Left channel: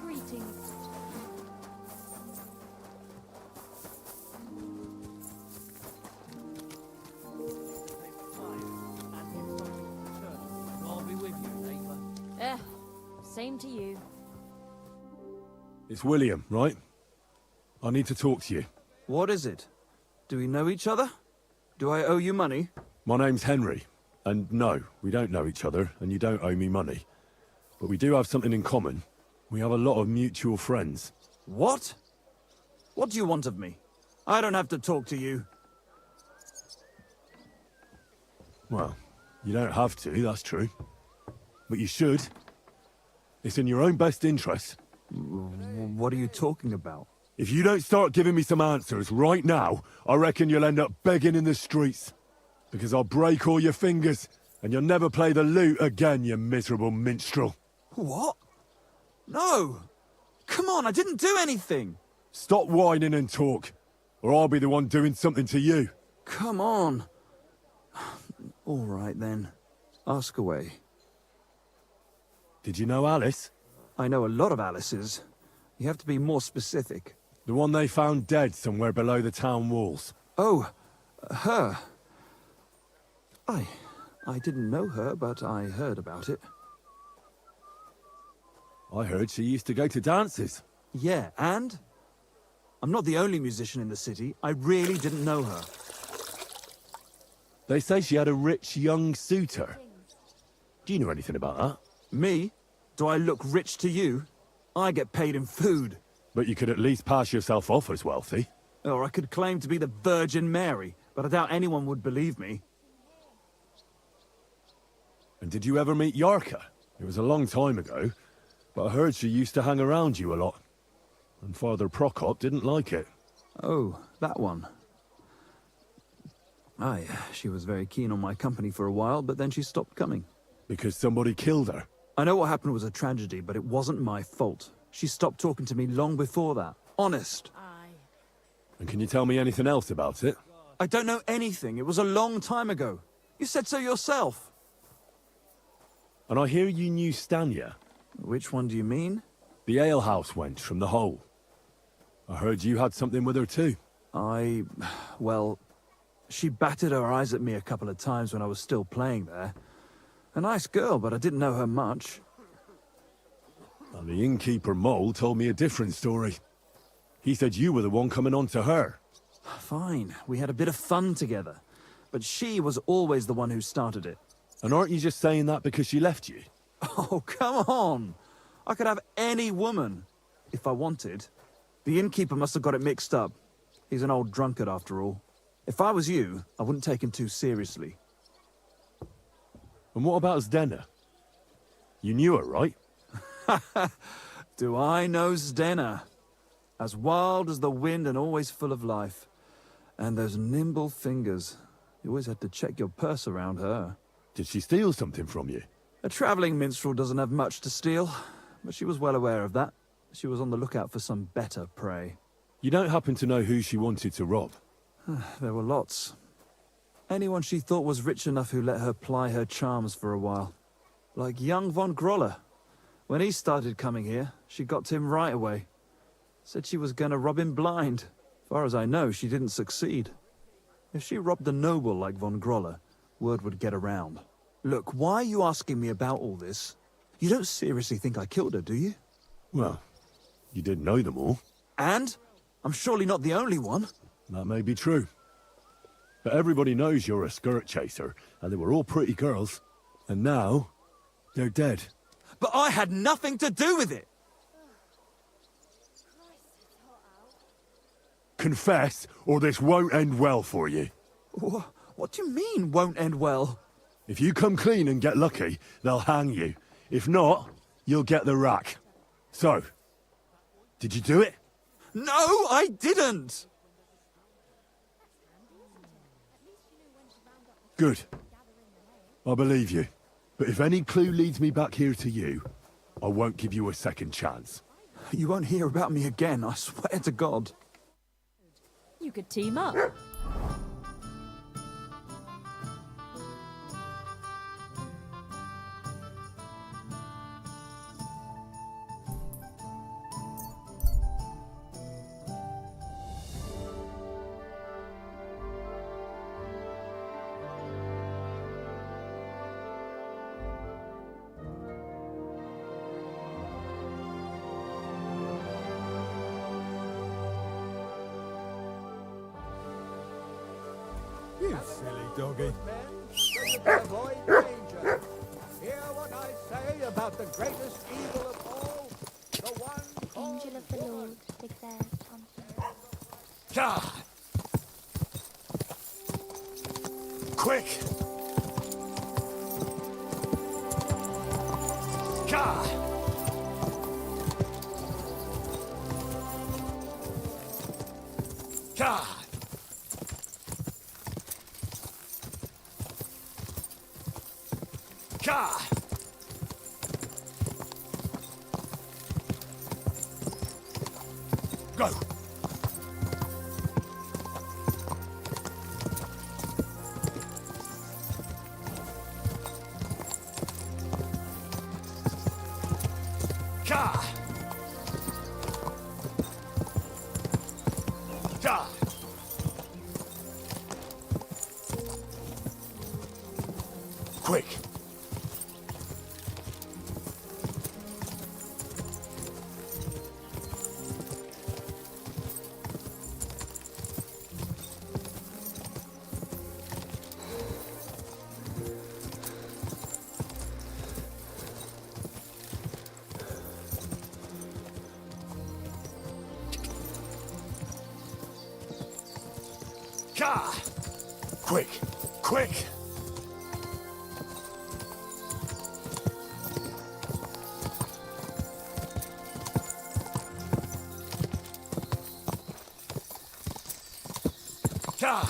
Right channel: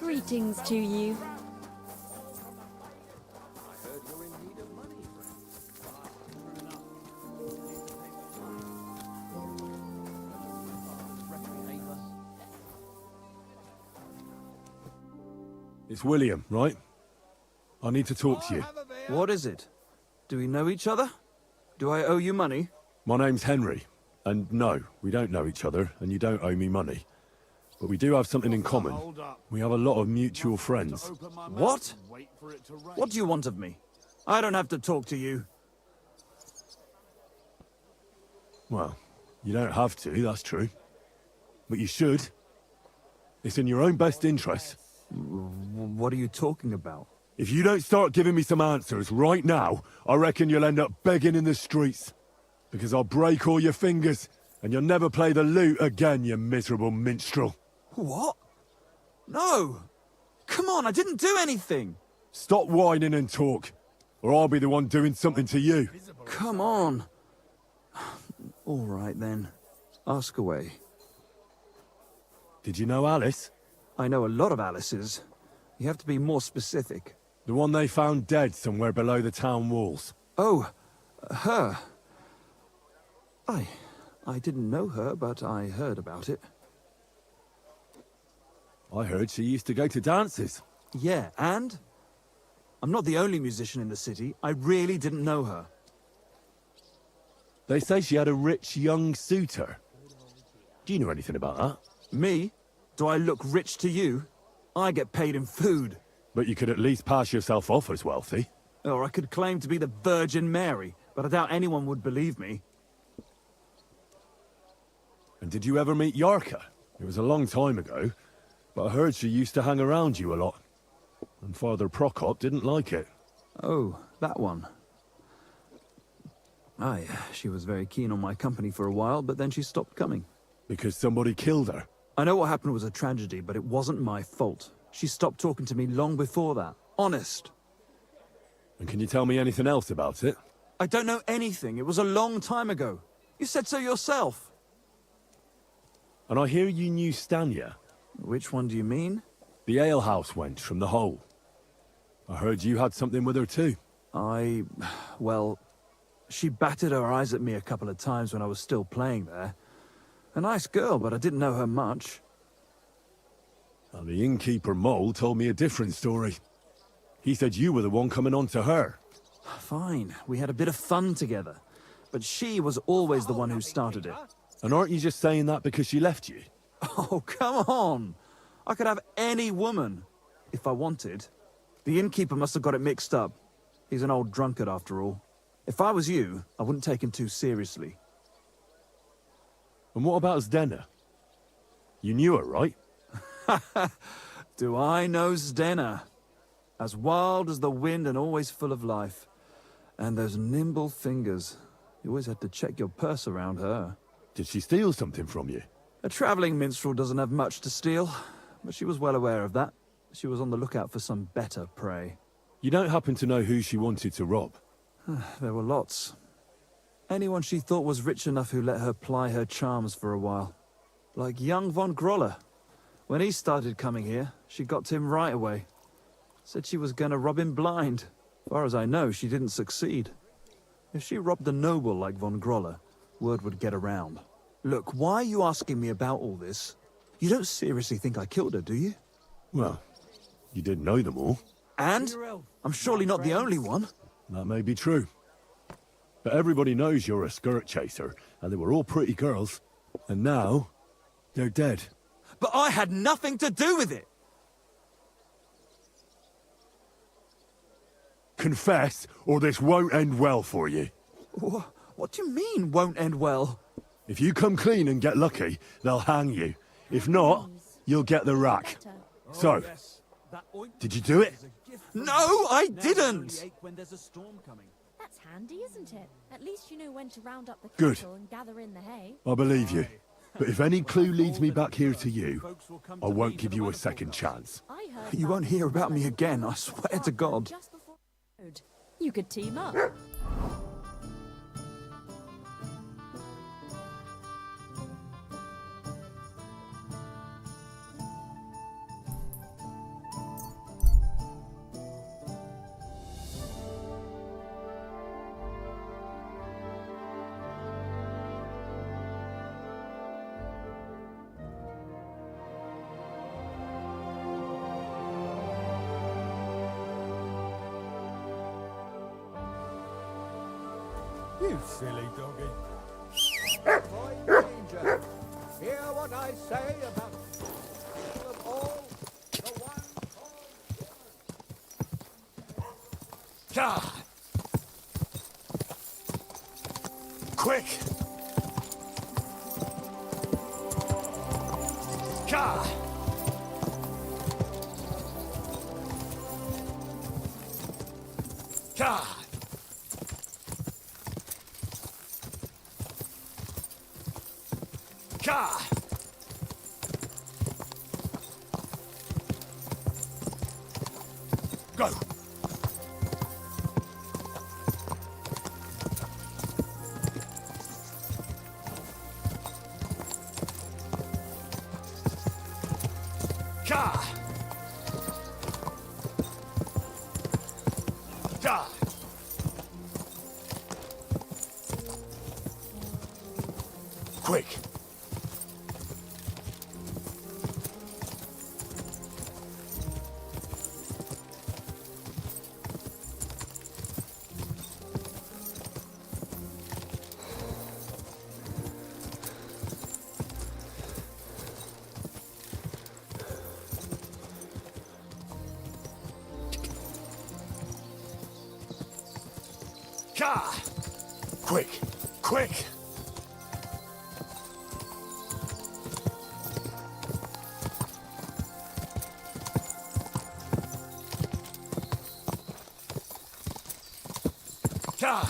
Greetings to you. Same to you. It's William, right? I need to talk to you. What is it? Do we know each other? Do I owe you money? My name's Henry, and no, we don't know each other, and you don't owe me money. But we do have something in common. We have a lot of mutual friends. What? What do you want of me? I don't have to talk to you. Well, you don't have to, that's true. But you should. It's in your own best interest. What are you talking about? If you don't start giving me some answers right now, I reckon you'll end up begging in the streets. Because I'll break all your fingers, and you'll never play the lute again, you miserable minstrel. What? No! Come on, I didn't do anything! Stop whining and talk, or I'll be the one doing something to you. Come on. All right, then. Ask away. Did you know Alice? I know a lot of Alices. You have to be more specific. The one they found dead somewhere below the town walls. Oh, her. I didn't know her, but I heard about it. I heard she used to go to dances. Yeah, and? I'm not the only musician in the city. I really didn't know her. They say she had a rich young suitor. Do you know anything about that? Me? Do I look rich to you? I get paid in food. But you could at least pass yourself off as wealthy. Or I could claim to be the Virgin Mary, but I doubt anyone would believe me. And did you ever meet Yarka? It was a long time ago, but I heard she used to hang around you a lot. And Father Prokop didn't like it. Oh, that one. Aye, she was very keen on my company for a while, but then she stopped coming. Because somebody killed her. I know what happened was a tragedy, but it wasn't my fault. She stopped talking to me long before that. Honest. And can you tell me anything else about it? I don't know anything. It was a long time ago. You said so yourself. And I hear you knew Stanya. Which one do you mean? The alehouse wench from the hole. I heard you had something with her too. Well, she batted her eyes at me a couple of times when I was still playing there. A nice girl, but I didn't know her much. And the innkeeper Mole told me a different story. He said you were the one coming on to her. Fine, we had a bit of fun together. But she was always the one who started it. And aren't you just saying that because she left you? Oh, come on! I could have any woman, if I wanted. The innkeeper must have got it mixed up. He's an old drunkard after all. If I was you, I wouldn't take him too seriously. And what about Zdena? You knew her, right? Do I know Zdena? As wild as the wind and always full of life. And those nimble fingers. You always had to check your purse around her. Did she steal something from you? A traveling minstrel doesn't have much to steal, but she was well aware of that. She was on the lookout for some better prey. You don't happen to know who she wanted to rob? There were lots. Anyone she thought was rich enough who let her ply her charms for a while. Like young von Groller. When he started coming here, she got to him right away. Said she was gonna rob him blind. As far as I know, she didn't succeed. If she robbed a noble like von Groller, word would get around. Look, why are you asking me about all this? You don't seriously think I killed her, do you? Well, you didn't know them all. And? I'm surely not the only one. That may be true. But everybody knows you're a skirt chaser, and they were all pretty girls. And now, they're dead. But I had nothing to do with it! Confess, or this won't end well for you. What do you mean, won't end well? If you come clean and get lucky, they'll hang you. If not, you'll get the rack. So, did you do it? No, I didn't! That's handy, isn't it? At least you know when to round up the Good. cattle and gather in the hay. I believe you. But if any clue leads me back here to you, I won't give you a second chance. I heard You won't hear about me again, I swear to God. just before the road. You could team up. You silly doggy. Avoid danger. Hear what I say about the greatest evil of all, the one called Angel of the Lord is there. God! Quick! God! God! God! Go! God! God! Quick! God! Quick! Quick! God!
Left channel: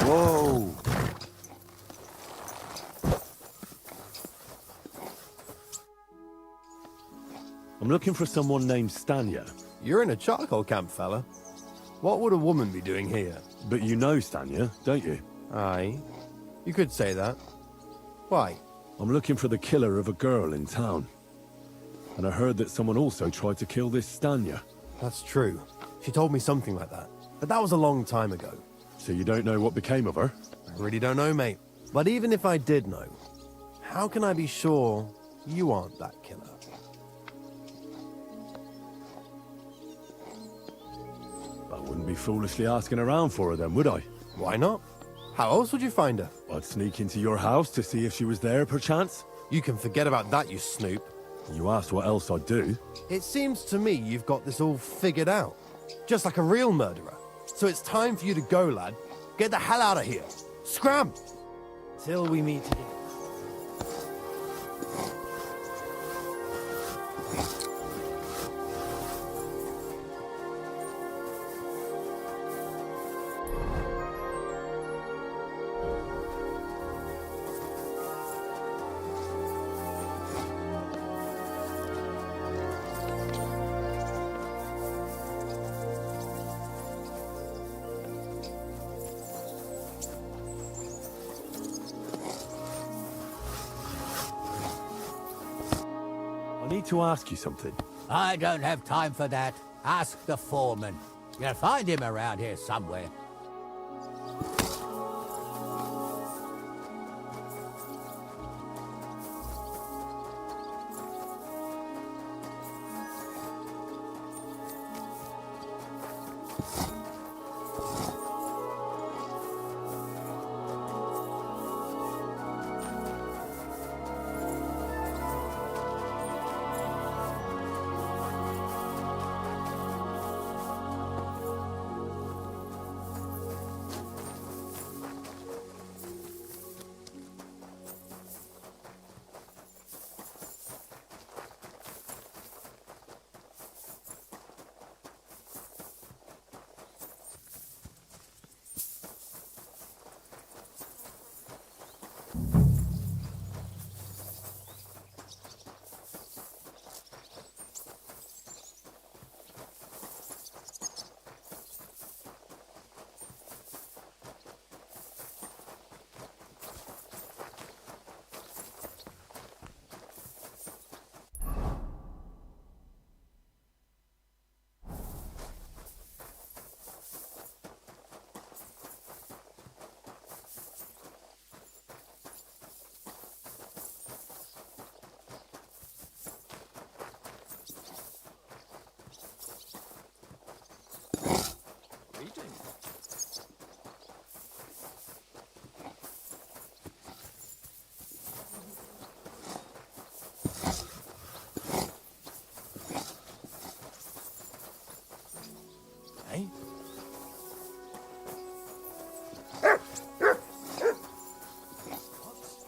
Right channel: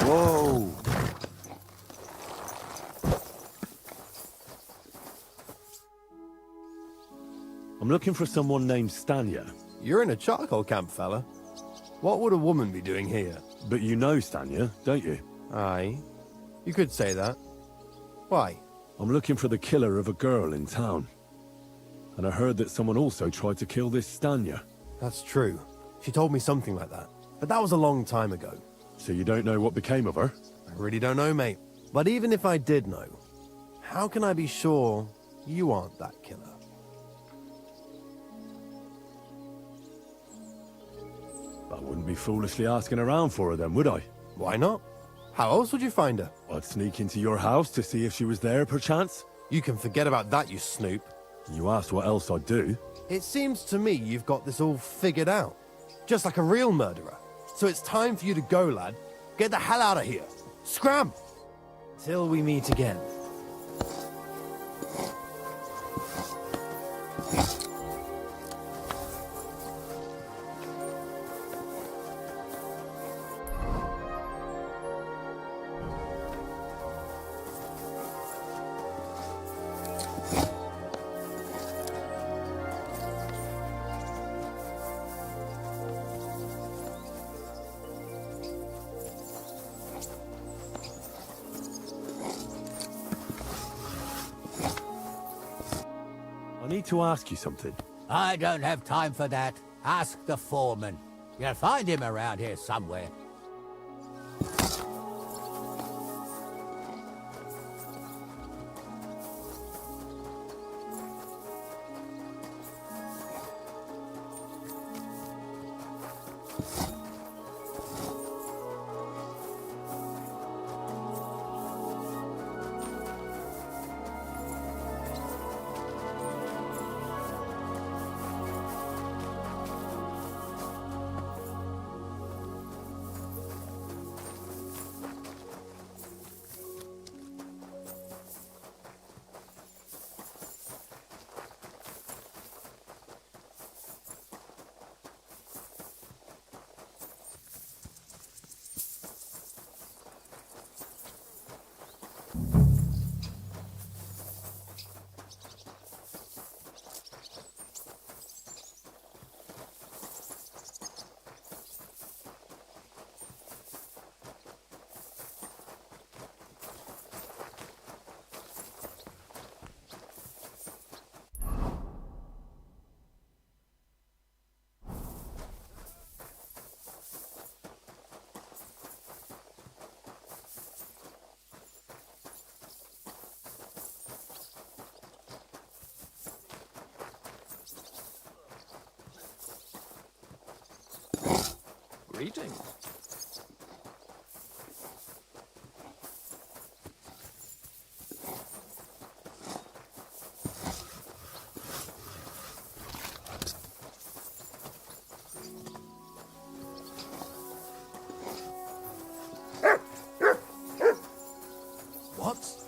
Whoa! I'm looking for someone named Stanya. You're in a charcoal camp, fella. What would a woman be doing here? But you know Stanya, don't you? Aye. You could say that. Why? I'm looking for the killer of a girl in town. And I heard that someone also tried to kill this Stanya. That's true. She told me something like that. But that was a long time ago. So you don't know what became of her? I really don't know, mate. But even if I did know, how can I be sure you aren't that killer? I wouldn't be foolishly asking around for her then, would I? Why not? How else would you find her? I'd sneak into your house to see if she was there, perchance. You can forget about that, you snoop. You asked what else I'd do. It seems to me you've got this all figured out. Just like a real murderer. So it's time for you to go, lad. Get the hell out of here. Scram! Till we meet again. I need to ask you something. I don't have time for that. Ask the foreman. You'll find him around here somewhere. eating. Hey? What?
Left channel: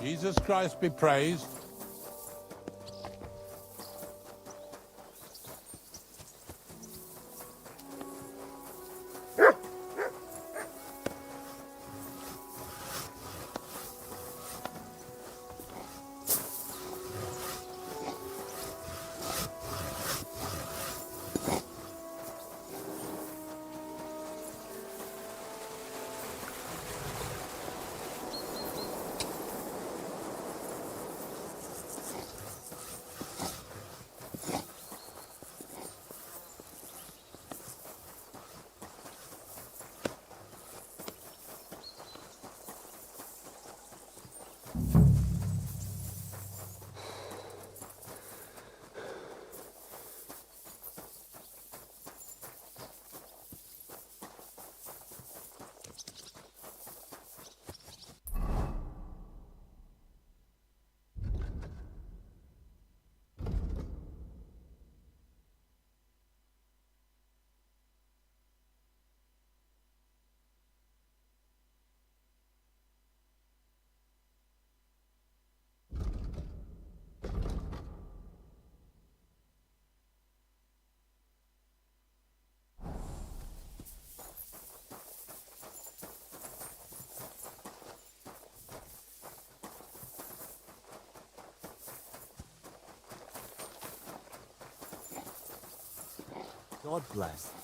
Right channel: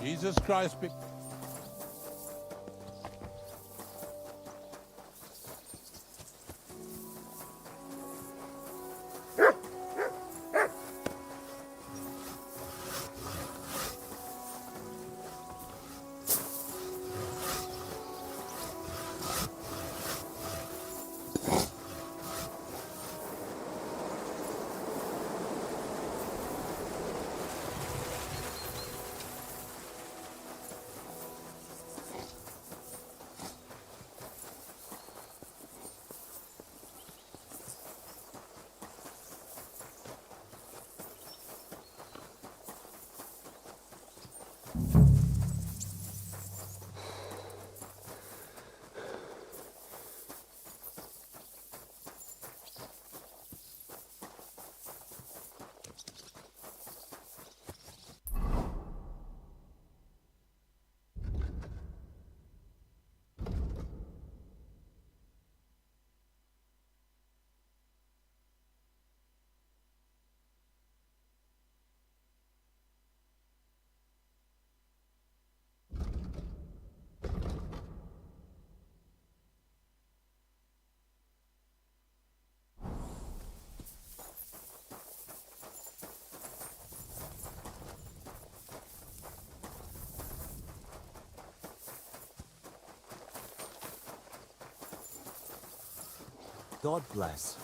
Jesus Christ be praised. God bless.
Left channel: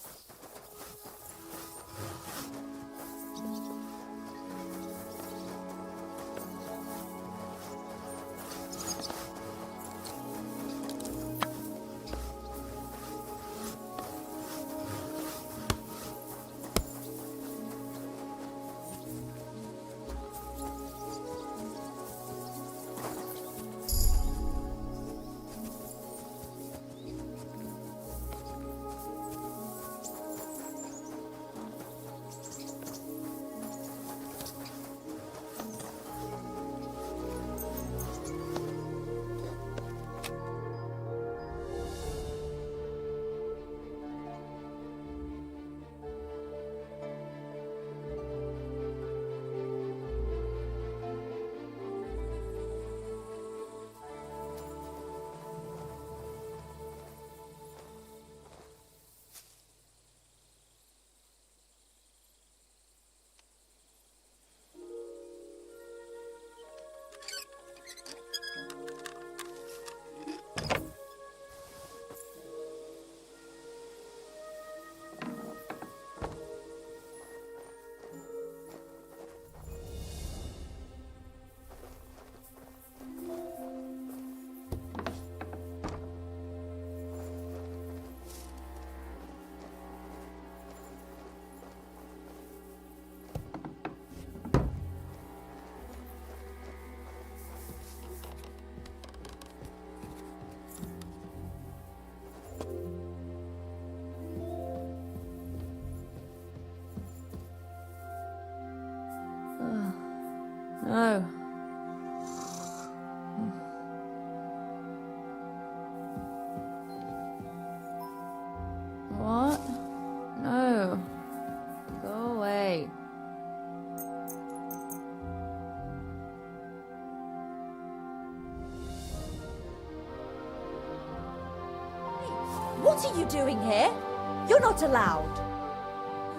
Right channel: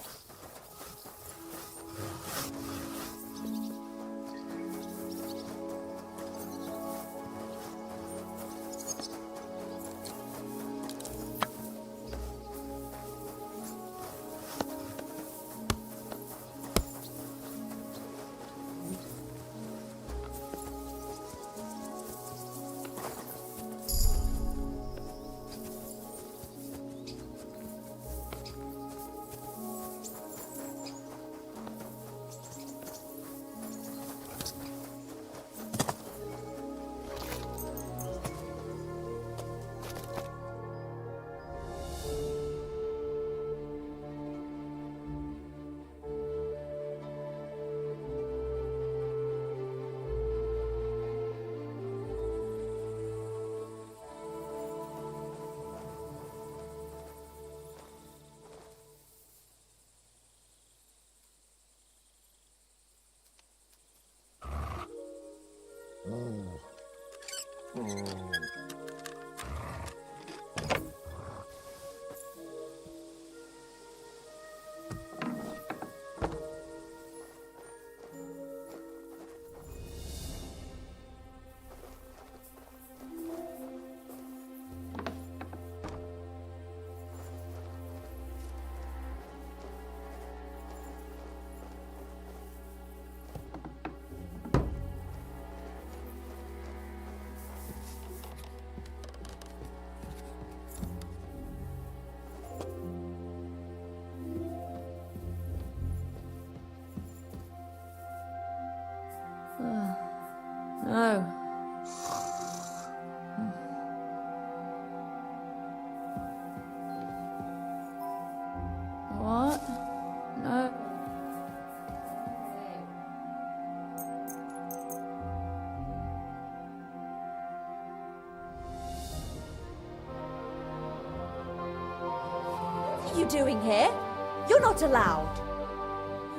No. What? No. Go away. What are you doing here? You're not allowed.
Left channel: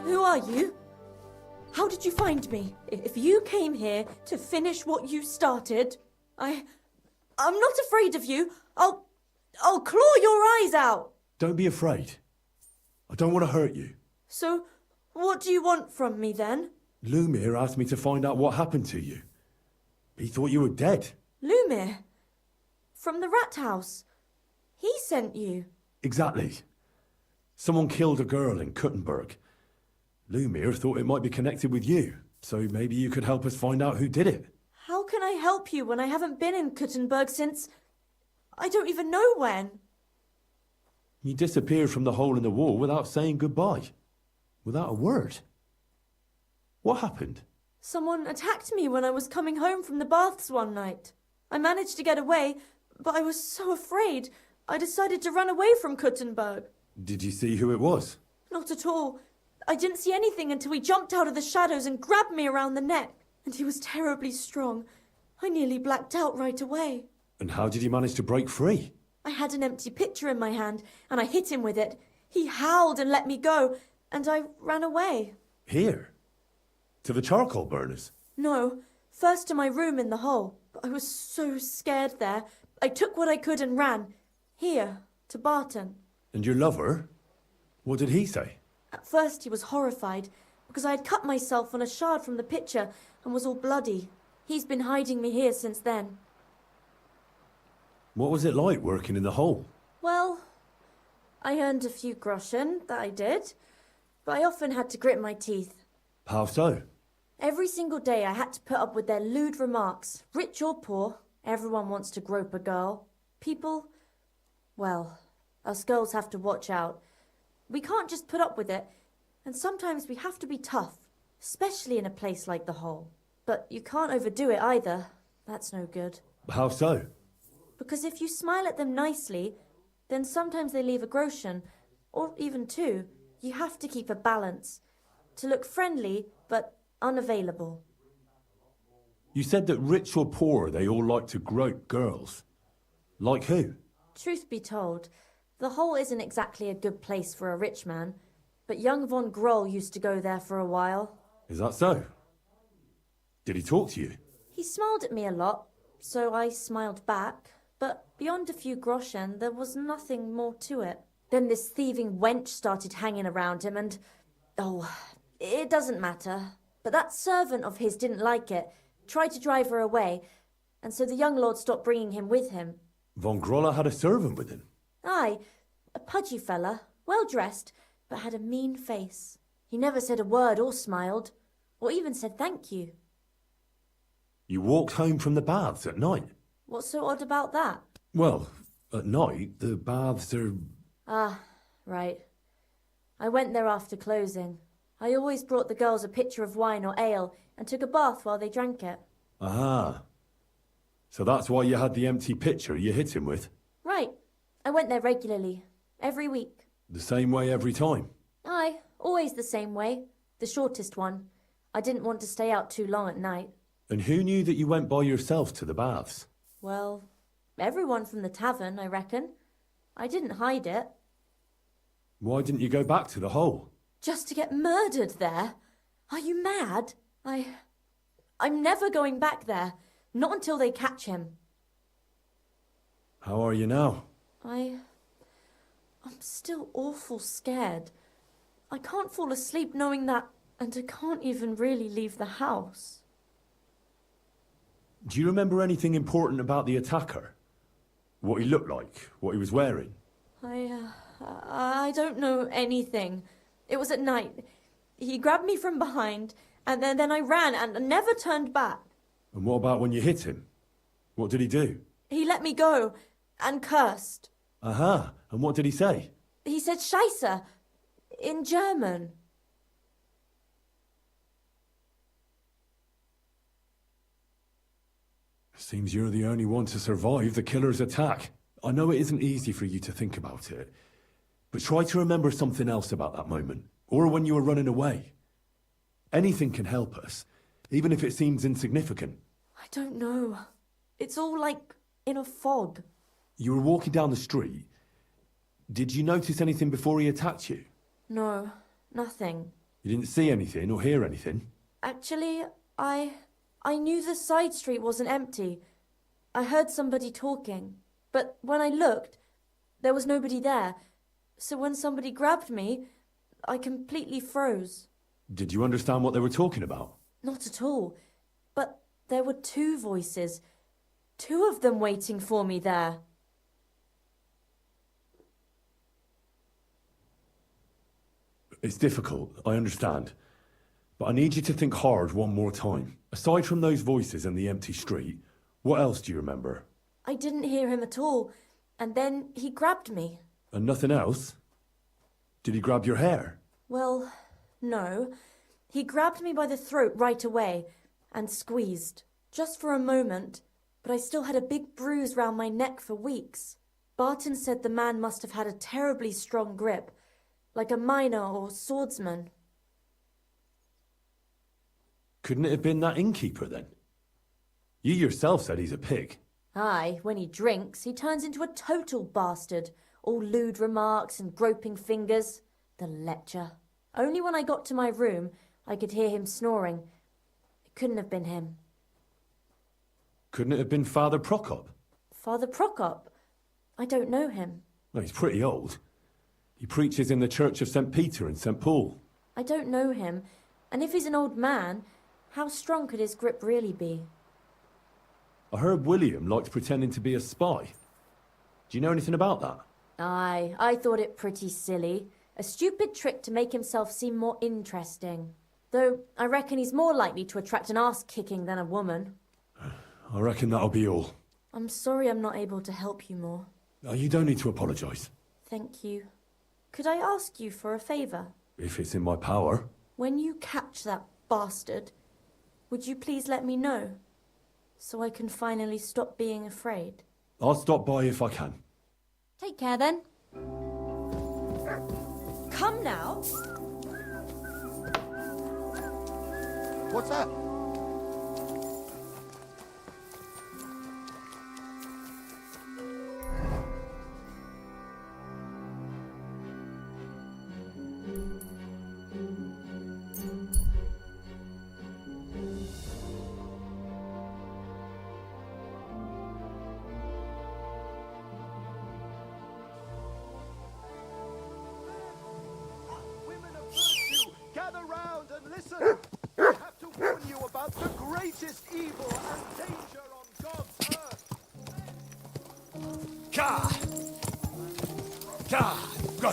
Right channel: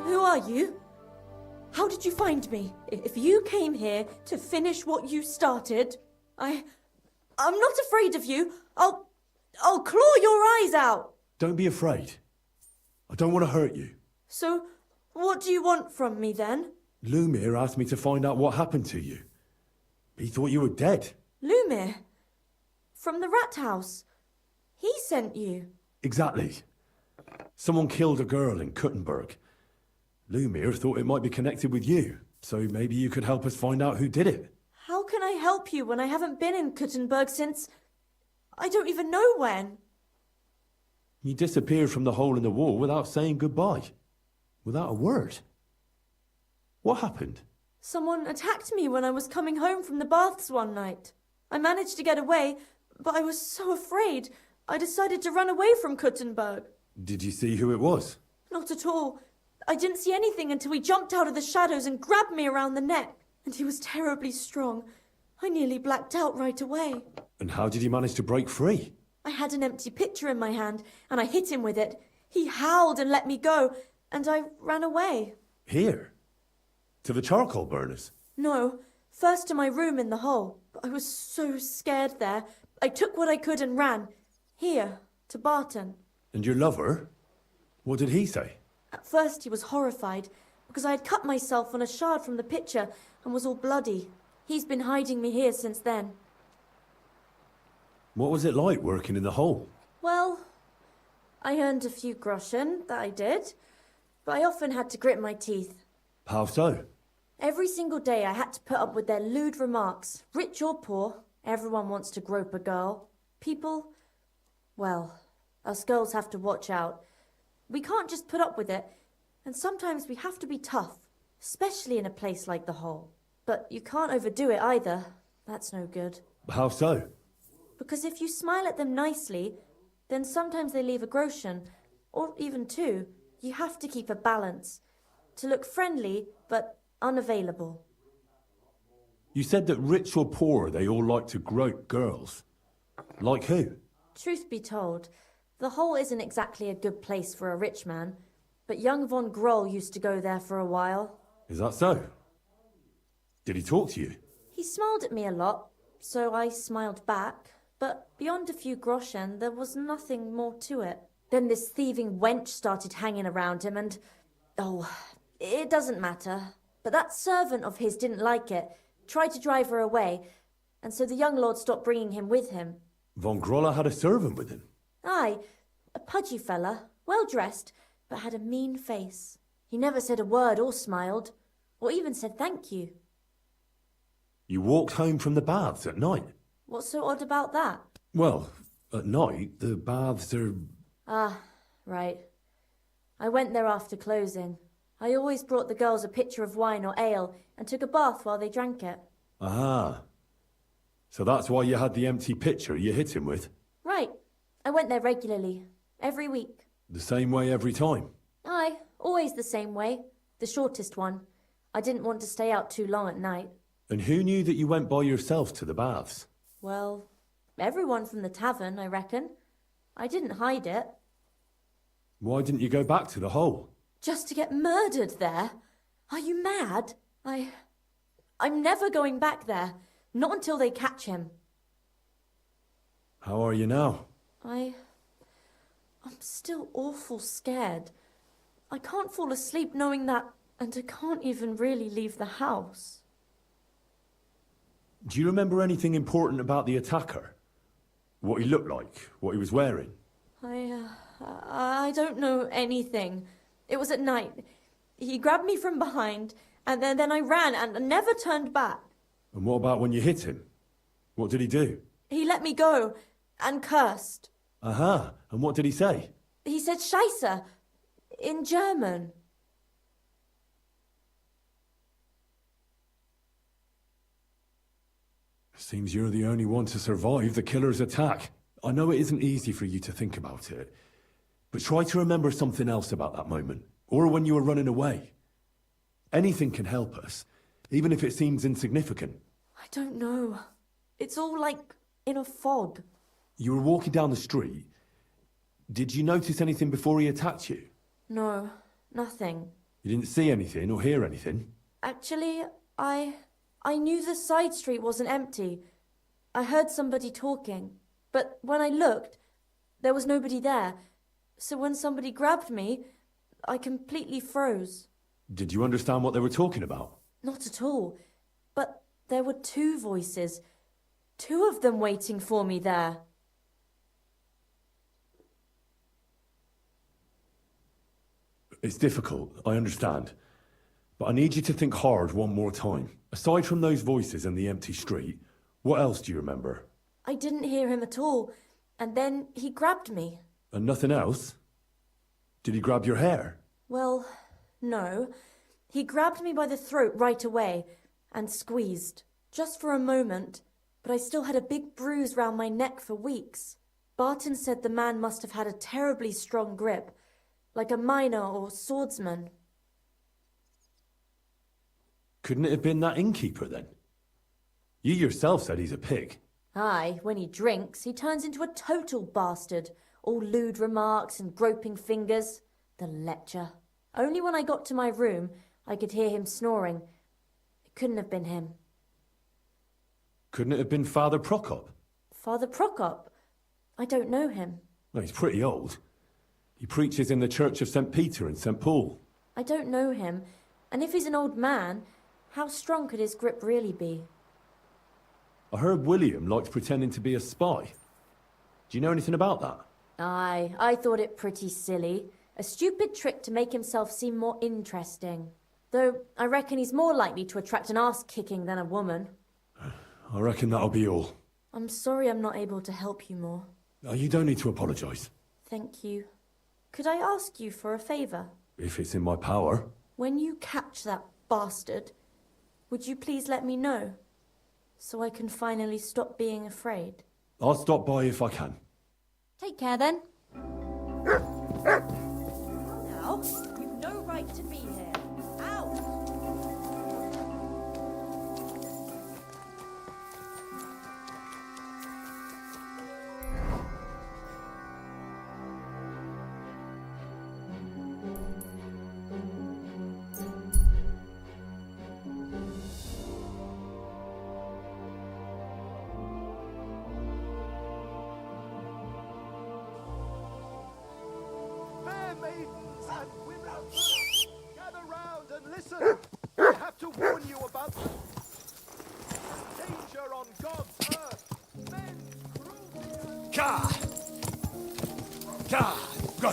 Who are you? How did you find me? If you came here to finish what you started, I'm not afraid of you. I'll claw your eyes out. Don't be afraid. I don't want to hurt you. So, what do you want from me then? Lumir asked me to find out what happened to you. He thought you were dead. Lumir? From the rat house? He sent you? Exactly. Someone killed a girl in Kuttenberg. Lumir thought it might be connected with you, so maybe you could help us find out who did it. How can I help you when I haven't been in Kuttenberg since... I don't even know when. You disappeared from the hole in the wall without saying goodbye. Without a word. What happened? Someone attacked me when I was coming home from the baths one night. I managed to get away, but I was so afraid, I decided to run away from Kuttenberg. Did you see who it was? Not at all. I didn't see anything until he jumped out of the shadows and grabbed me around the neck. And he was terribly strong. I nearly blacked out right away. And how did you manage to break free? I had an empty pitcher in my hand, and I hit him with it. He howled and let me go, and I ran away. Here? To the charcoal burners? No, first to my room in the hole. But I was so scared there. I took what I could and ran. Here, to Barton. And your lover? What did he say? At first he was horrified, because I had cut myself on a shard from the pitcher and was all bloody. He's been hiding me here since then. What was it like working in the hole? Well, I earned a few groschen, that I did, but I often had to grit my teeth. How so? Every single day I had to put up with their lewd remarks. Rich or poor, everyone wants to grope a girl. People, well, us girls have to watch out. We can't just put up with it, and sometimes we have to be tough, especially in a place like the hole. But you can't overdo it either. That's no good. How so? Because if you smile at them nicely, then sometimes they leave a groschen, or even two. You have to keep a balance. To look friendly, but unavailable. You said that rich or poor, they all like to grope girls. Like who? Truth be told, the hole isn't exactly a good place for a rich man, but young von Groll used to go there for a while. Is that so? Did he talk to you? He smiled at me a lot, so I smiled back, but beyond a few groschen, there was nothing more to it. Then this thieving wench started hanging around him and... oh, it doesn't matter. But that servant of his didn't like it, tried to drive her away, and so the young lord stopped bringing him with him. Von Groller had a servant with him? Aye, a pudgy fella, well-dressed, but had a mean face. He never said a word or smiled, or even said thank you. You walked home from the baths at night? What's so odd about that? Well, at night, the baths are... Ah, right. I went there after closing. I always brought the girls a pitcher of wine or ale and took a bath while they drank it. Ah. So that's why you had the empty pitcher you hit him with? Right. I went there regularly, every week. The same way every time? Aye, always the same way. The shortest one. I didn't want to stay out too long at night. And who knew that you went by yourself to the baths? Well, everyone from the tavern, I reckon. I didn't hide it. Why didn't you go back to the hole? Just to get murdered there? Are you mad? I'm never going back there. Not until they catch him. How are you now? I'm still awful scared. I can't fall asleep knowing that, and I can't even really leave the house. Do you remember anything important about the attacker? What he looked like? What he was wearing? I don't know anything. It was at night. He grabbed me from behind, and then I ran and never turned back. And what about when you hit him? What did he do? He let me go and cursed. Aha, and what did he say? He said Scheisse in German. Seems you're the only one to survive the killer's attack. I know it isn't easy for you to think about it, but try to remember something else about that moment, or when you were running away. Anything can help us, even if it seems insignificant. I don't know. It's all like in a fog. You were walking down the street. Did you notice anything before he attacked you? No, nothing. You didn't see anything or hear anything? Actually, I knew the side street wasn't empty. I heard somebody talking, but when I looked, there was nobody there. So when somebody grabbed me, I completely froze. Did you understand what they were talking about? Not at all. But there were two voices. Two of them waiting for me there. It's difficult, I understand. But I need you to think hard one more time. Aside from those voices and the empty street, what else do you remember? I didn't hear him at all, and then he grabbed me. And nothing else? Did he grab your hair? Well, no. He grabbed me by the throat right away and squeezed. Just for a moment, but I still had a big bruise round my neck for weeks. Barton said the man must have had a terribly strong grip, like a miner or swordsman. Couldn't it have been that innkeeper then? You yourself said he's a pig. Aye, when he drinks, he turns into a total bastard. All lewd remarks and groping fingers. The lecher. Only when I got to my room, I could hear him snoring. It couldn't have been him. Couldn't it have been Father Prokop? Father Prokop? I don't know him. Well, he's pretty old. He preaches in the Church of St. Peter and St. Paul. I don't know him, and if he's an old man, how strong could his grip really be? I heard William liked pretending to be a spy. Do you know anything about that? Aye, I thought it pretty silly. A stupid trick to make himself seem more interesting. Though I reckon he's more likely to attract an ass-kicking than a woman. I reckon that'll be all. I'm sorry I'm not able to help you more. You don't need to apologise. Thank you. Could I ask you for a favour? If it's in my power. When you catch that bastard, would you please let me know? So I can finally stop being afraid. I'll stop by if I can. Take care then. Come now. You've no right to be here. Out. What's that? Fair maidens and women of virtue, gather round and listen. I have to warn you about the greatest evil and danger on God's earth. Men Ka! Ka! Go!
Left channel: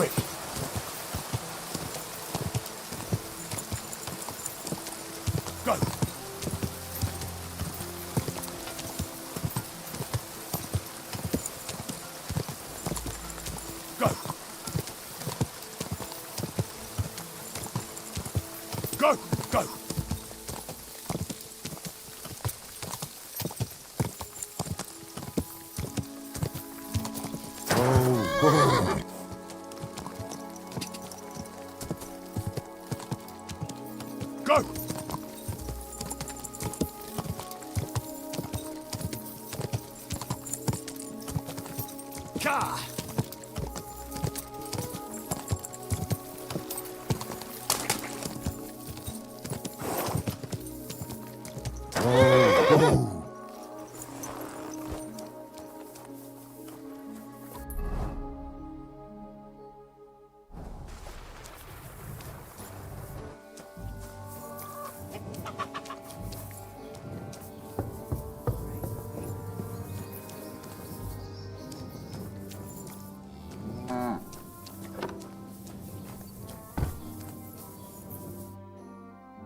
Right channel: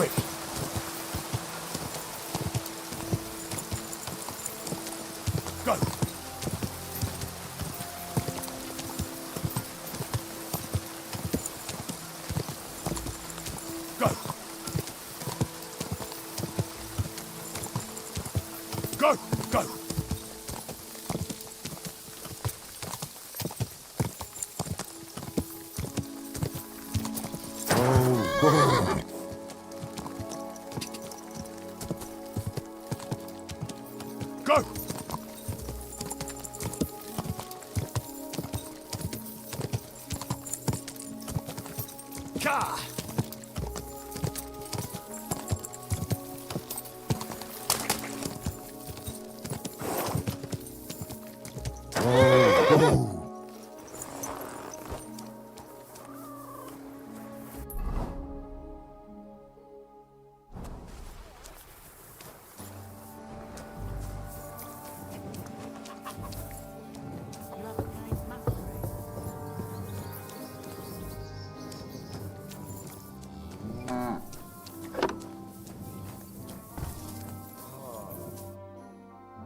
quick. Go! Go! Go! Go! Go! Ka!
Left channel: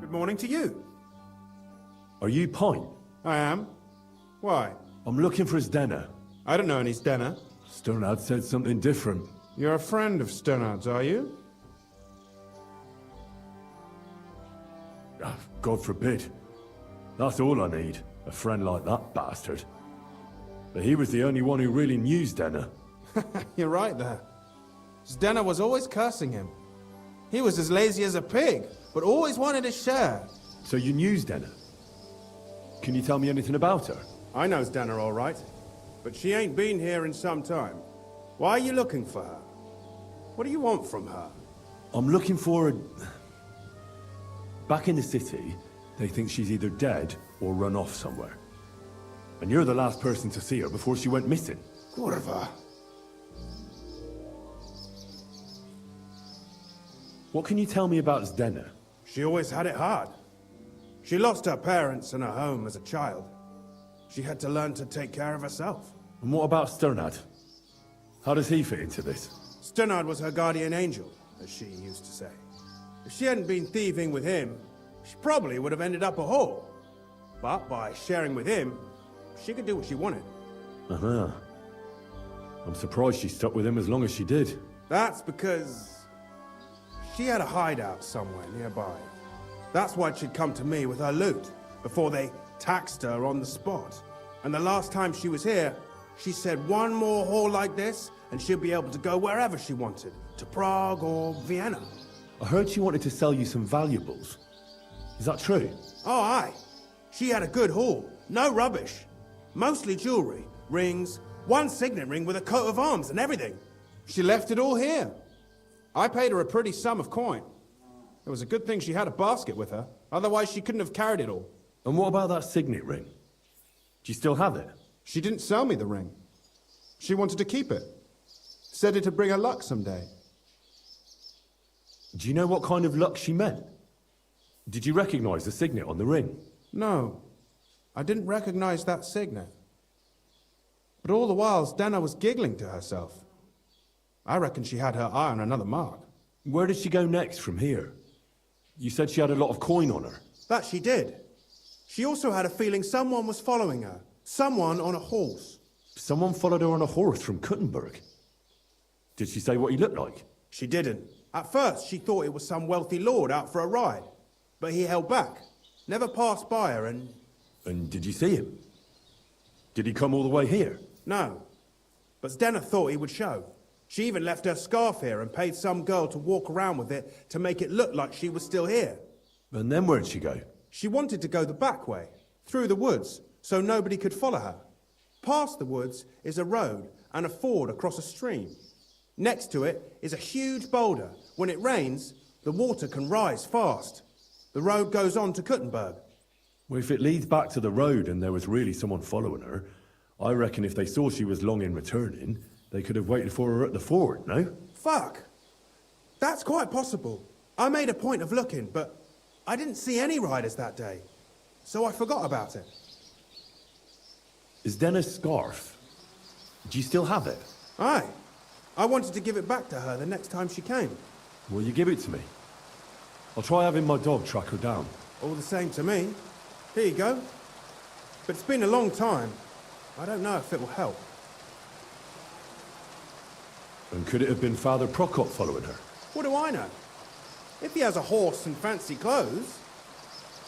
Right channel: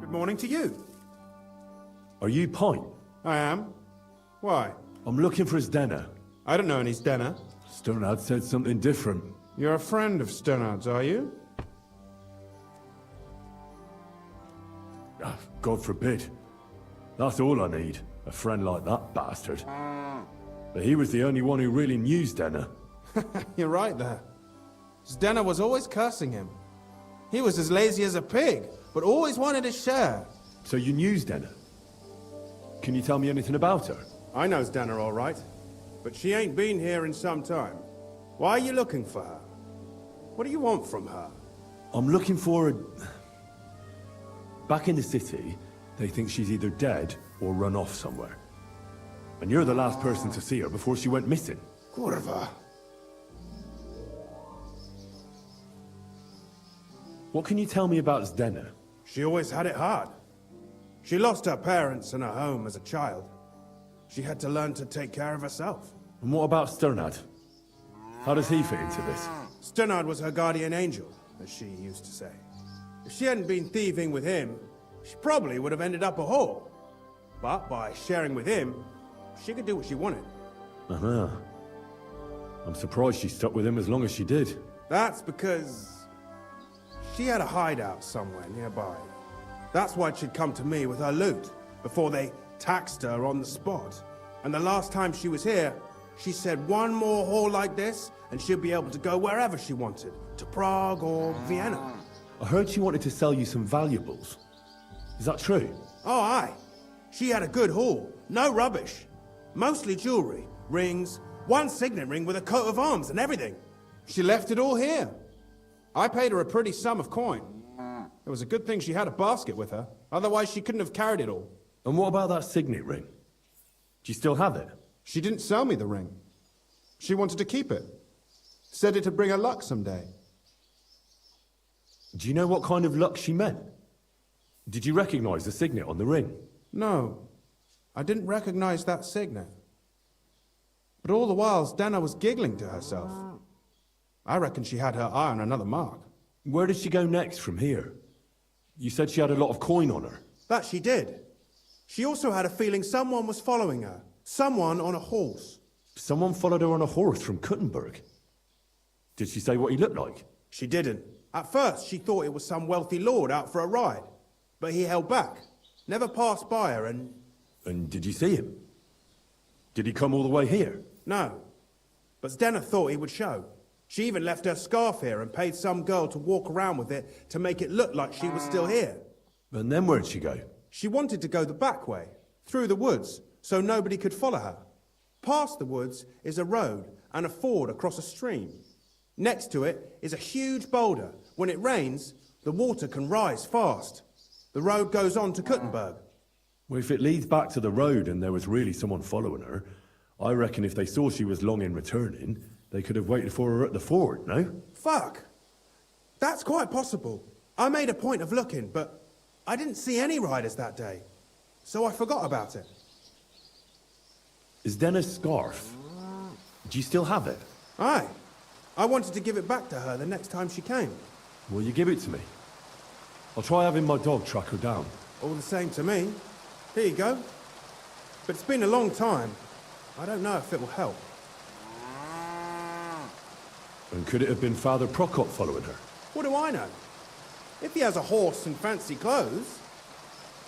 Good morning to you. Are you Pint? I am. Why? I'm looking for Zdena. I don't know any Stena. Sternad said something different. You're a friend of Sternard's, are you? Ah, God forbid. That's all I need. A friend like that bastard. But he was the only one who really knew Zdena. You're right there. Zdena was always cursing him. He was as lazy as a pig, but always wanted his share. So you knew Zdena? Can you tell me anything about her? I know Zdena all right, but she ain't been here in some time. Why are you looking for her? What do you want from her? I'm looking for a... Back in the city, they think she's either dead or run off somewhere. And you're the last person to see her before she went missing. Kurva. What can you tell me about Zdena? She always had it hard. She lost her parents and her home as a child. She had to learn to take care of herself. And what about Sternad? How does he fit into this? Sternard was her guardian angel, as she used to say. If she hadn't been thieving with him, she probably would have ended up a whore. But by sharing with him, she could do what she wanted. Uh-huh. I'm surprised she stuck with him as long as she did. That's because she had a hideout somewhere nearby. That's why she'd come to me with her loot, before they taxed her on the spot. And the last time she was here, she said one more haul like this, and she'd be able to go wherever she wanted, to Prague or Vienna. I heard she wanted to sell you some valuables. Is that true? Oh, aye. She had a good haul, no rubbish. Mostly jewelry, rings, one signet ring with a coat of arms and everything. She left it all here. I paid her a pretty sum of coin. It was a good thing she had a basket with her, otherwise she couldn't have carried it all. And what about that signet ring? Do you still have it? She didn't sell me the ring. She wanted to keep it. Said it'd bring her luck someday. Do you know what kind of luck she meant? Did you recognize the signet on the ring? No, I didn't recognize that signet. But all the while, Zdena was giggling to herself. I reckon she had her eye on another mark. Where did she go next from here? You said she had a lot of coin on her. That she did. She also had a feeling someone was following her. Someone on a horse. Someone followed her on a horse from Kuttenberg. Did she say what he looked like? She didn't. At first, she thought it was some wealthy lord out for a ride. But he held back. Never passed by her and... And did you see him? Did he come all the way here? No. But Zdena thought he would show. She even left her scarf here and paid some girl to walk around with it to make it look like she was still here. And then where'd she go? She wanted to go the back way, through the woods, so nobody could follow her. Past the woods is a road and a ford across a stream. Next to it is a huge boulder. When it rains, the water can rise fast. The road goes on to Kuttenberg. Well, if it leads back to the road and there was really someone following her, I reckon if they saw she was long in returning, they could have waited for her at the ford, no? Fuck! That's quite possible. I made a point of looking, but I didn't see any riders that day, so I forgot about it. Is Denna's scarf? Do you still have it? Aye. I wanted to give it back to her the next time she came. Will you give it to me? I'll try having my dog track her down. All the same to me. Here you go. But it's been a long time. I don't know if it will help. And could it have been Father Prokop following her? What do I know? If he has a horse and fancy clothes,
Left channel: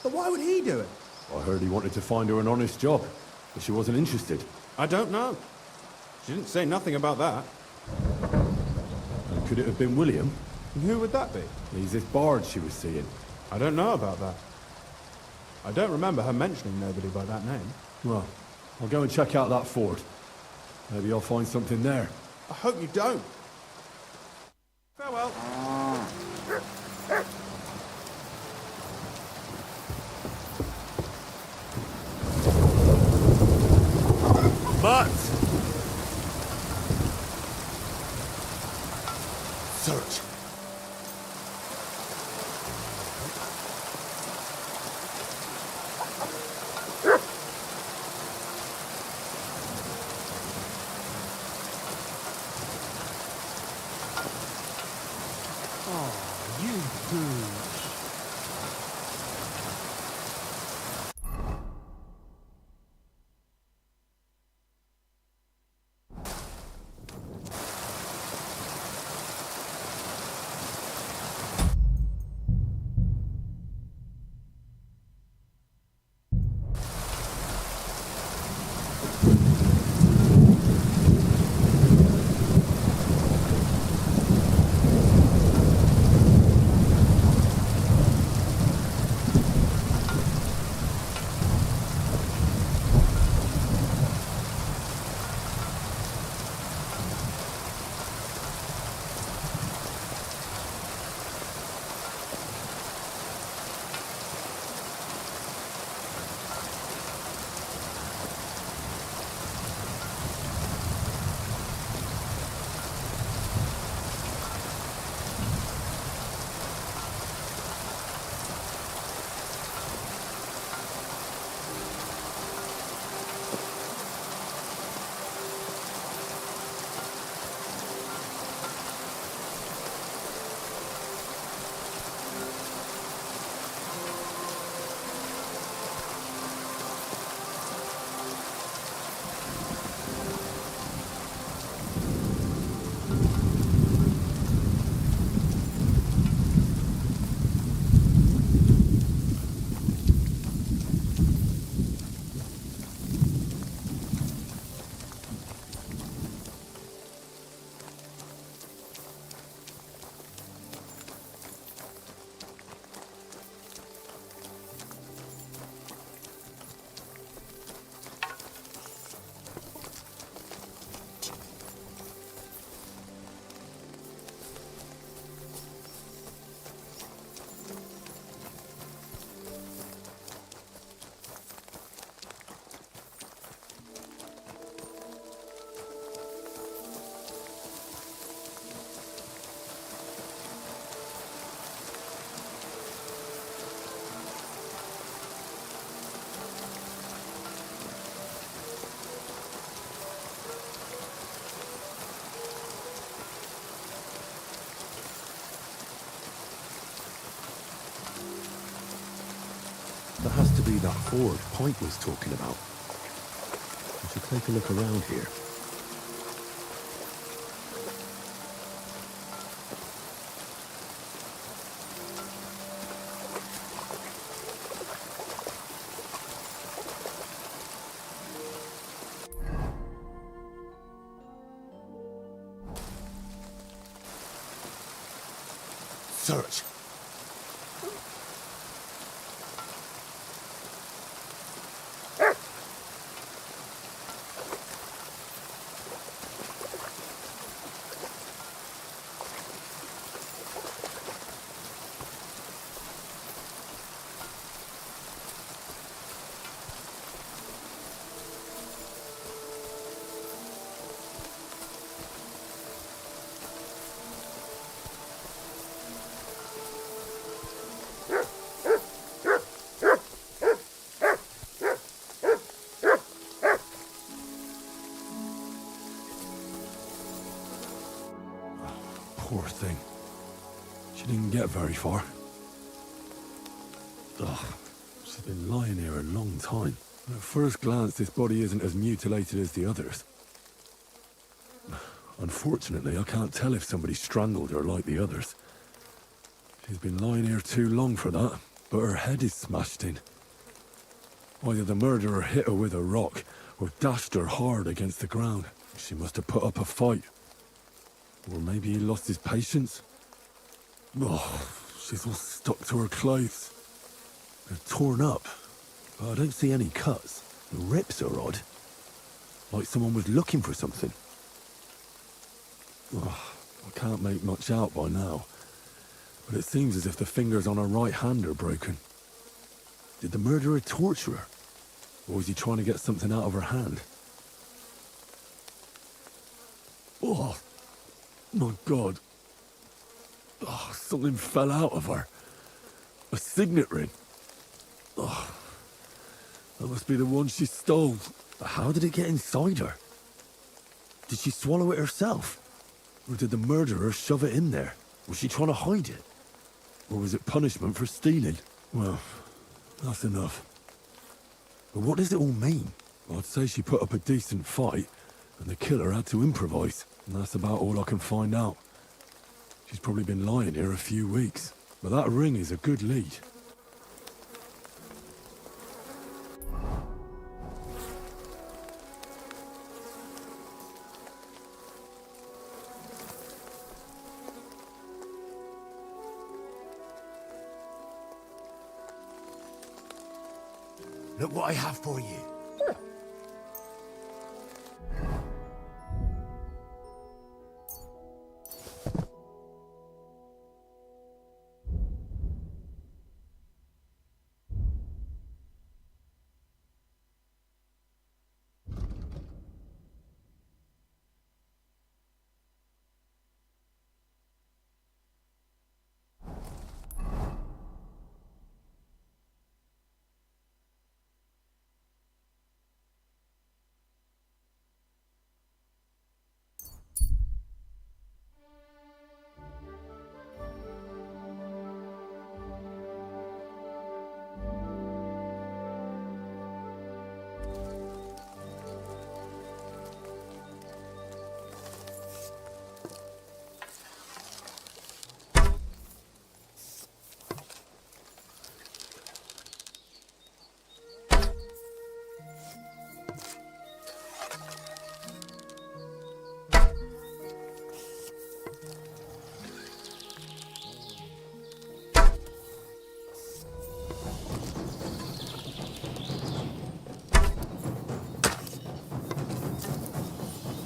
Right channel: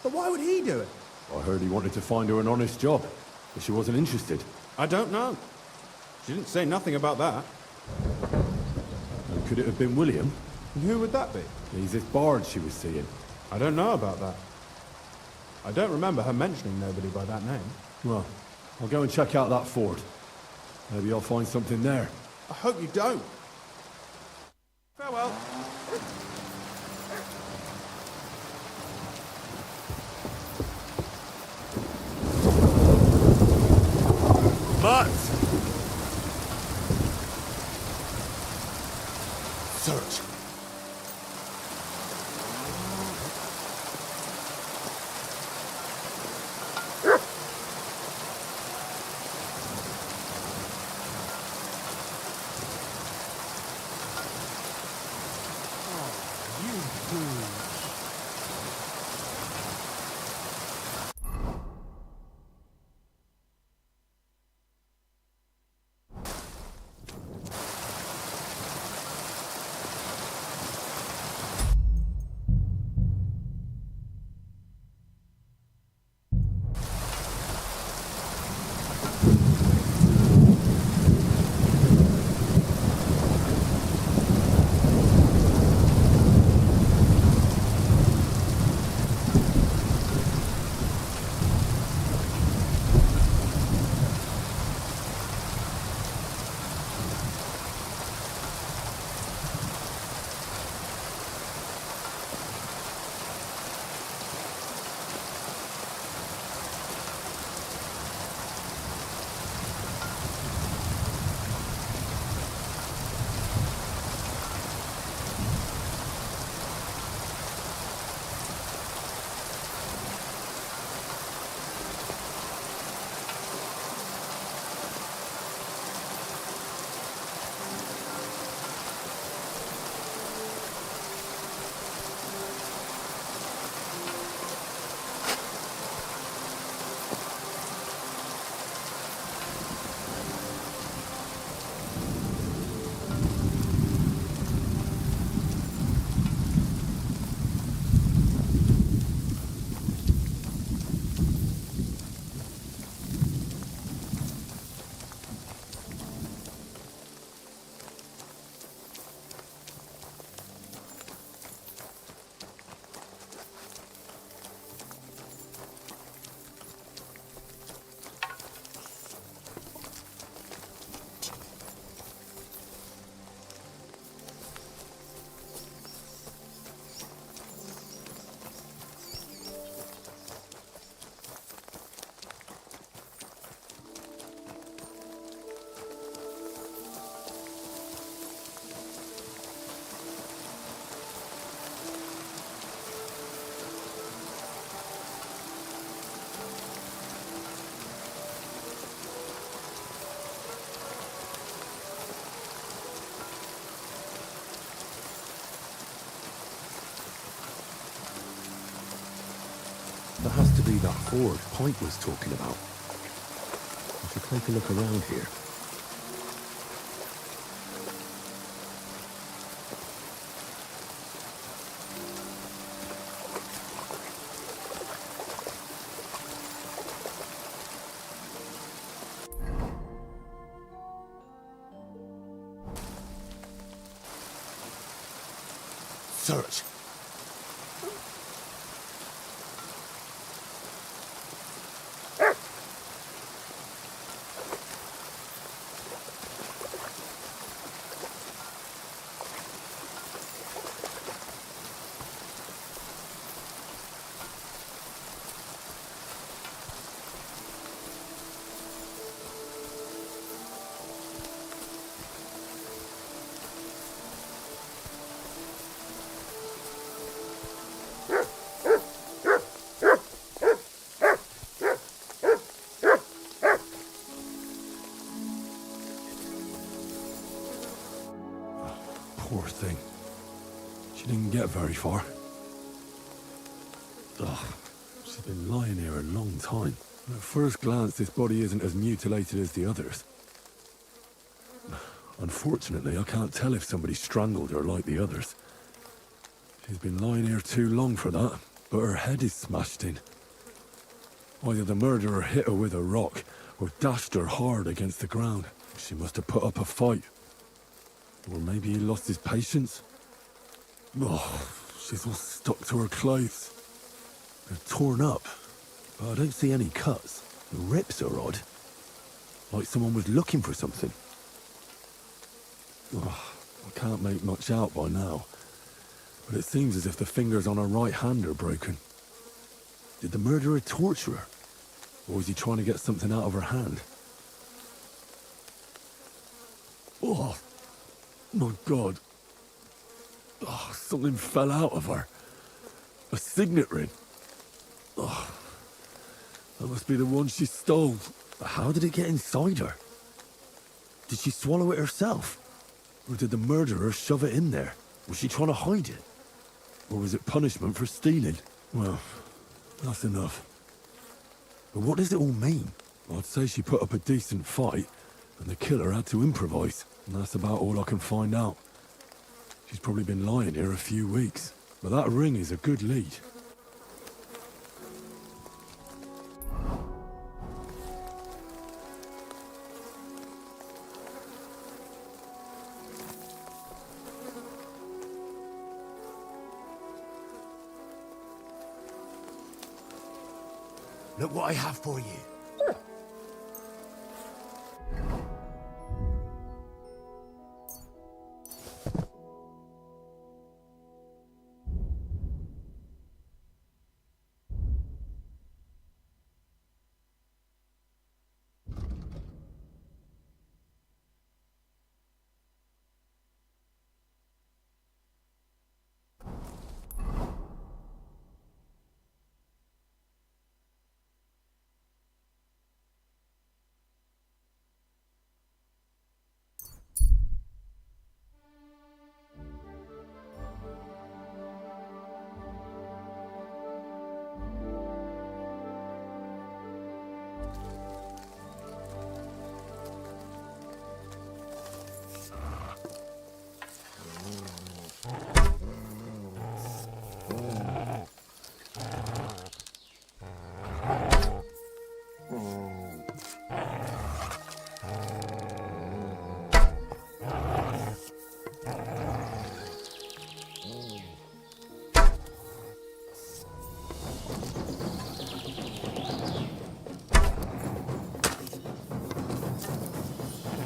but why would he do it? I heard he wanted to find her an honest job, but she wasn't interested. I don't know. She didn't say nothing about that. And could it have been William? And who would that be? He's this bard she was seeing. I don't know about that. I don't remember her mentioning nobody by that name. Well, I'll go and check out that fort. Maybe I'll find something there. I hope you don't. Farewell. But search. That has to be that ford Pike was talking about. I should take a look around here. Search. Poor thing. She didn't get very far. Ugh, she's been lying here a long time. At first glance, this body isn't as mutilated as the others. Unfortunately, I can't tell if somebody strangled her like the others. She's been lying here too long for that, but her head is smashed in. Either the murderer hit her with a rock, or dashed her hard against the ground. She must have put up a fight. Or maybe he lost his patience. Oh, she's all stuck to her clothes. They're torn up, but I don't see any cuts. The rips are odd. Like someone was looking for something. Oh, I can't make much out by now, but it seems as if the fingers on her right hand are broken. Did the murderer torture her? Or was he trying to get something out of her hand? Oh, my God. Oh, something fell out of her. A signet ring. Oh, that must be the one she stole. But how did it get inside her? Did she swallow it herself? Or did the murderer shove it in there? Was she trying to hide it? Or was it punishment for stealing? Well, that's enough. But what does it all mean? I'd say she put up a decent fight, and the killer had to improvise, and that's about all I can find out. She's probably been lying here a few weeks, but that ring is a good lead. Look what I have for you.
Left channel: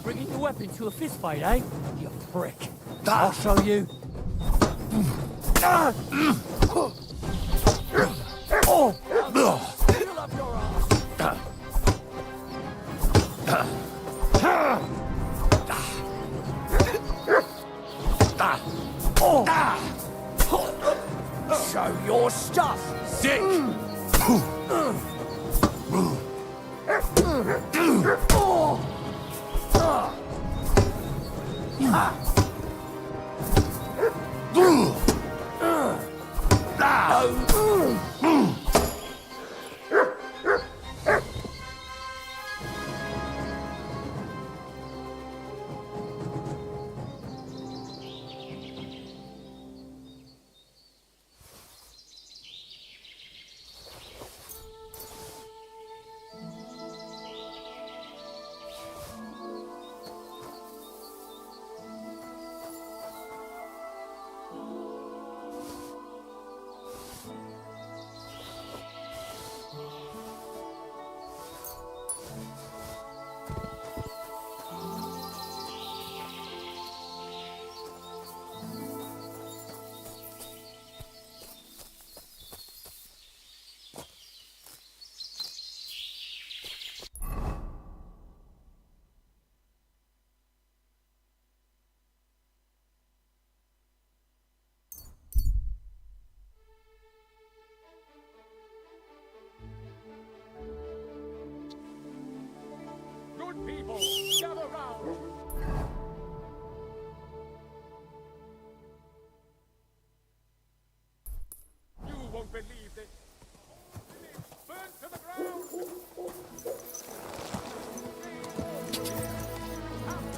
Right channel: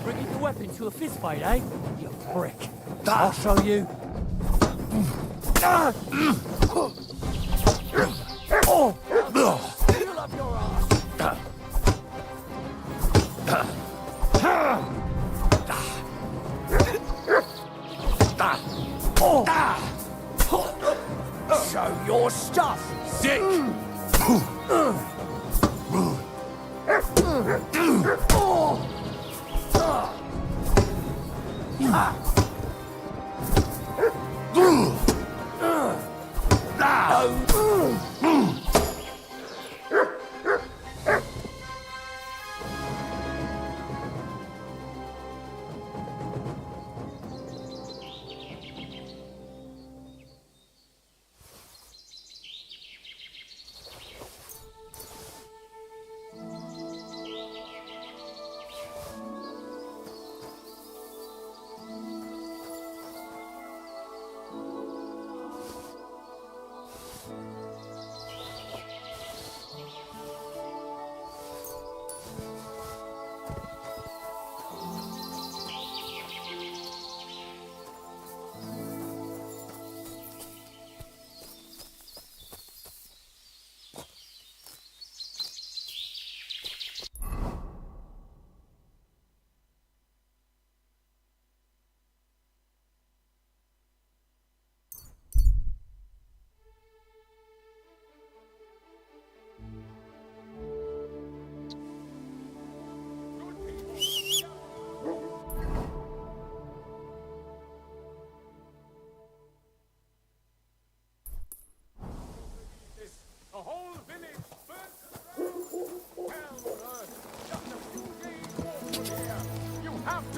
Bringing your weapon to a fist fight, eh? You prick. I'll show you. Fill up your ass. Show your stuff. Sick!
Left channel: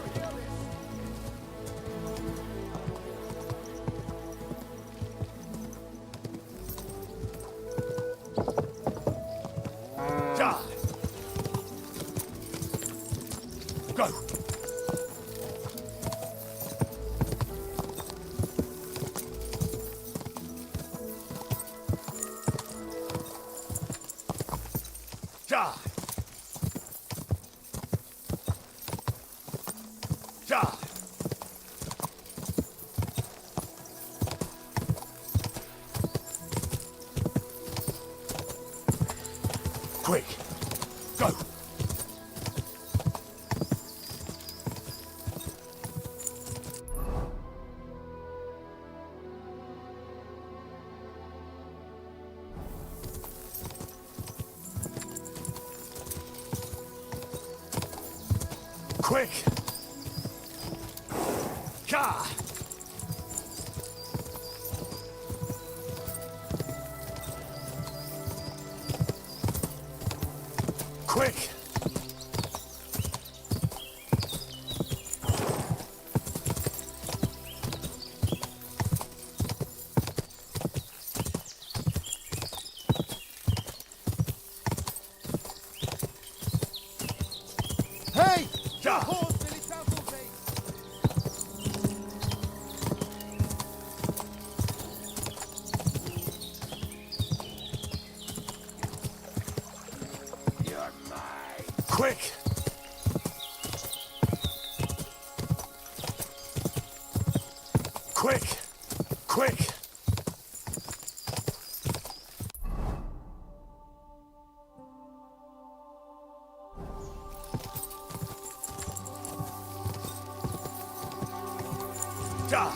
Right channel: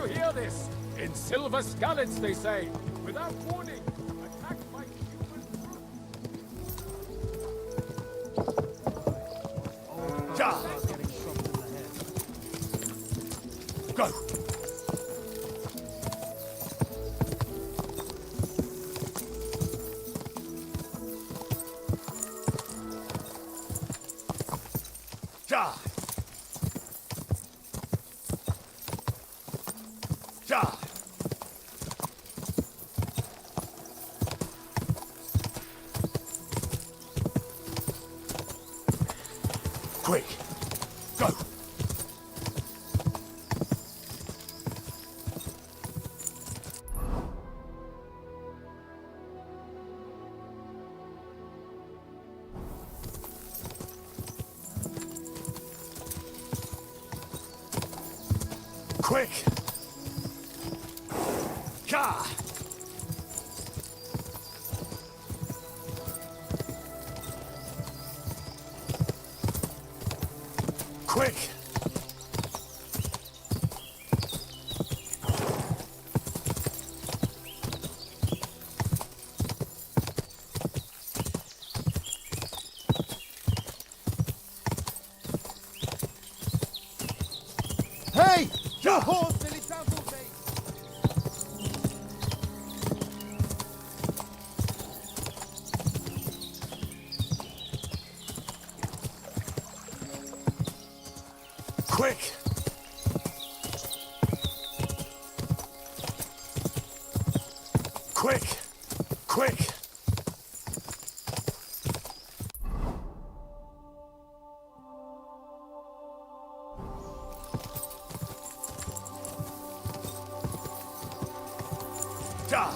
to hear this. In silver scallops, they say. Without warning. Attack like... Ja! Go! Ja! Ja! Quick! Go! Quick! Ka! Quick! Hey! Ja! Horse, Billy Trampled me! Quick! Quick! Quick! Ja!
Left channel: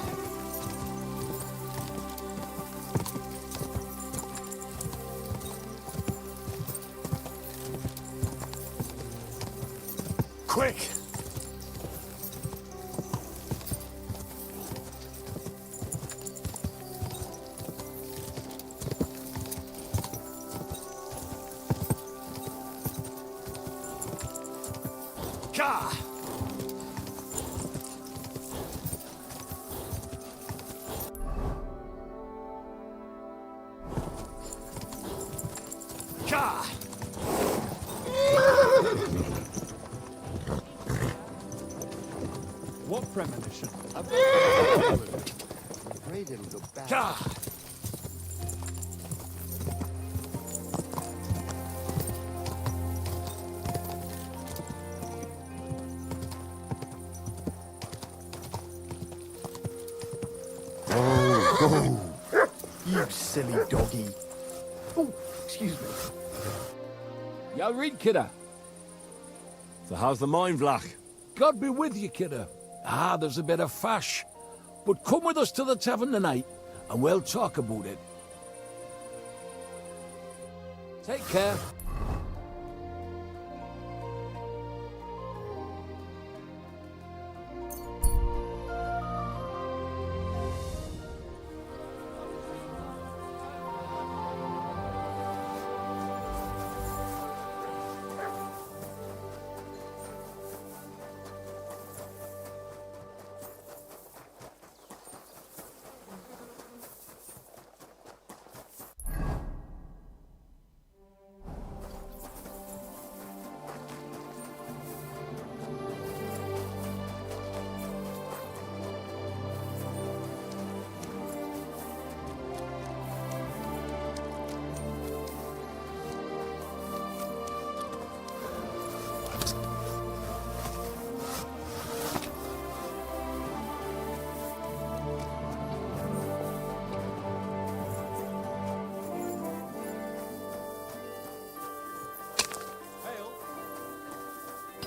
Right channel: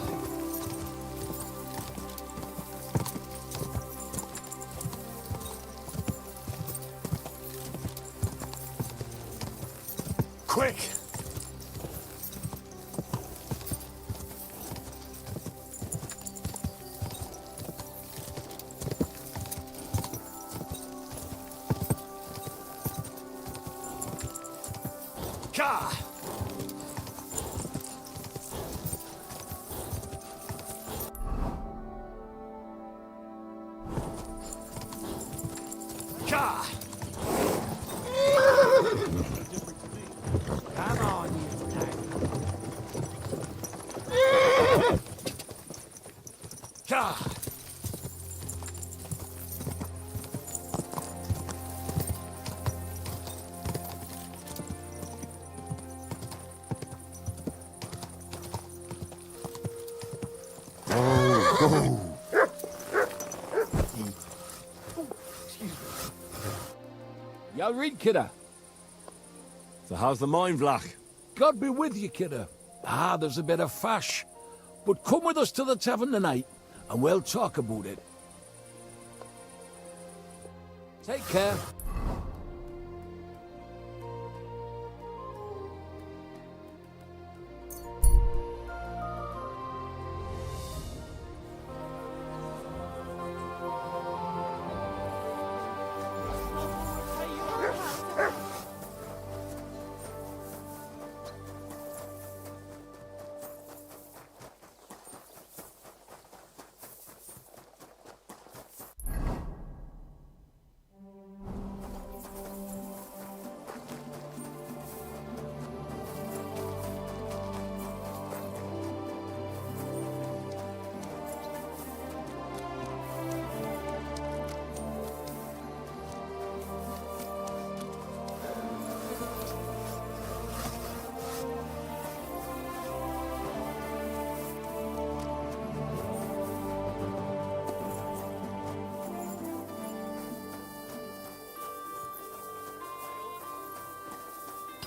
Quick! Ka! Ka! What premonition? Ka! You silly doggy. Oh, excuse me. You read, kidder? So how's the mine, Vlach? God be with you, kidder. Ah, there's a bit of fash. But come with us to the tavern tonight, and we'll talk about it. Take care.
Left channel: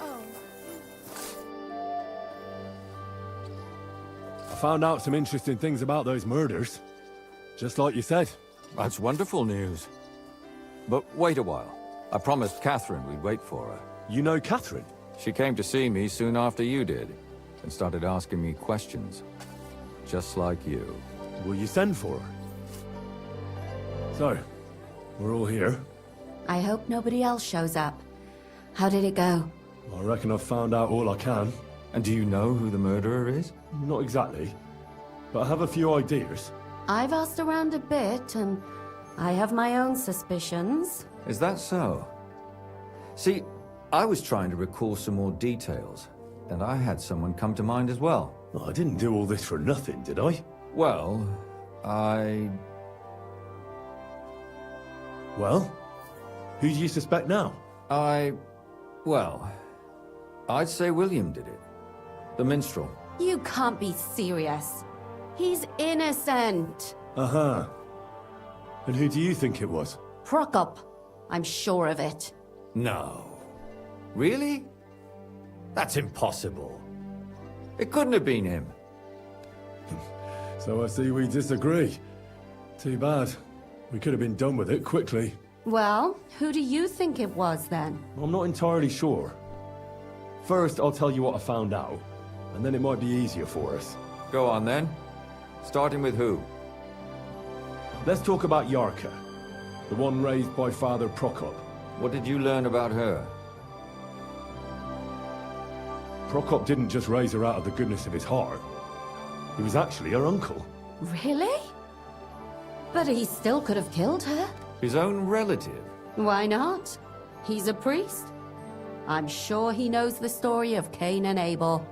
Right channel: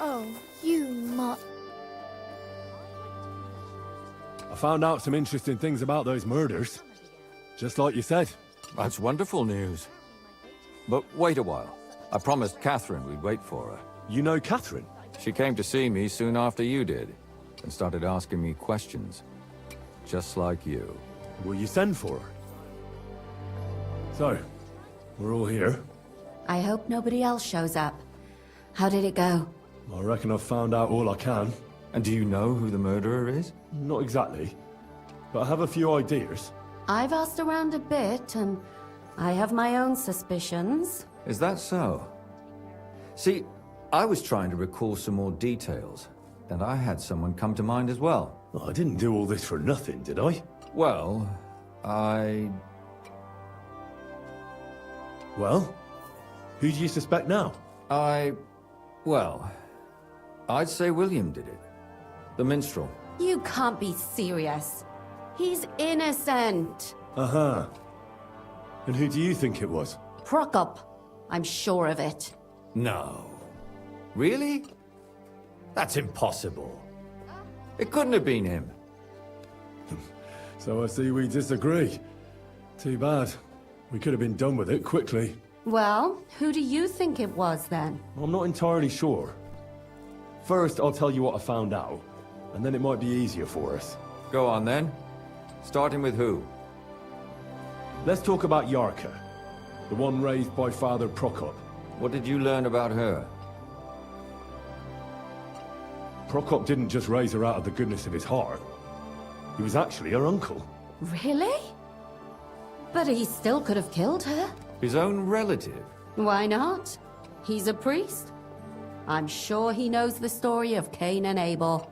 Oh, you not. I found out some interesting things about those murders. Just like you said. That's wonderful news. But wait a while. I promised Catherine we'd wait for her. You know Catherine? She came to see me soon after you did, and started asking me questions. Just like you. Will you send for her? So, we're all here. I hope nobody else shows up. How did it go? I reckon I've found out all I can. And do you know who the murderer is? Not exactly, but I have a few ideas. I've asked around a bit, and I have my own suspicions. Is that so? See, I was trying to recall some more details, and I had someone come to mind as well. I didn't do all this for nothing, did I? Well, Well? Who do you suspect now? Well, I'd say William did it. The minstrel. You can't be serious. He's innocent. Uh-huh. And who do you think it was? Prokop. I'm sure of it. No. Really? That's impossible. It couldn't have been him. So I see we disagree. Too bad. We could have been done with it quickly. Well, who do you think it was then? I'm not entirely sure. First, I'll tell you what I found out, and then it might be easier for us. Go on then. Starting with who? Let's talk about Yarka, the one raised by Father Prokop. What did you learn about her? Prokop didn't just raise her out of the goodness of his heart. He was actually her uncle. Really? But he still could have killed her. His own relative? Why not? He's a priest. I'm sure he knows the story of Cain and Abel.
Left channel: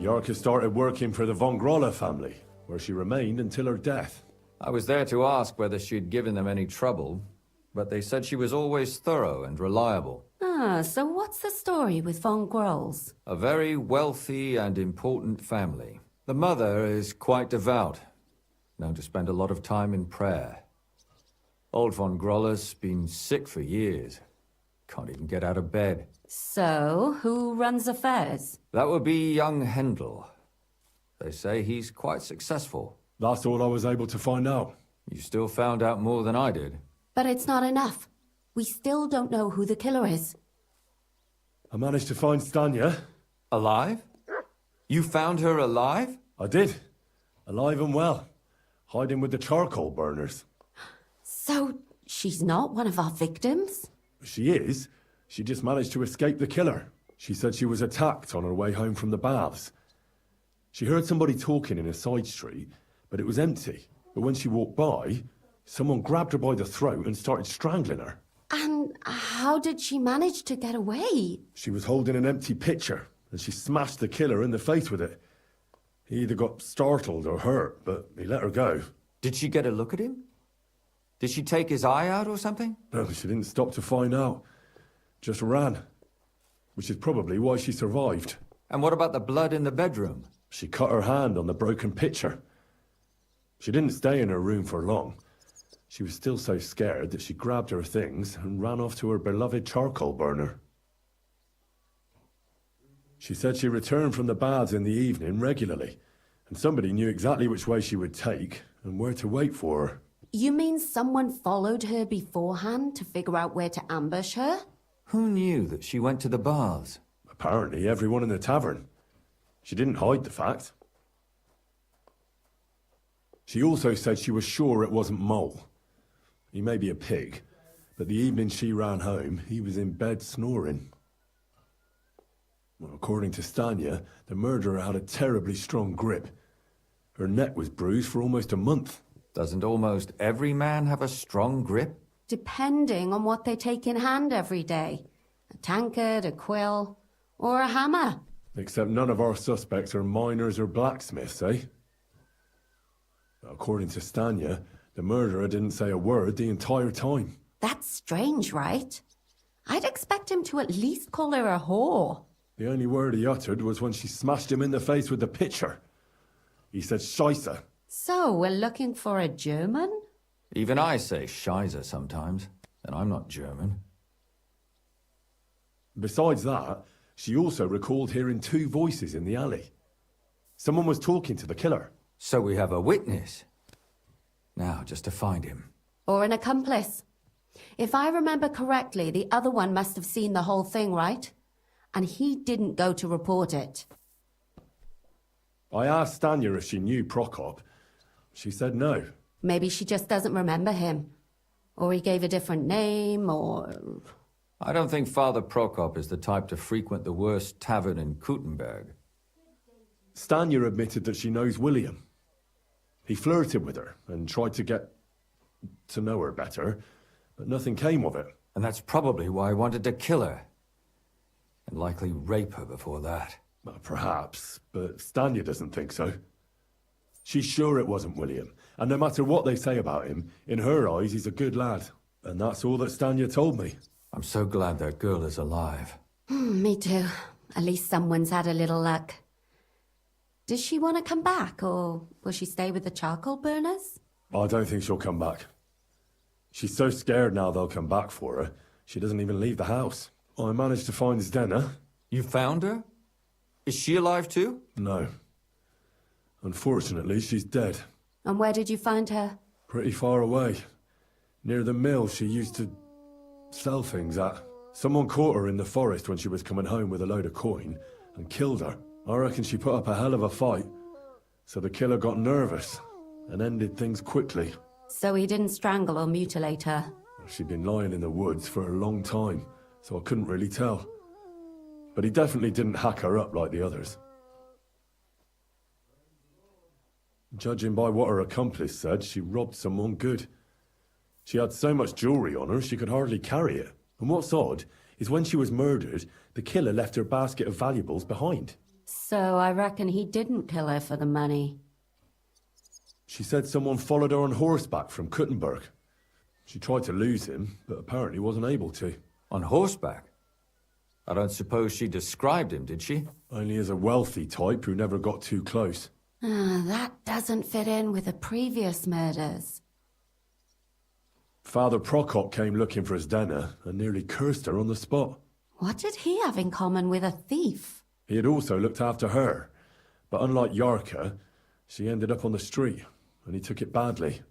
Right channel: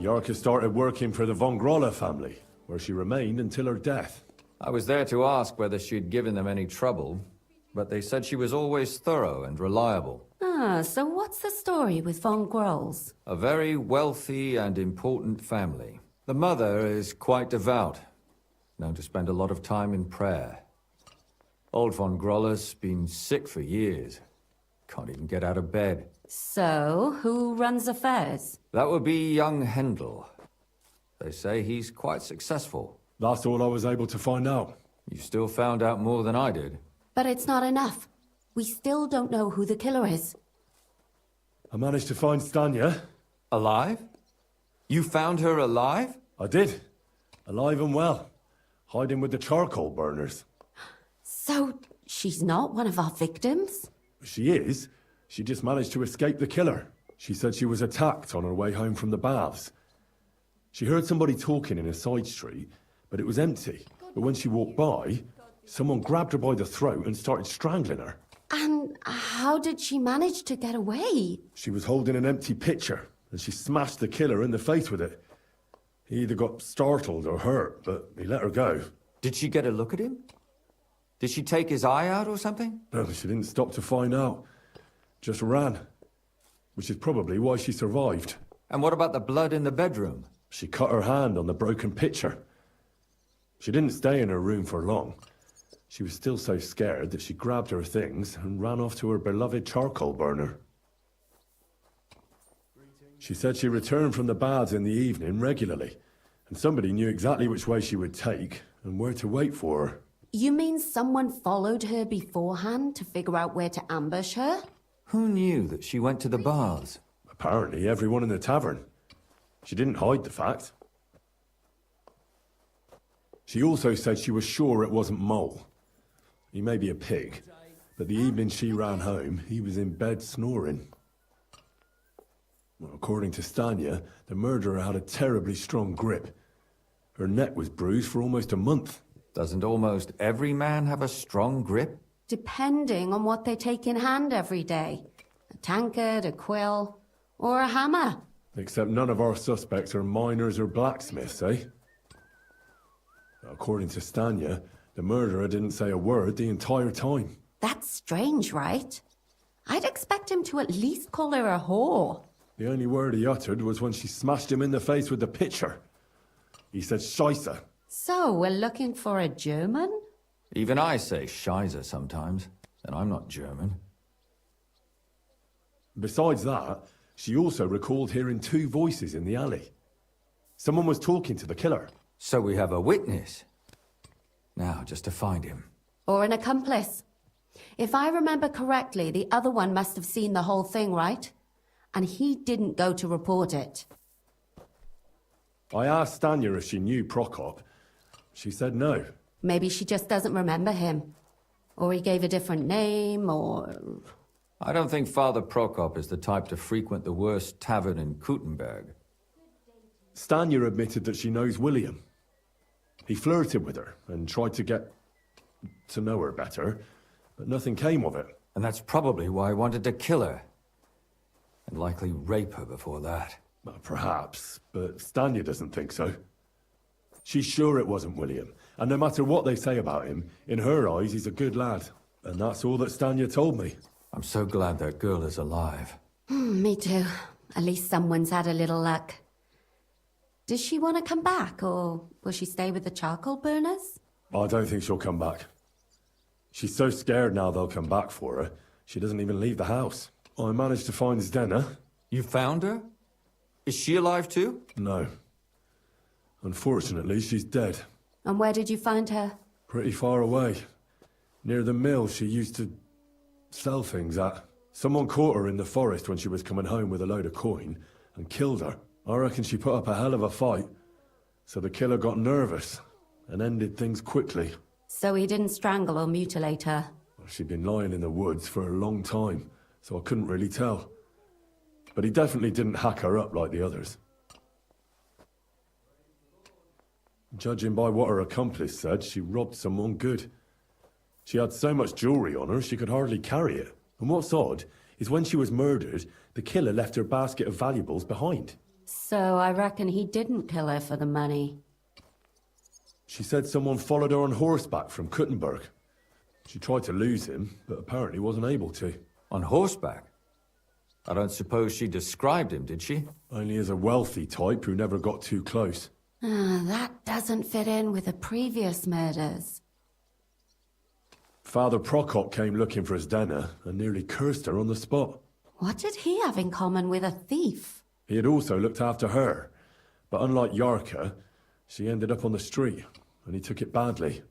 Yarka started working for the von Groller family, where she remained until her death. I was there to ask whether she'd given them any trouble, but they said she was always thorough and reliable. Ah, so what's the story with von Grolls? A very wealthy and important family. The mother is quite devout, known to spend a lot of time in prayer. Old von Groller's been sick for years. Can't even get out of bed. So, who runs affairs? That would be young Hendel. They say he's quite successful. That's all I was able to find out. You still found out more than I did. But it's not enough. We still don't know who the killer is. I managed to find Stanya. Alive? You found her alive? I did. Alive and well. Hiding with the charcoal burners. So, she's not one of our victims? She is. She just managed to escape the killer. She said she was attacked on her way home from the baths. She heard somebody talking in a side street, but it was empty. But when she walked by, someone grabbed her by the throat and started strangling her. And how did she manage to get away? She was holding an empty pitcher, and she smashed the killer in the face with it. He either got startled or hurt, but he let her go. Did she get a look at him? Did she take his eye out or something? No, she didn't stop to find out. Just ran. Which is probably why she survived. And what about the blood in the bedroom? She cut her hand on the broken pitcher. She didn't stay in her room for long. She was still so scared that she grabbed her things and ran off to her beloved charcoal burner. She said she returned from the baths in the evening regularly, and somebody knew exactly which way she would take and where to wait for her. You mean someone followed her beforehand to figure out where to ambush her? Who knew that she went to the baths? Apparently everyone in the tavern. She didn't hide the fact. She also said she was sure it wasn't Mole. He may be a pig, but the evening she ran home, he was in bed snoring. Well, according to Stanya, the murderer had a terribly strong grip. Her neck was bruised for almost a month. Doesn't almost every man have a strong grip? Depending on what they take in hand every day. A tankard, a quill, or a hammer. Except none of our suspects are miners or blacksmiths, eh? According to Stanya, the murderer didn't say a word the entire time. That's strange, right? I'd expect him to at least call her a whore. The only word he uttered was when she smashed him in the face with the pitcher. He said Scheisse. So, we're looking for a German? Even I say Scheiße sometimes, and I'm not German. Besides that, she also recalled hearing two voices in the alley. Someone was talking to the killer. So we have a witness. Now, just to find him. Or an accomplice. If I remember correctly, the other one must have seen the whole thing, right? And he didn't go to report it. I asked Stanya if she knew Prokop. She said no. Maybe she just doesn't remember him. Or he gave a different name, or... I don't think Father Prokop is the type to frequent the worst tavern in Kuttenberg. Stanya admitted that she knows William. He flirted with her and tried to get to know her better, but nothing came of it. And that's probably why I wanted to kill her. And likely rape her before that. Well, perhaps, but Stanya doesn't think so. She's sure it wasn't William, and no matter what they say about him, in her eyes he's a good lad. And that's all that Stanya told me. I'm so glad that girl is alive. Me too. At least someone's had a little luck. Does she want to come back, or will she stay with the charcoal burners? I don't think she'll come back. She's so scared now they'll come back for her, she doesn't even leave the house. I managed to find Zdena. You found her? Is she alive too? No. Unfortunately, she's dead. And where did you find her? Pretty far away. Near the mill she used to sell things at. Someone caught her in the forest when she was coming home with a load of coin and killed her. I reckon she put up a hell of a fight. So the killer got nervous and ended things quickly. So he didn't strangle or mutilate her? She'd been lying in the woods for a long time, so I couldn't really tell. But he definitely didn't hack her up like the others. Judging by what her accomplice said, she robbed someone good. She had so much jewelry on her, she could hardly carry it. And what's odd is when she was murdered, the killer left her basket of valuables behind. So I reckon he didn't kill her for the money. She said someone followed her on horseback from Kuttenberg. She tried to lose him, but apparently wasn't able to. On horseback? I don't suppose she described him, did she? Only as a wealthy type who never got too close. That doesn't fit in with the previous murders. Father Prokop came looking for Zdena and nearly cursed her on the spot. What did he have in common with a thief? He had also looked after her, but unlike Yarka, she ended up on the street, and he took it badly.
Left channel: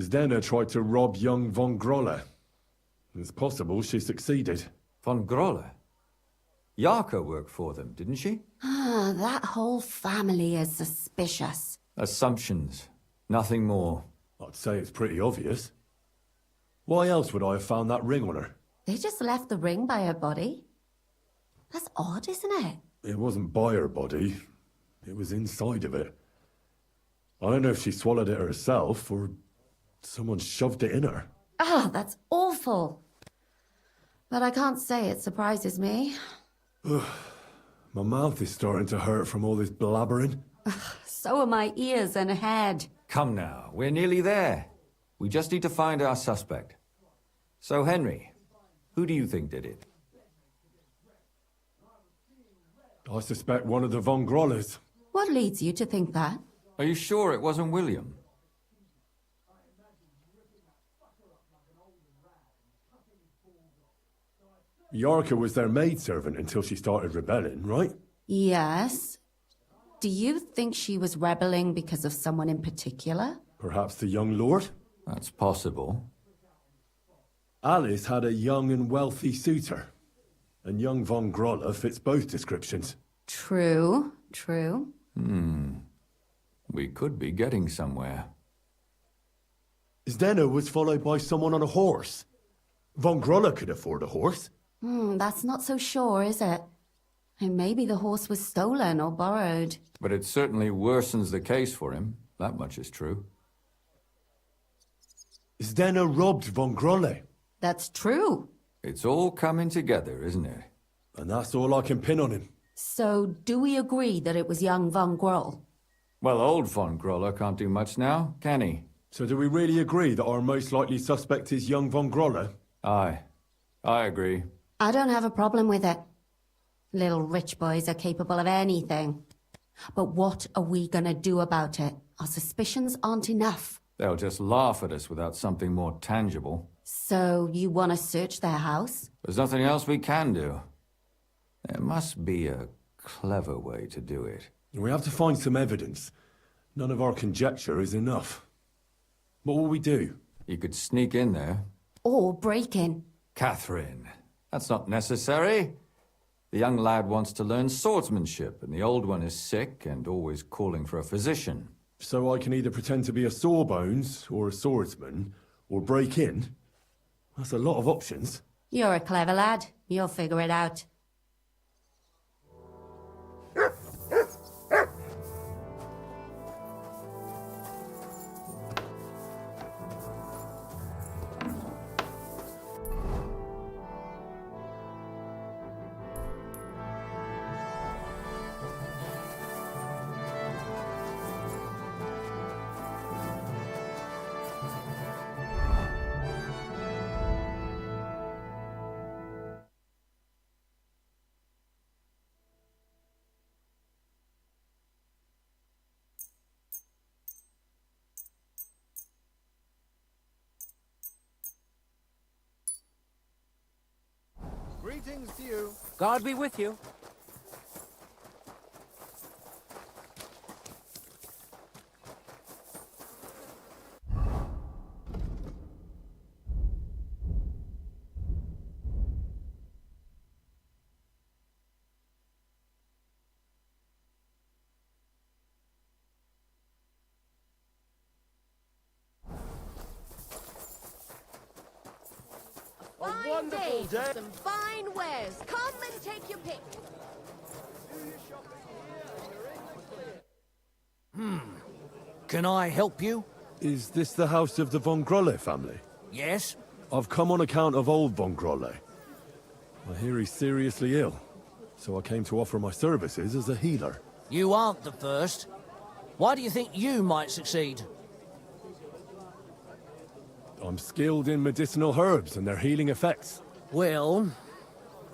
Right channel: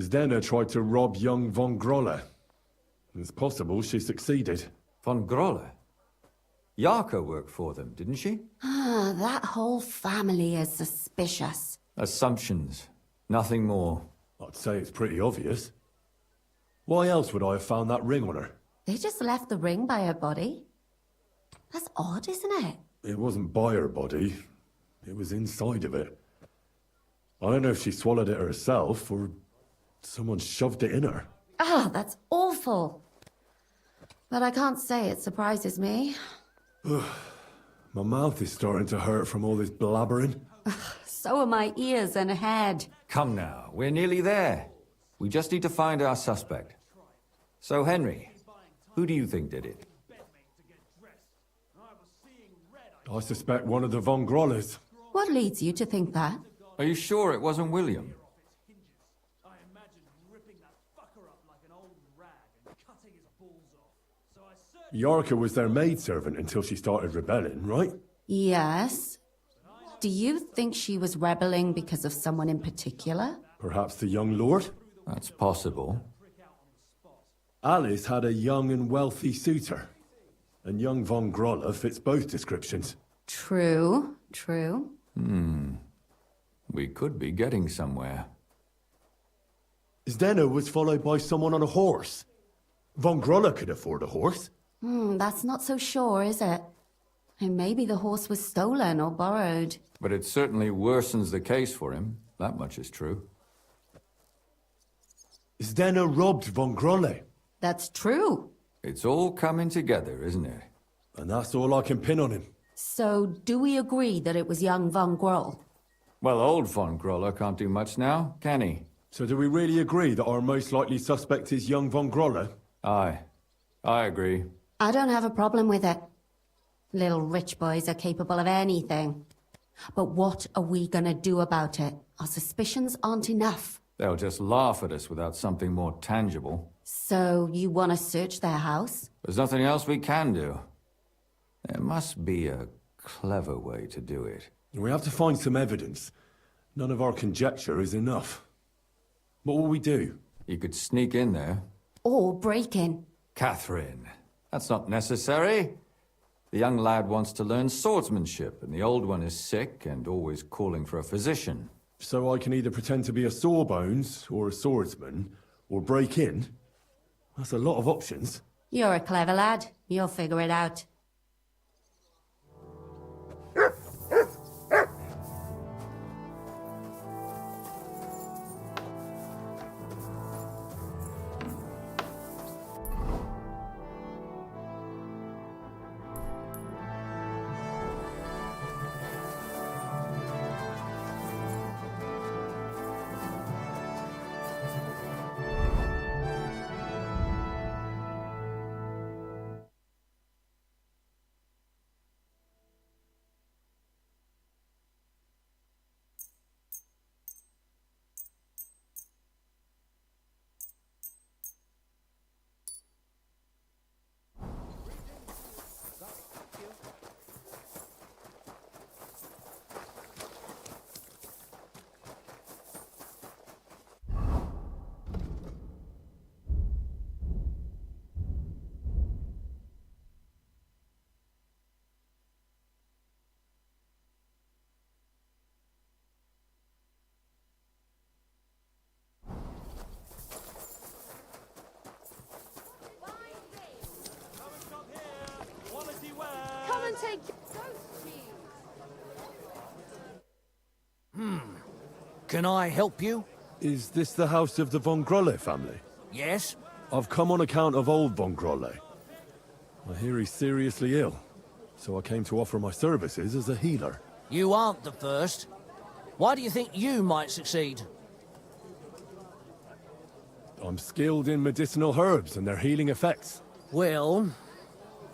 Zdena tried to rob young von Grolle. It's possible she succeeded. Von Grolle? Yarka worked for them, didn't she? That whole family is suspicious. Assumptions. Nothing more. I'd say it's pretty obvious. Why else would I have found that ring on her? They just left the ring by her body? That's odd, isn't it? It wasn't by her body. It was inside of it. I don't know if she swallowed it herself, or someone shoved it in her. That's awful. But I can't say it surprises me. My mouth is starting to hurt from all this blabbering. So are my ears and head. Come now, we're nearly there. We just need to find our suspect. So, Henry, who do you think did it? I suspect one of the von Grolles. What leads you to think that? Are you sure it wasn't William? Yarka was their maidservant until she started rebelling, right? Yes. Do you think she was rebelling because of someone in particular? Perhaps the young lord? That's possible. Alice had a young and wealthy suitor. And young von Grolle fits both descriptions. True, true. We could be getting somewhere. Zdena was followed by someone on a horse. Von Grolle could afford a horse. That's not so sure, is it? And maybe the horse was stolen or borrowed. But it certainly worsens the case for him. That much is true. Zdena robbed von Grolle. That's true. It's all coming together, isn't it? And that's all I can pin on him. So, do we agree that it was young von Groll? Well, old von Grolle can't do much now, can he? So do we really agree that our most likely suspect is young von Grolle? Aye. I agree. I don't have a problem with it. Little rich boys are capable of anything. But what are we gonna do about it? Our suspicions aren't enough. They'll just laugh at us without something more tangible. So, you want to search their house? There's nothing else we can do. There must be a clever way to do it. We have to find some evidence. None of our conjecture is enough. What will we do? You could sneak in there. Or break in. Catherine, that's not necessary. The young lad wants to learn swordsmanship, and the old one is sick and always calling for a physician. So I can either pretend to be a sawbones, or a swordsman, or break in? That's a lot of options. You're a clever lad. You'll figure it out. Greetings to you. God be with you. Wonderful day. Some fine wares. Come and take your pick. Come and take. Can I help you? Is this the house of the Von Grolle family? Yes? I've come on account of old Von Grolle. I hear he's seriously ill, so I came to offer my services as a healer. You aren't the first. Why do you think you might succeed? I'm skilled in medicinal herbs and their healing effects. Well,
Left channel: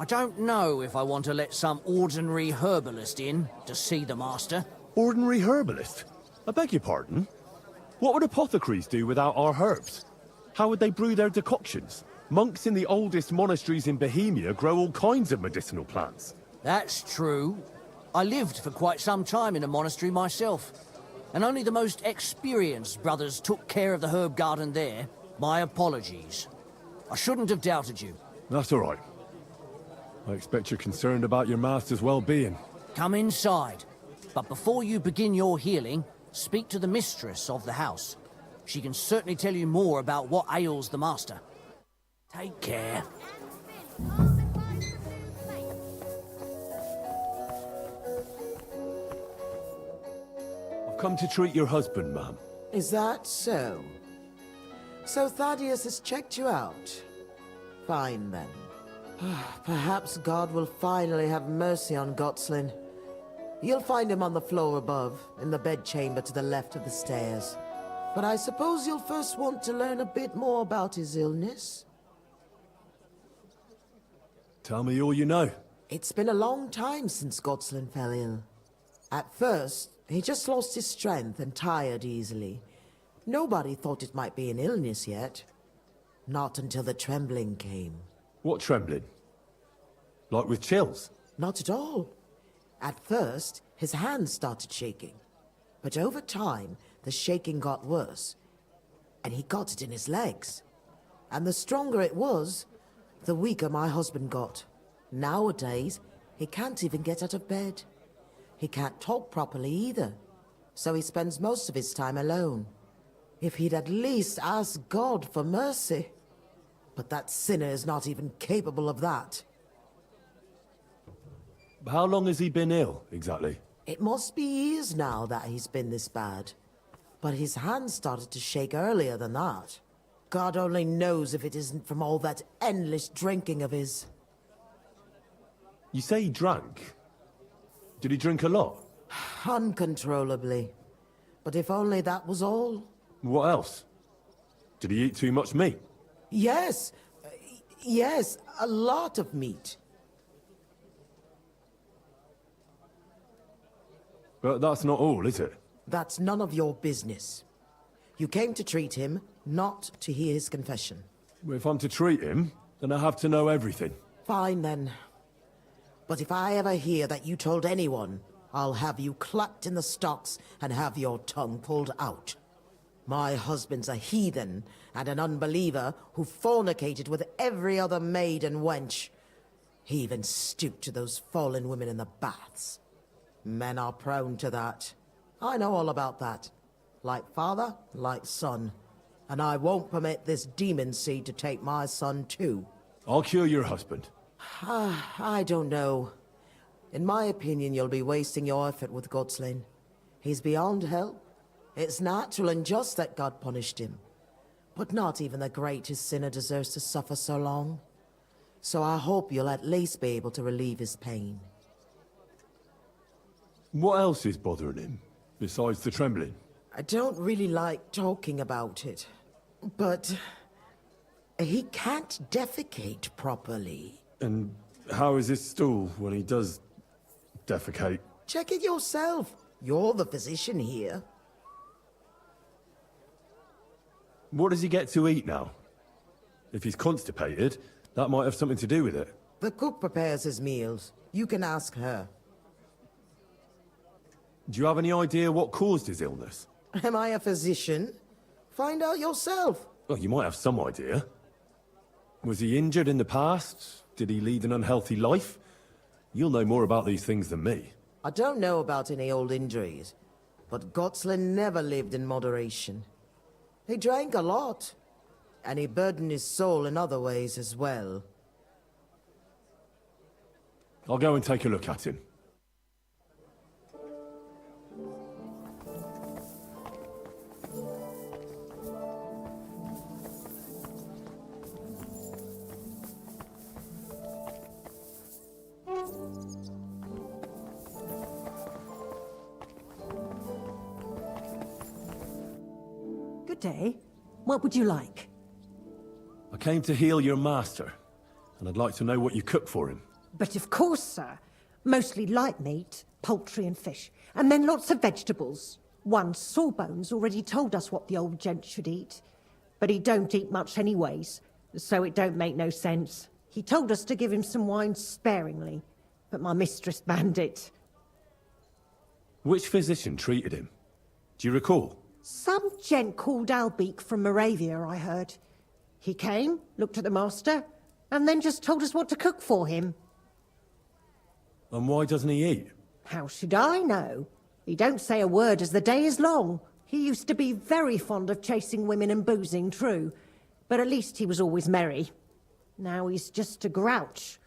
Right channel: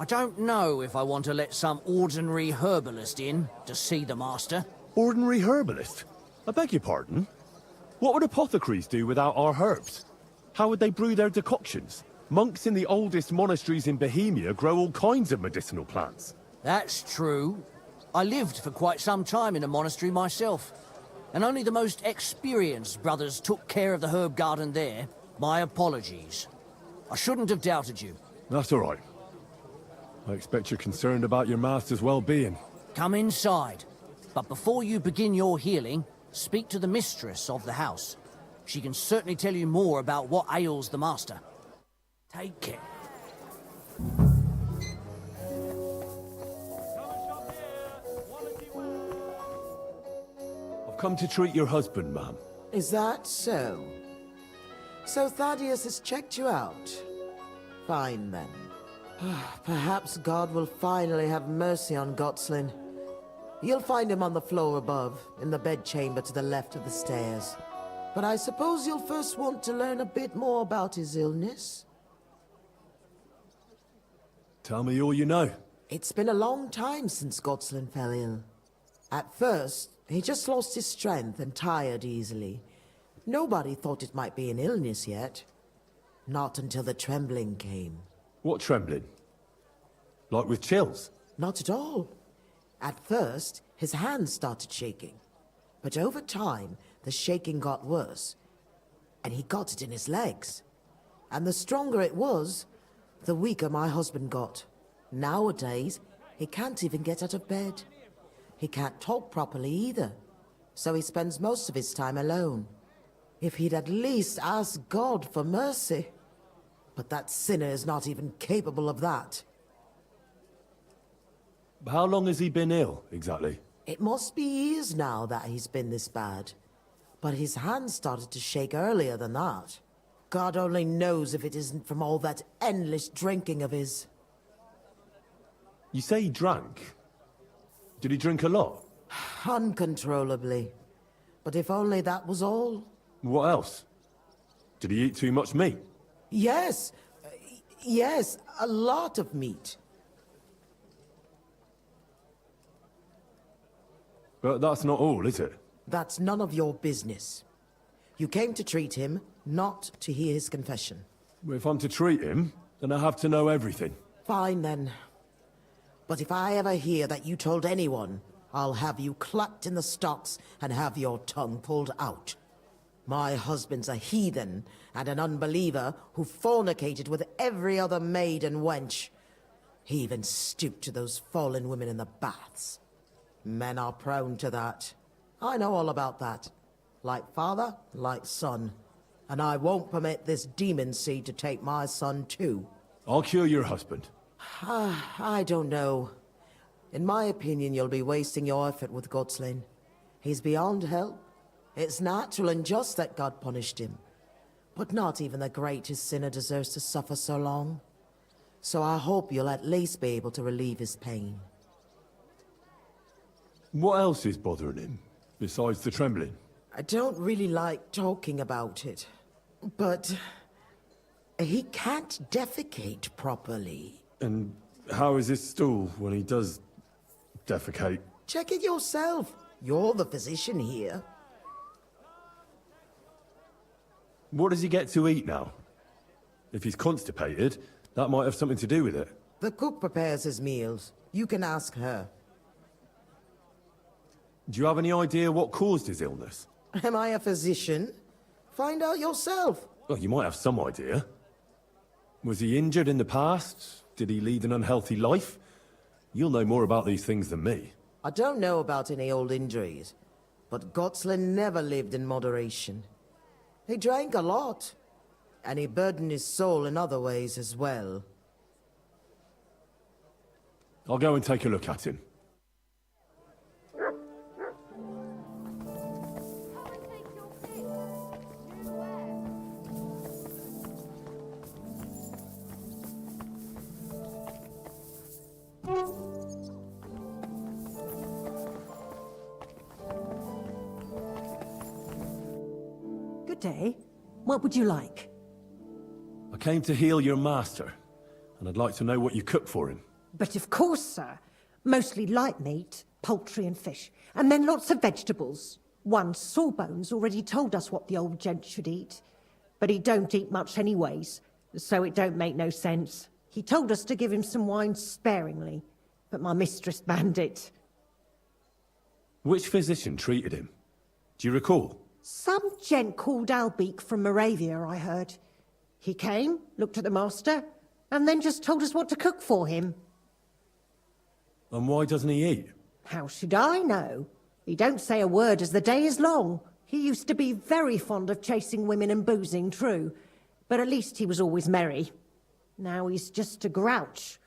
I don't know if I want to let some ordinary herbalist in to see the master. Ordinary herbalist? I beg your pardon? What would apothecaries do without our herbs? How would they brew their decoctions? Monks in the oldest monasteries in Bohemia grow all kinds of medicinal plants. That's true. I lived for quite some time in a monastery myself, and only the most experienced brothers took care of the herb garden there. My apologies. I shouldn't have doubted you. That's all right. I expect you're concerned about your master's well-being. Come inside. But before you begin your healing, speak to the mistress of the house. She can certainly tell you more about what ails the master. Take care. I've come to treat your husband, ma'am. Is that so? So Thaddeus has checked you out? Fine, then. Perhaps God will finally have mercy on Gotslin. You'll find him on the floor above, in the bedchamber to the left of the stairs. But I suppose you'll first want to learn a bit more about his illness? Tell me all you know. It's been a long time since Gotslin fell ill. At first, he just lost his strength and tired easily. Nobody thought it might be an illness yet. Not until the trembling came. What trembling? Like with chills? Not at all. At first, his hands started shaking. But over time, the shaking got worse. And he got it in his legs. And the stronger it was, the weaker my husband got. Nowadays, he can't even get out of bed. He can't talk properly either. So he spends most of his time alone. If he'd at least ask God for mercy. But that sinner is not even capable of that. How long has he been ill, exactly? It must be years now that he's been this bad. But his hands started to shake earlier than that. God only knows if it isn't from all that endless drinking of his. You say he drank? Did he drink a lot? Uncontrollably. But if only that was all. What else? Did he eat too much meat? Yes. Yes, a lot of meat. But that's not all, is it? That's none of your business. You came to treat him, not to hear his confession. If I'm to treat him, then I have to know everything. Fine, then. But if I ever hear that you told anyone, I'll have you clapped in the stocks and have your tongue pulled out. My husband's a heathen and an unbeliever who fornicated with every other maid and wench. He even stooped to those fallen women in the baths. Men are prone to that. I know all about that. Like father, like son. And I won't permit this demon seed to take my son too. I'll cure your husband. I don't know. In my opinion, you'll be wasting your effort with Godslin. He's beyond help. It's natural and just that God punished him. But not even the greatest sinner deserves to suffer so long. So I hope you'll at least be able to relieve his pain. What else is bothering him, besides the trembling? I don't really like talking about it, but he can't defecate properly. And how is his stool when he does defecate? Check it yourself. You're the physician here. What does he get to eat now? If he's constipated, that might have something to do with it. The cook prepares his meals. You can ask her. Do you have any idea what caused his illness? Am I a physician? Find out yourself. Well, you might have some idea. Was he injured in the past? Did he lead an unhealthy life? You'll know more about these things than me. I don't know about any old injuries, but Godslin never lived in moderation. He drank a lot, and he burdened his soul in other ways as well. I'll go and take a look at him. Good day. What would you like? I came to heal your master, and I'd like to know what you cook for him. But of course, sir. Mostly light meat, poultry and fish, and then lots of vegetables. One Sawbones already told us what the old gent should eat, but he don't eat much anyways, so it don't make no sense. He told us to give him some wine sparingly, but my mistress banned it. Which physician treated him? Do you recall? Some gent called Albeek from Moravia, I heard. He came, looked at the master, and then just told us what to cook for him. And why doesn't he eat? How should I know? He don't say a word as the day is long. He used to be very fond of chasing women and boozing, true, but at least he was always merry. Now he's just a grouch.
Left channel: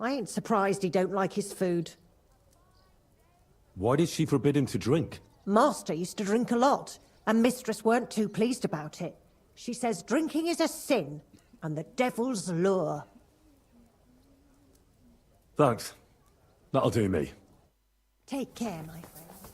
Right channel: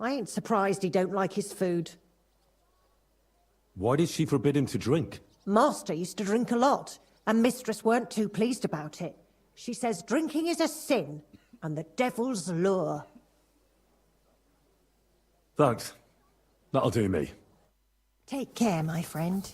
I ain't surprised he don't like his food. Why did she forbid him to drink? Master used to drink a lot, and mistress weren't too pleased about it. She says drinking is a sin, and the devil's lure. Thanks. That'll do me. Take care, my friend.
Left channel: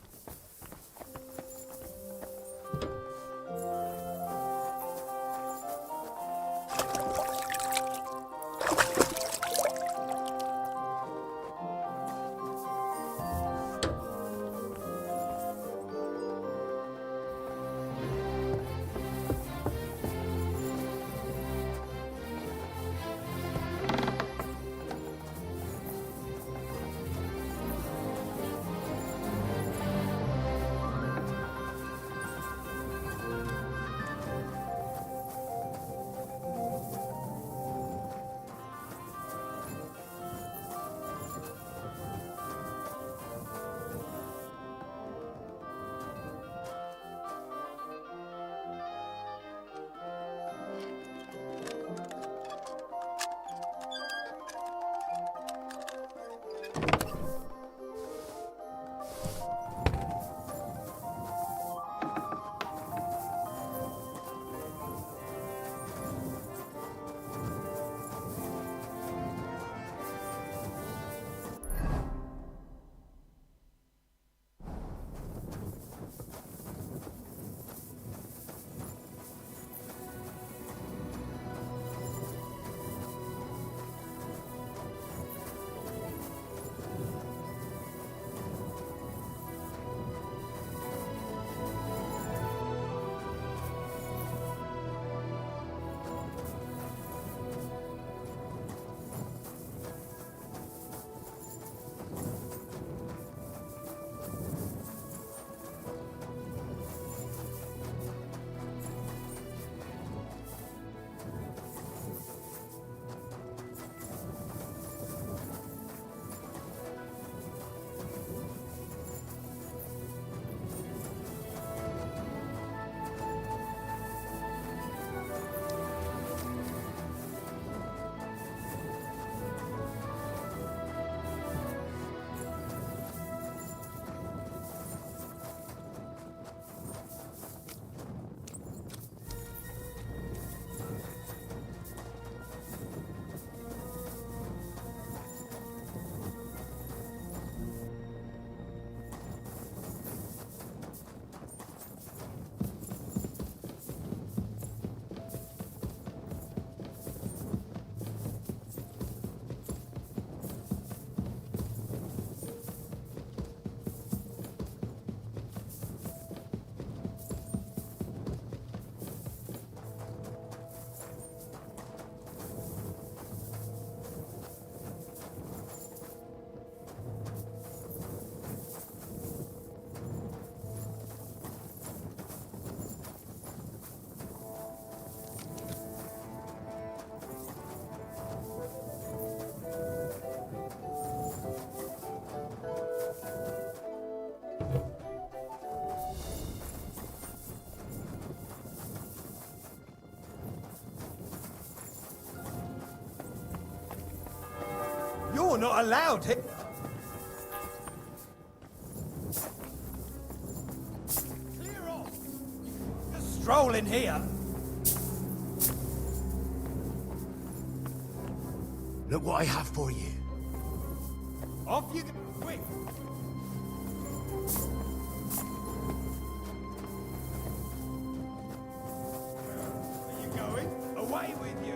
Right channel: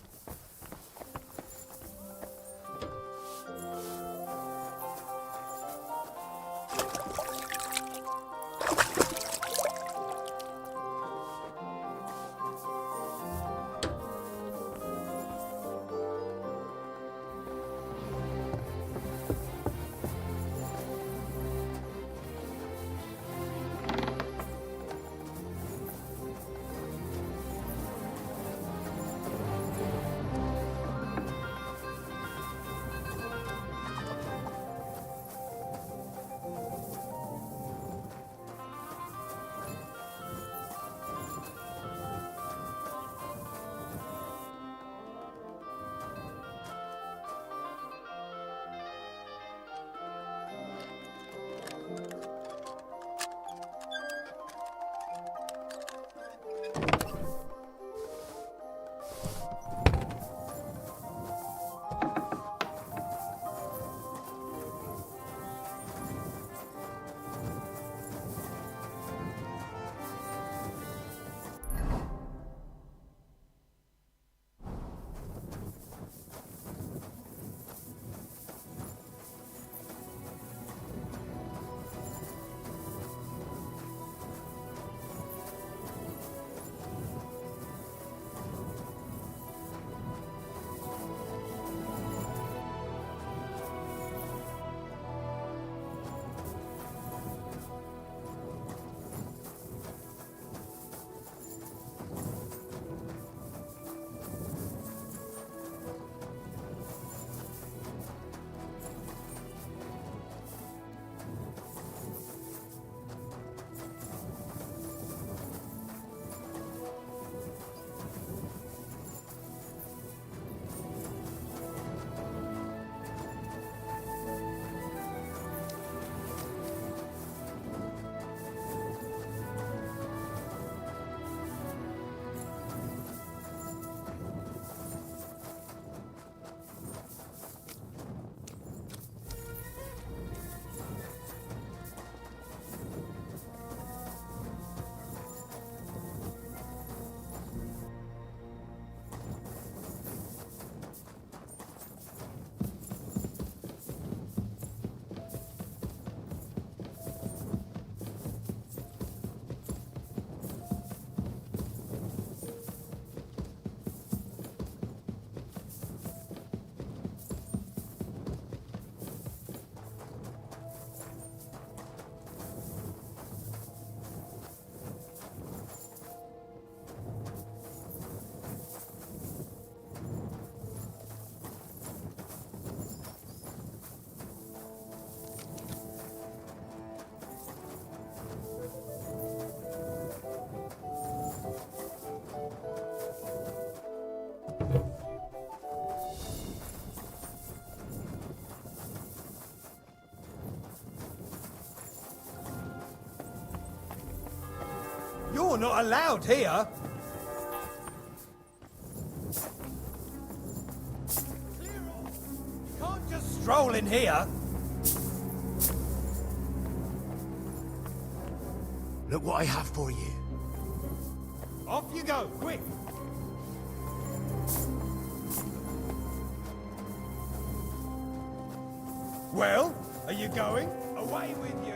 not allowed here. Clear off. You can't just stroll in here. Look what I have for you. Off you go, quick. Well, are you going? Away with you.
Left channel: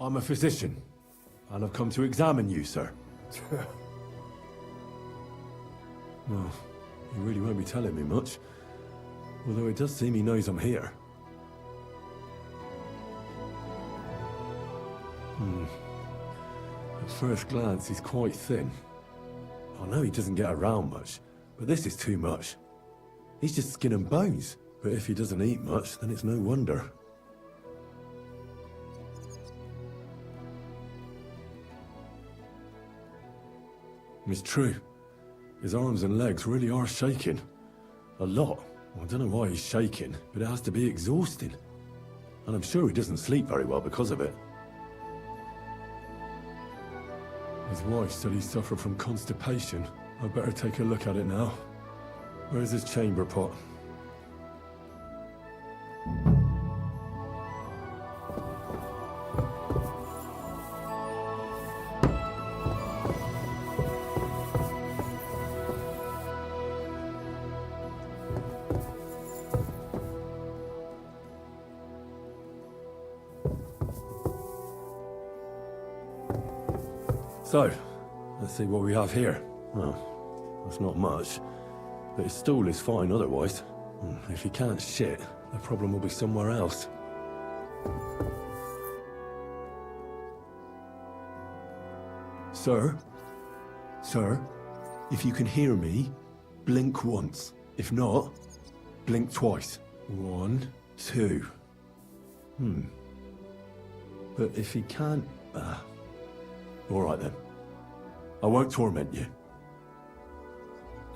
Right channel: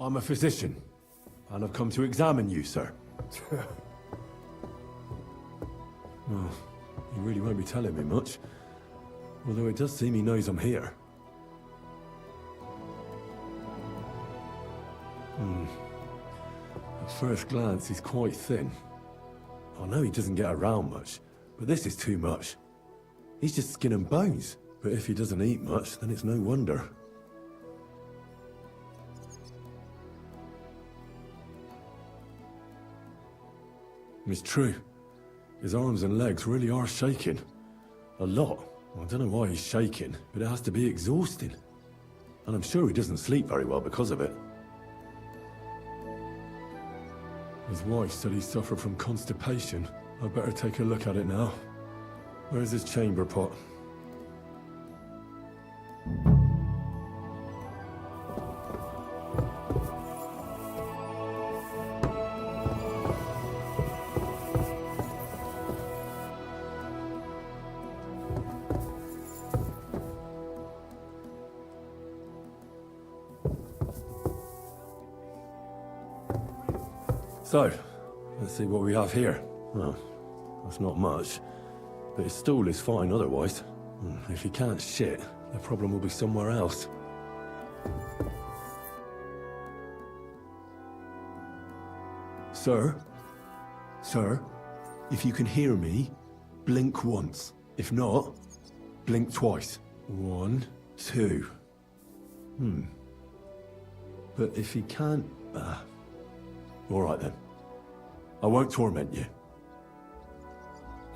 I'm a physician, and I've come to examine you, sir. Well, you really won't be telling me much. Although it does seem he knows I'm here. At first glance, he's quite thin. I know he doesn't get around much, but this is too much. He's just skin and bones. But if he doesn't eat much, then it's no wonder. It's true. His arms and legs really are shaking. A lot. I don't know why he's shaking, but it has to be exhausting. And I'm sure he doesn't sleep very well because of it. His wife said he suffered from constipation. I'd better take a look at it now. Where's his chamber pot? So, let's see what we have here. Well, that's not much, but his stool is fine otherwise. If he can't shit, the problem will be somewhere else. Sir? Sir? If you can hear me, blink once. If not, blink twice. 1, 2. But if he can't... all right then. I won't torment you.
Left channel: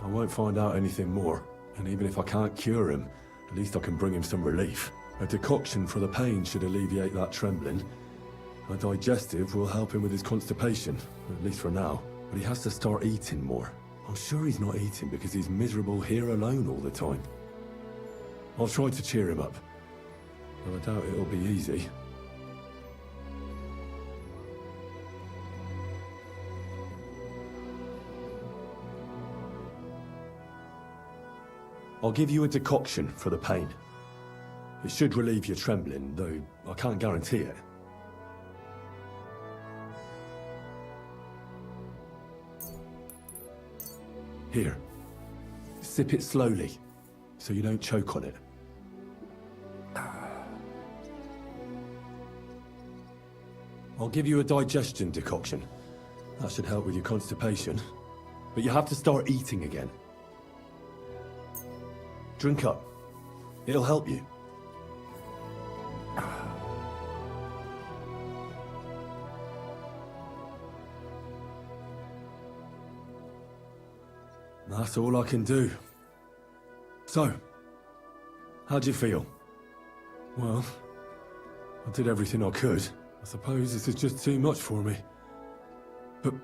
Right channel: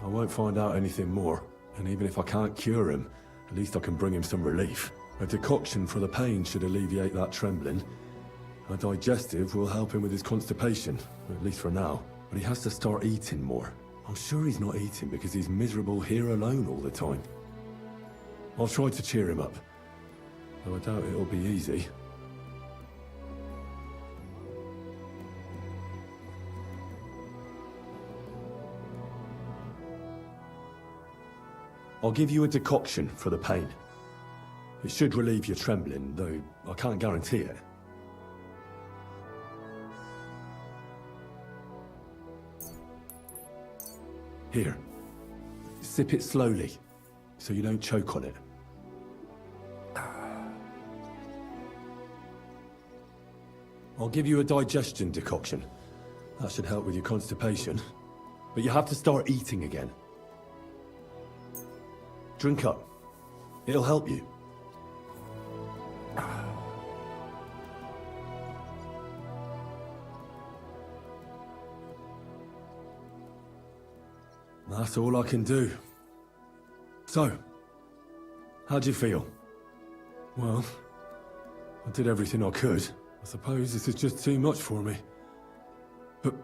I won't find out anything more, and even if I can't cure him, at least I can bring him some relief. A decoction for the pain should alleviate that trembling. A digestive will help him with his constipation, at least for now. But he has to start eating more. I'm sure he's not eating because he's miserable here alone all the time. I'll try to cheer him up, though I doubt it'll be easy. I'll give you a decoction for the pain. It should relieve your trembling, though I can't guarantee it. Here. Sip it slowly, so you don't choke on it. I'll give you a digestion decoction. That should help with your constipation. But you have to start eating again. Drink up. It'll help you. That's all I can do. So, how'd you feel? Well, I did everything I could. I suppose this is just too much for me. But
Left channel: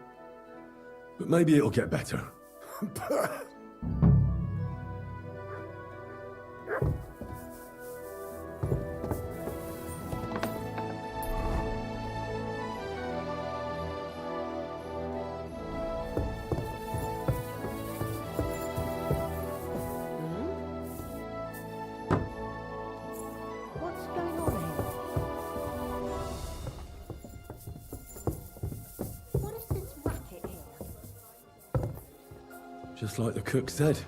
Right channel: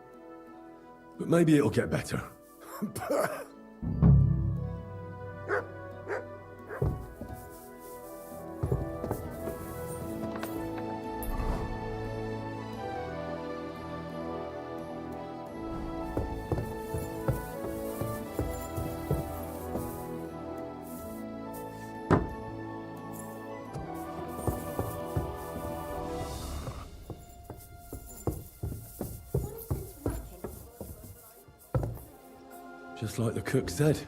maybe it'll get better. Just like the cook said,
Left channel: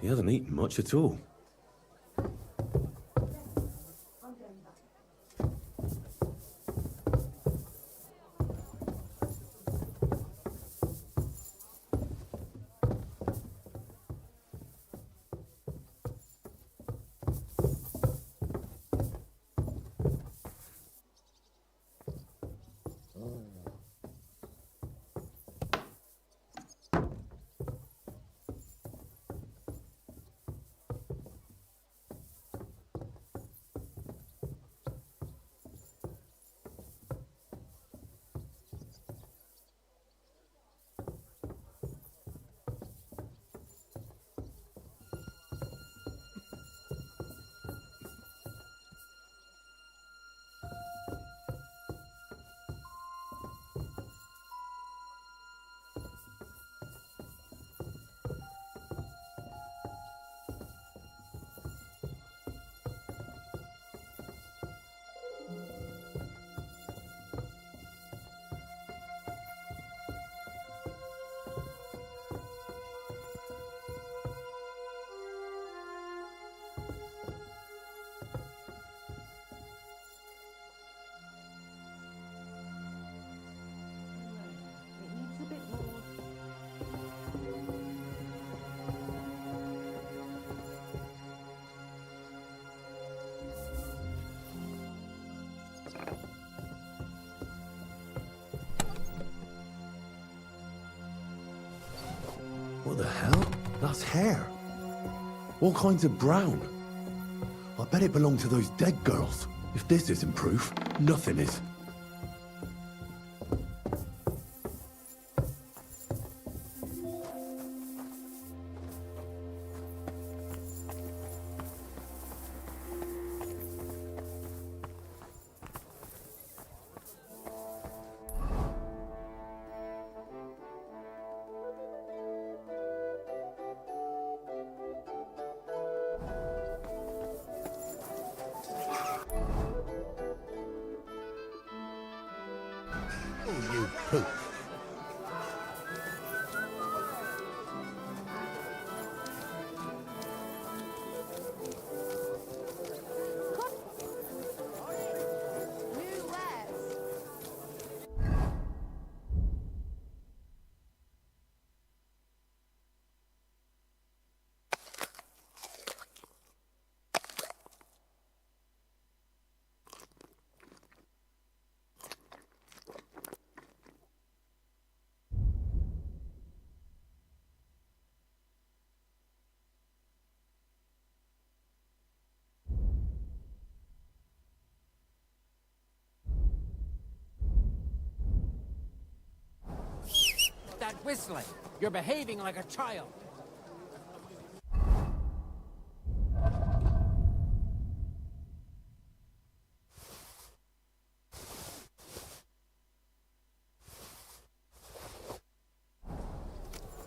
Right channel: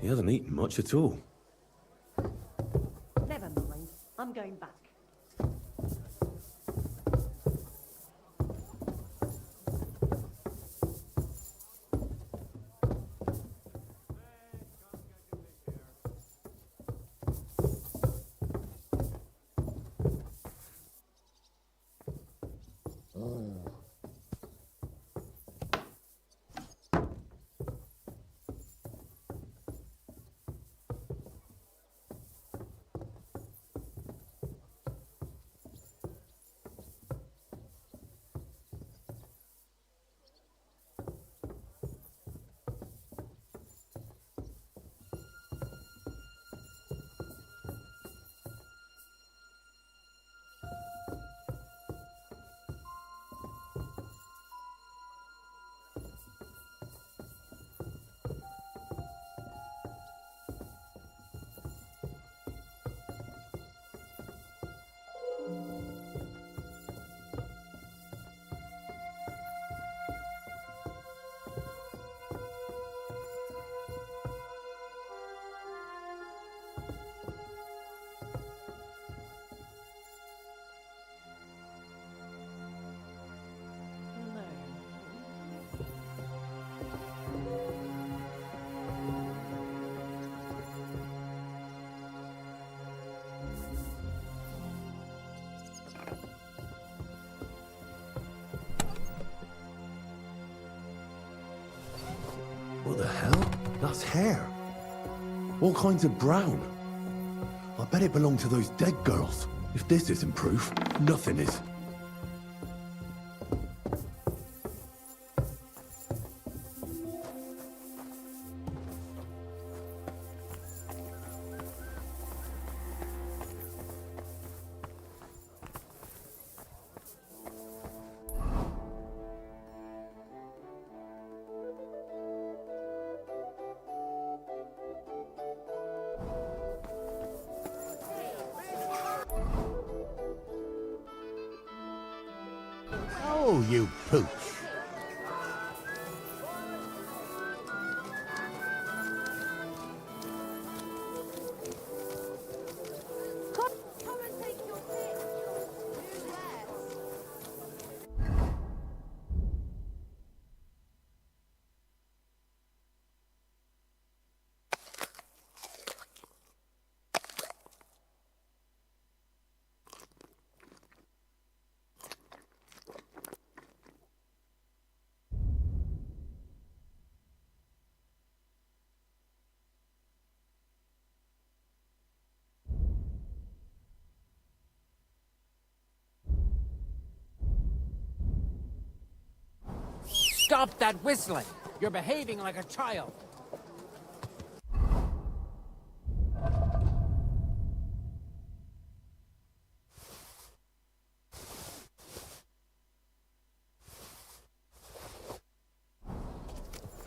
he hasn't eaten much at all. Never mind. I'm going back. What the hell? That's hair. All kinds of brown. I bet it belonged to those dead girls. If this isn't proof, nothing is. Oh, you poof. Stop that whistling! You're behaving like a child.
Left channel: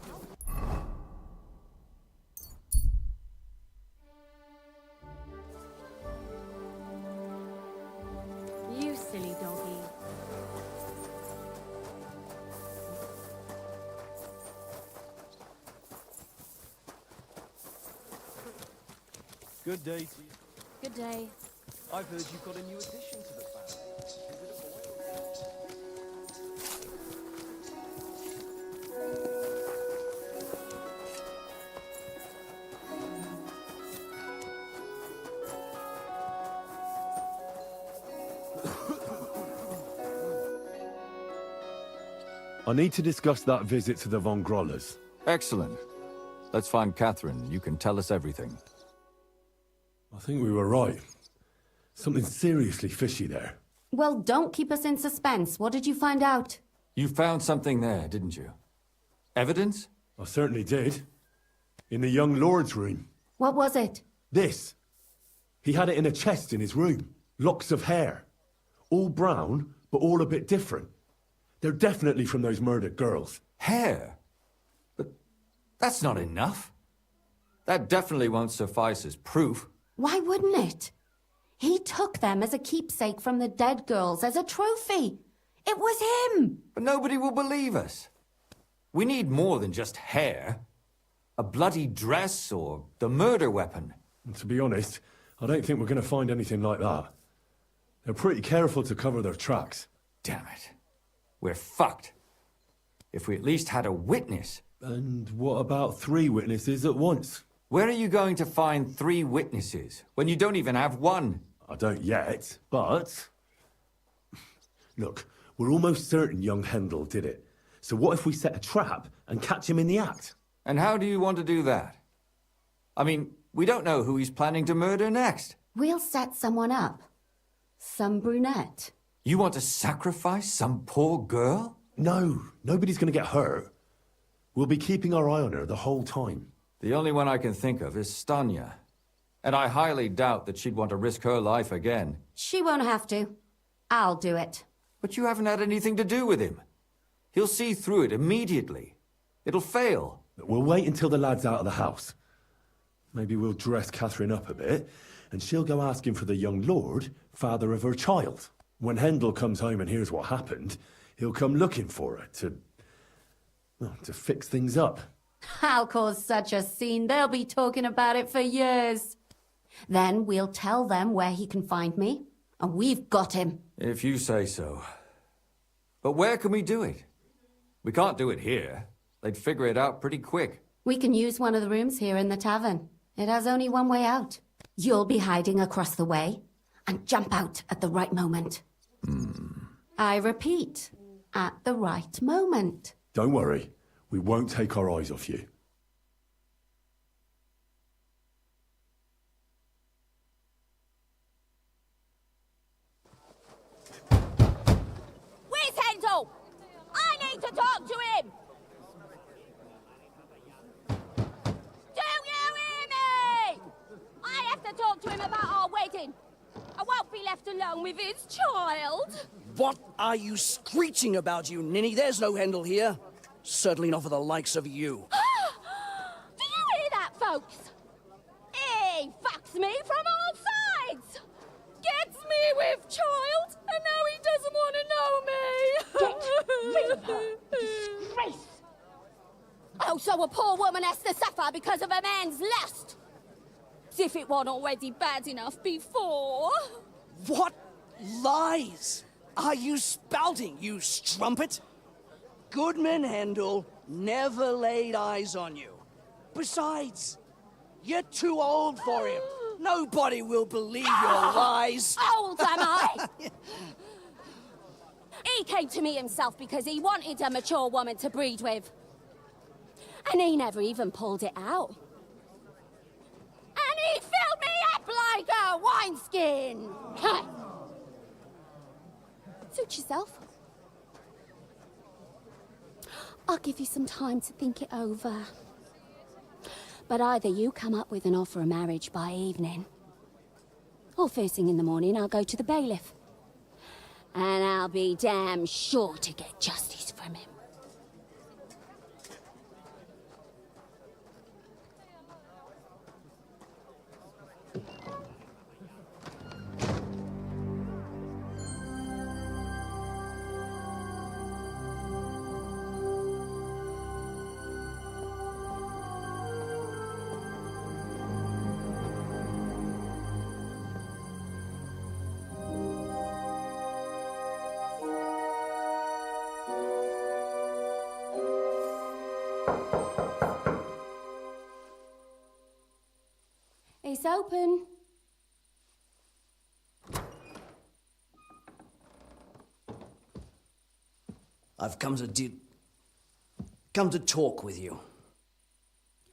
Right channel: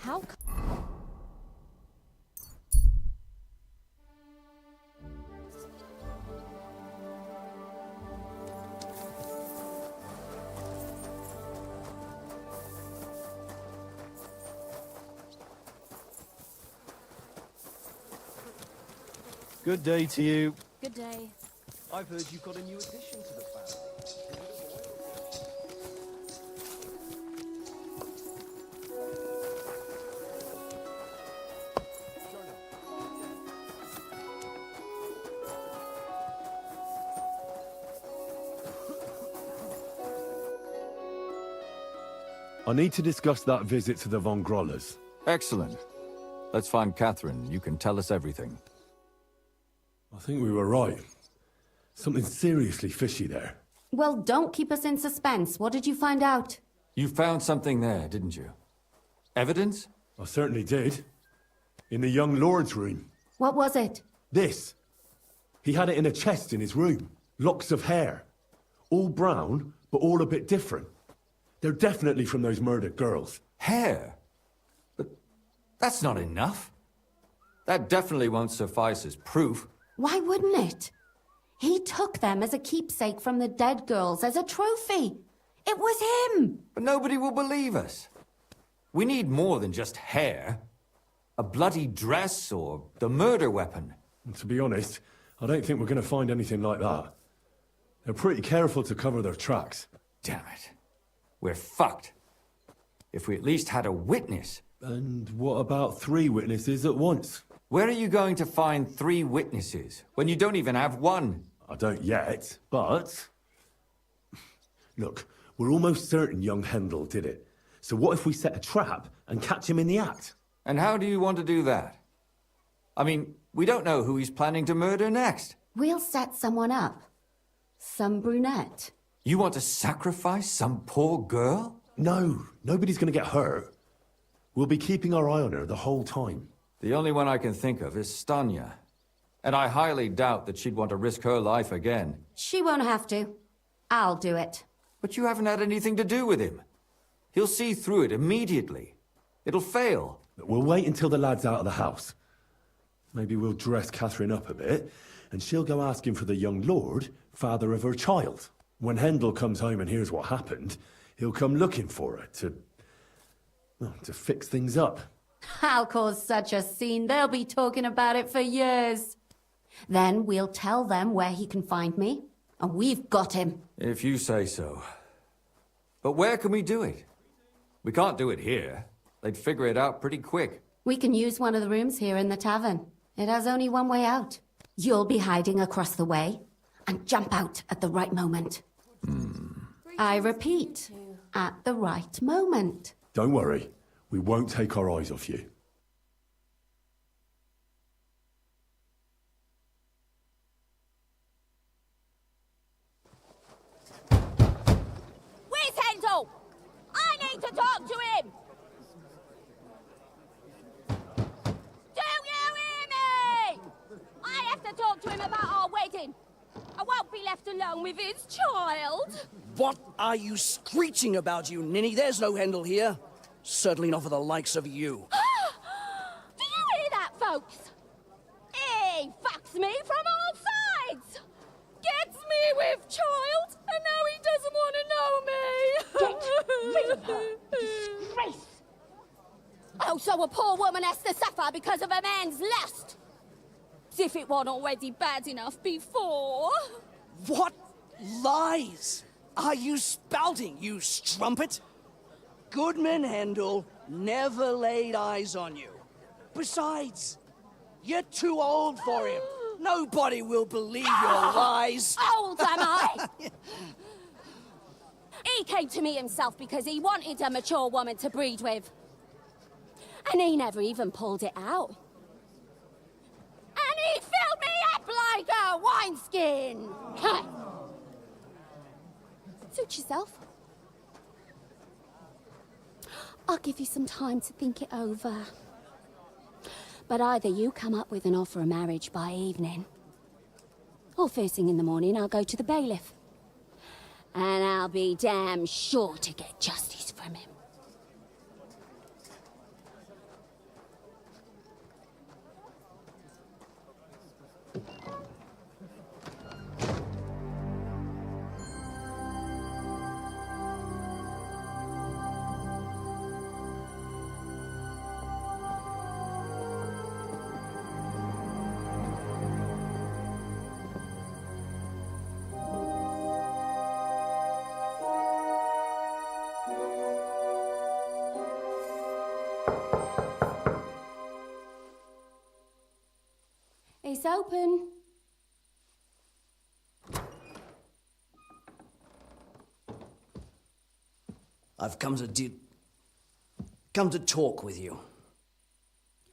How? You silly doggy. Good day to you. Good day. I've heard you've got a new addition to the family. Is it a boy or a girl? I need to discuss that visit to the Von Grollers. Excellent. Let's find Catherine. You can tell us everything. I think we were right. Something seriously fishy there. Well, don't keep us in suspense. What did you find out? You found something there, didn't you? Evidence? I certainly did. In the young lord's room. What was it? This. He had it in a chest in his room. Locks of hair. All brown, but all a bit different. They're definitely from those murdered girls. Hair? But that's not enough. That definitely won't suffice as proof. Why wouldn't it? He took them as a keepsake from the dead girls, as a trophy. It was him! But nobody will believe us. We need more than just hair. A bloody dress or the murder weapon. And to be honest, I don't think we're going to find anything like that. They're pretty careful to cover their tracks. Damn it. We're fucked. If we at least had a witness. And what about 3 witnesses at once? Where are you going to find 3 witnesses when you don't even have one? I don't yet, but... Look, we're almost certain young Hendel did it. So what if we set a trap and catch him in the act? And how do you want to do that? I mean, we don't know who he's planning to murder next. We'll set someone up. Some brunette. You want to sacrifice some poor girl? No, nobody's going to get hurt. We'll be keeping our eye on her the whole time. The only one I can think of is Stanya. And I highly doubt that she'd want to risk her life again. She won't have to. I'll do it. But you haven't had anything to do with him. He'll see through it immediately. It'll fail. We'll wait until the lad's out of the house. Maybe we'll dress Catherine up a bit, and she'll go asking for the young lord, father of her child. When Hendel comes home and hears what happened, he'll come looking for her to fix things up. I'll cause such a scene, they'll be talking about it for years. Then we'll tell them where he can find me, and we've got him. If you say so. But where can we do it? We can't do it here. They'd figure it out pretty quick. We can use one of the rooms here in the tavern. It has only one way out. You'll be hiding across the way, and jump out at the right moment. I repeat, at the right moment. Don't worry. We won't take our eyes off you. Where's Hendel? I need to talk to him! Do you hear me? I have to talk to him about our wedding. I won't be left alone with his child. What are you screeching about, you ninny? There's no Hendel here. Certainly not for the likes of you. Do you hear that, folks? He fucks me from all sides. Gets me with child, and now he doesn't want to know me. Get rid of her. Disgrace. Oh, so a poor woman has to suffer because of a man's lust. As if it wasn't already bad enough before. What lies are you spouting, you strumpet? Goodman Hendel never laid eyes on you. Besides, you're too old for him. Nobody will believe your lies. Old am I? He came to me himself because he wanted a mature woman to breed with. And he never even pulled it out. And he filled me up like a wineskin. Suit yourself. I'll give you some time to think it over. But either you come up with an offer of marriage by evening, or first thing in the morning I'll go to the bailiff. And I'll be damn sure to get justice from him. It's open. I've come to talk with you.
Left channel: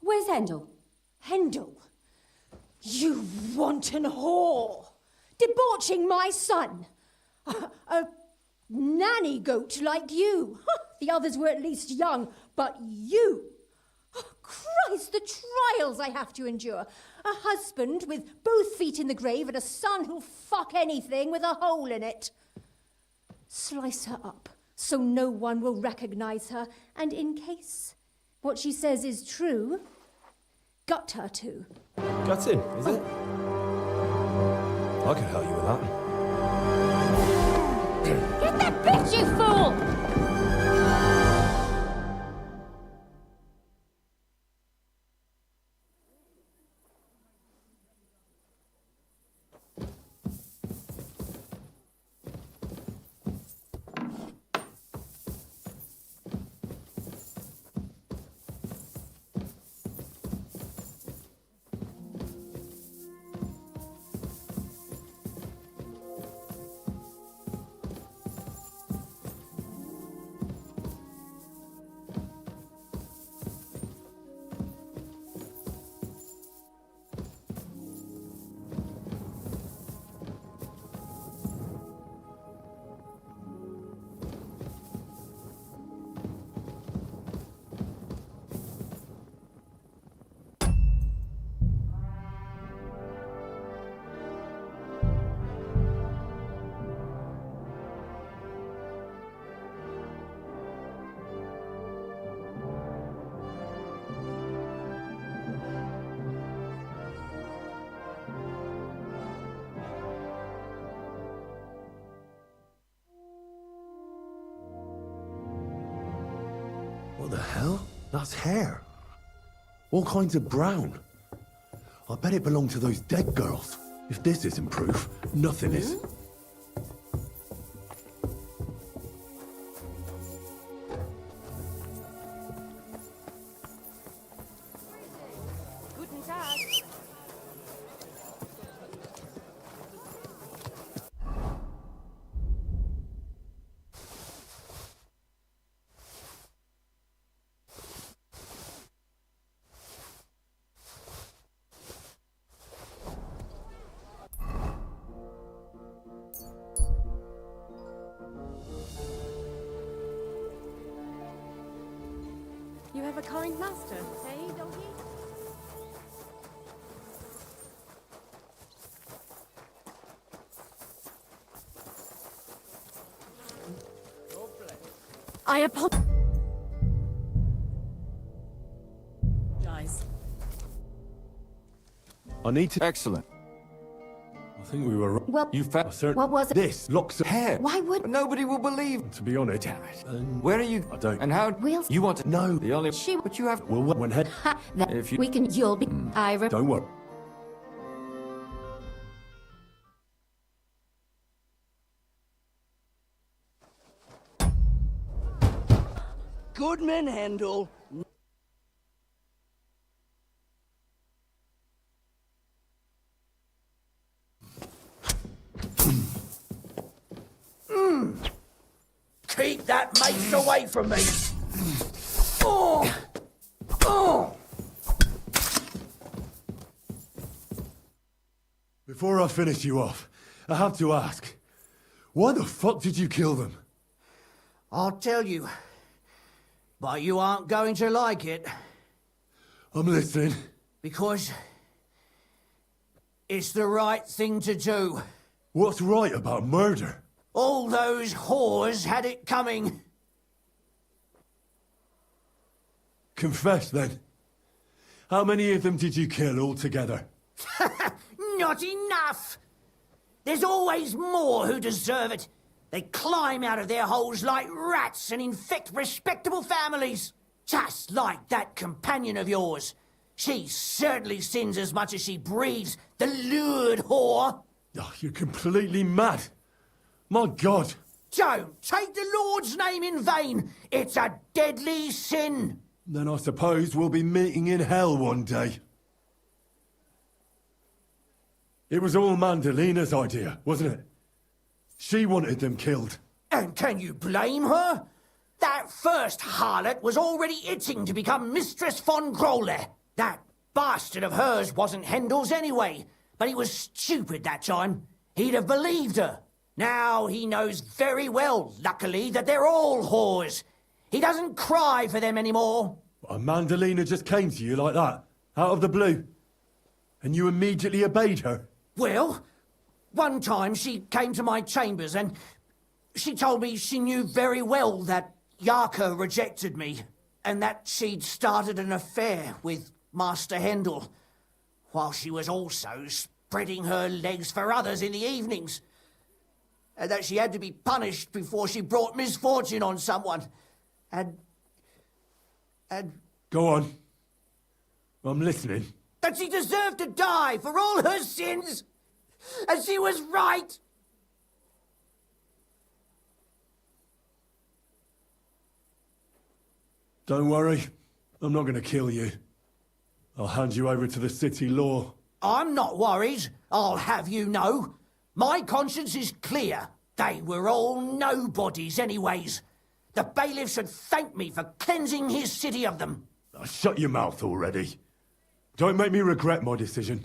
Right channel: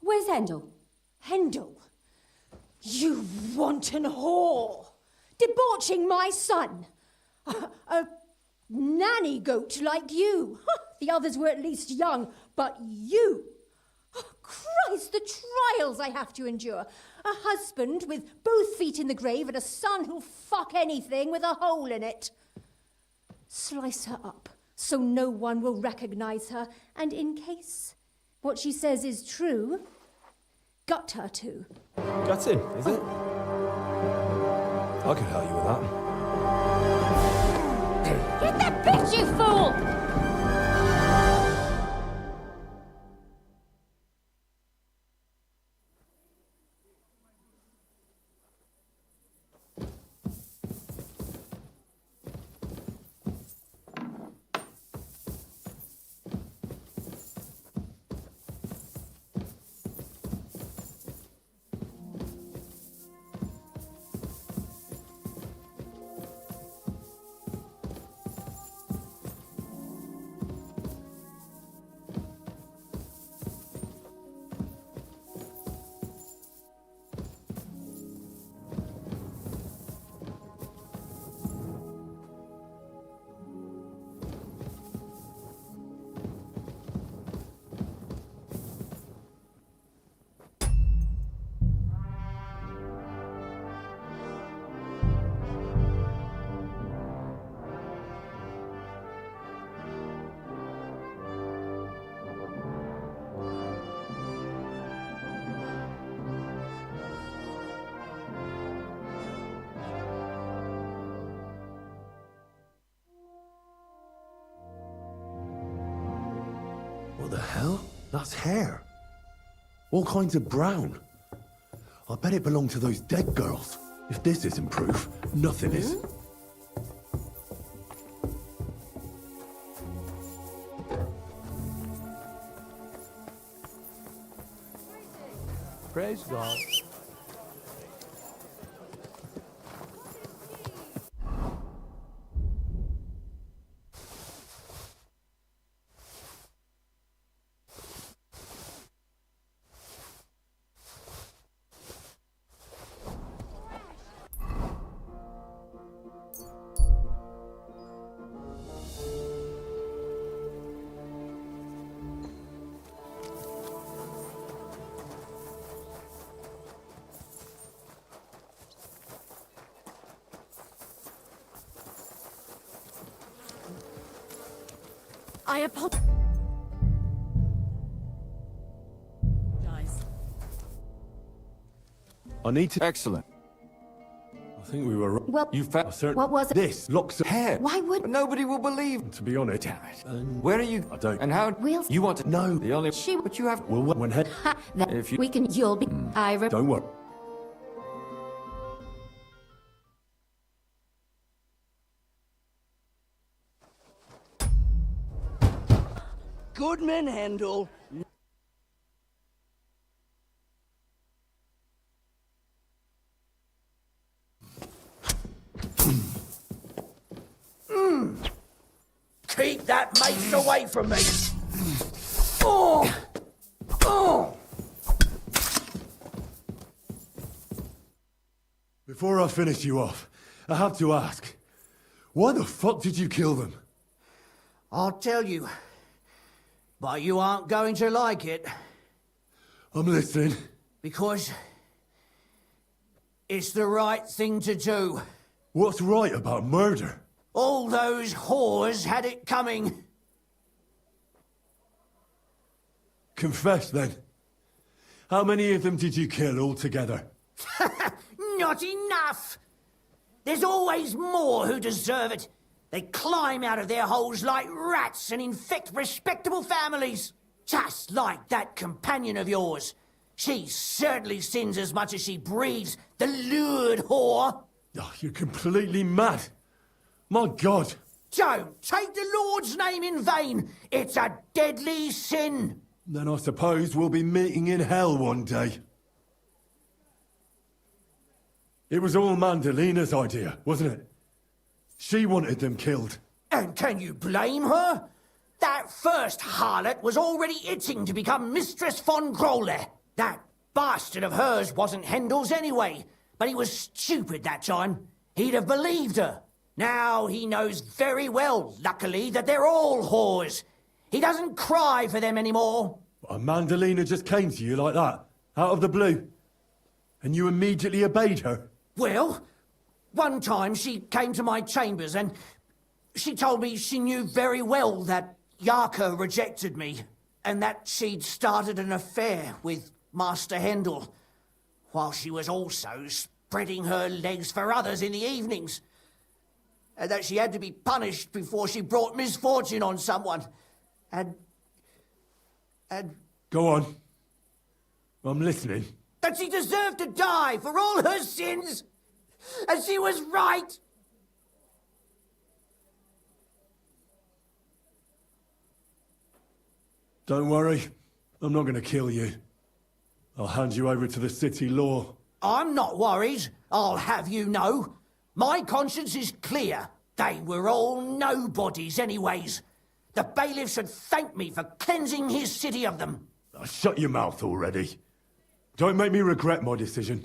Where's Hendel? Hendel? You wanton whore! Debauching my son! A nanny goat like you! The others were at least young, but you! Oh, Christ, the trials I have to endure! A husband with both feet in the grave and a son who'll fuck anything with a hole in it. Slice her up so no one will recognize her, and in case what she says is true, gut her too. Gutting, is it? I could help you with that. Hit that bitch, you fool! What the hell? That's hair. All kinds of brown. I bet it belonged to those dead girls. If this isn't proof, nothing is. Praise God. You have a kind master, eh, doggy? I apologize. I need to... Excellent. I think we were... Well, You found... what was it? This locks of hair. Why would... Nobody will believe. To be honest... Damn it. Where are you? I don't... And how... We'll... You want to... No. The only... She... But you have... Well, when head... Ha, that If you... we can... You'll be... Don't worry. Goodman Handel. Keep that mace away from me. Oh! Oh! Before I finish you off, I have to ask, why the fuck did you kill them? I'll tell you. But you aren't going to like it. I'm listening. Because... it's the right thing to do. What's right about murder? All those whores had it coming. Confess, then. How many of them did you kill altogether? Not enough! There's always more who deserve it. They climb out of their holes like rats and infect respectable families. Just like that companion of yours. She certainly sins as much as she breeds, the lured whore. Oh, you're completely mad. My God. Don't take the Lord's name in vain. It's a deadly sin. Then I suppose we'll be meeting in hell one day. It was all Mandalina's idea, wasn't it? She wanted them killed. And can you blame her? That first harlot was already itching to become Mistress von Groller. That bastard of hers wasn't Hendel's anyway, but he was stupid that time. He'd have believed her. Now he knows very well, luckily, that they're all whores. He doesn't cry for them anymore. And Mandalina just came to you like that, out of the blue. And you immediately obeyed her. Well, one time she came to my chambers and she told me she knew very well that Yarka rejected me and that she'd started an affair with Master Hendel, while she was also spreading her legs for others in the evenings. And that she had to be punished before she brought misfortune on someone. And... Go on. I'm listening. That she deserved to die for all her sins. And she was right. Don't worry. I'm not going to kill you. I'll hand you over to the city law. I'm not worried, I'll have you know. My conscience is clear. They were all nobodies anyways. The bailiff should thank me for cleansing his city of them. Shut your mouth already. Don't make me regret my decision.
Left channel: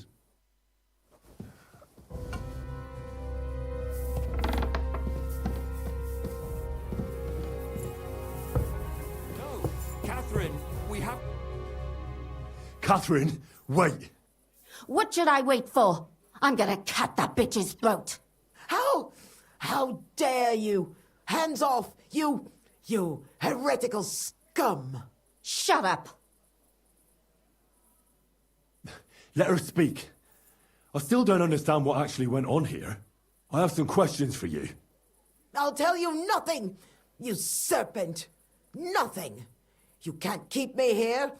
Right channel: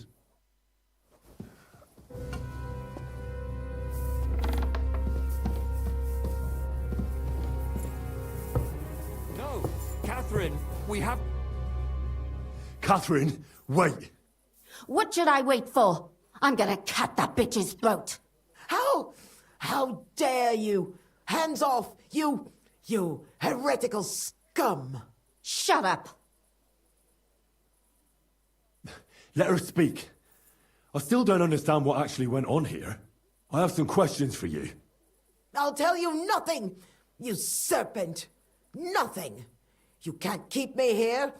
No, Catherine, we have... Catherine, wait. What should I wait for? I'm gonna cut that bitch's throat. How dare you? Hands off, you heretical scum. Shut up. Let her speak. I still don't understand what actually went on here. I have some questions for you. I'll tell you nothing, you serpent. Nothing. You can't keep me here.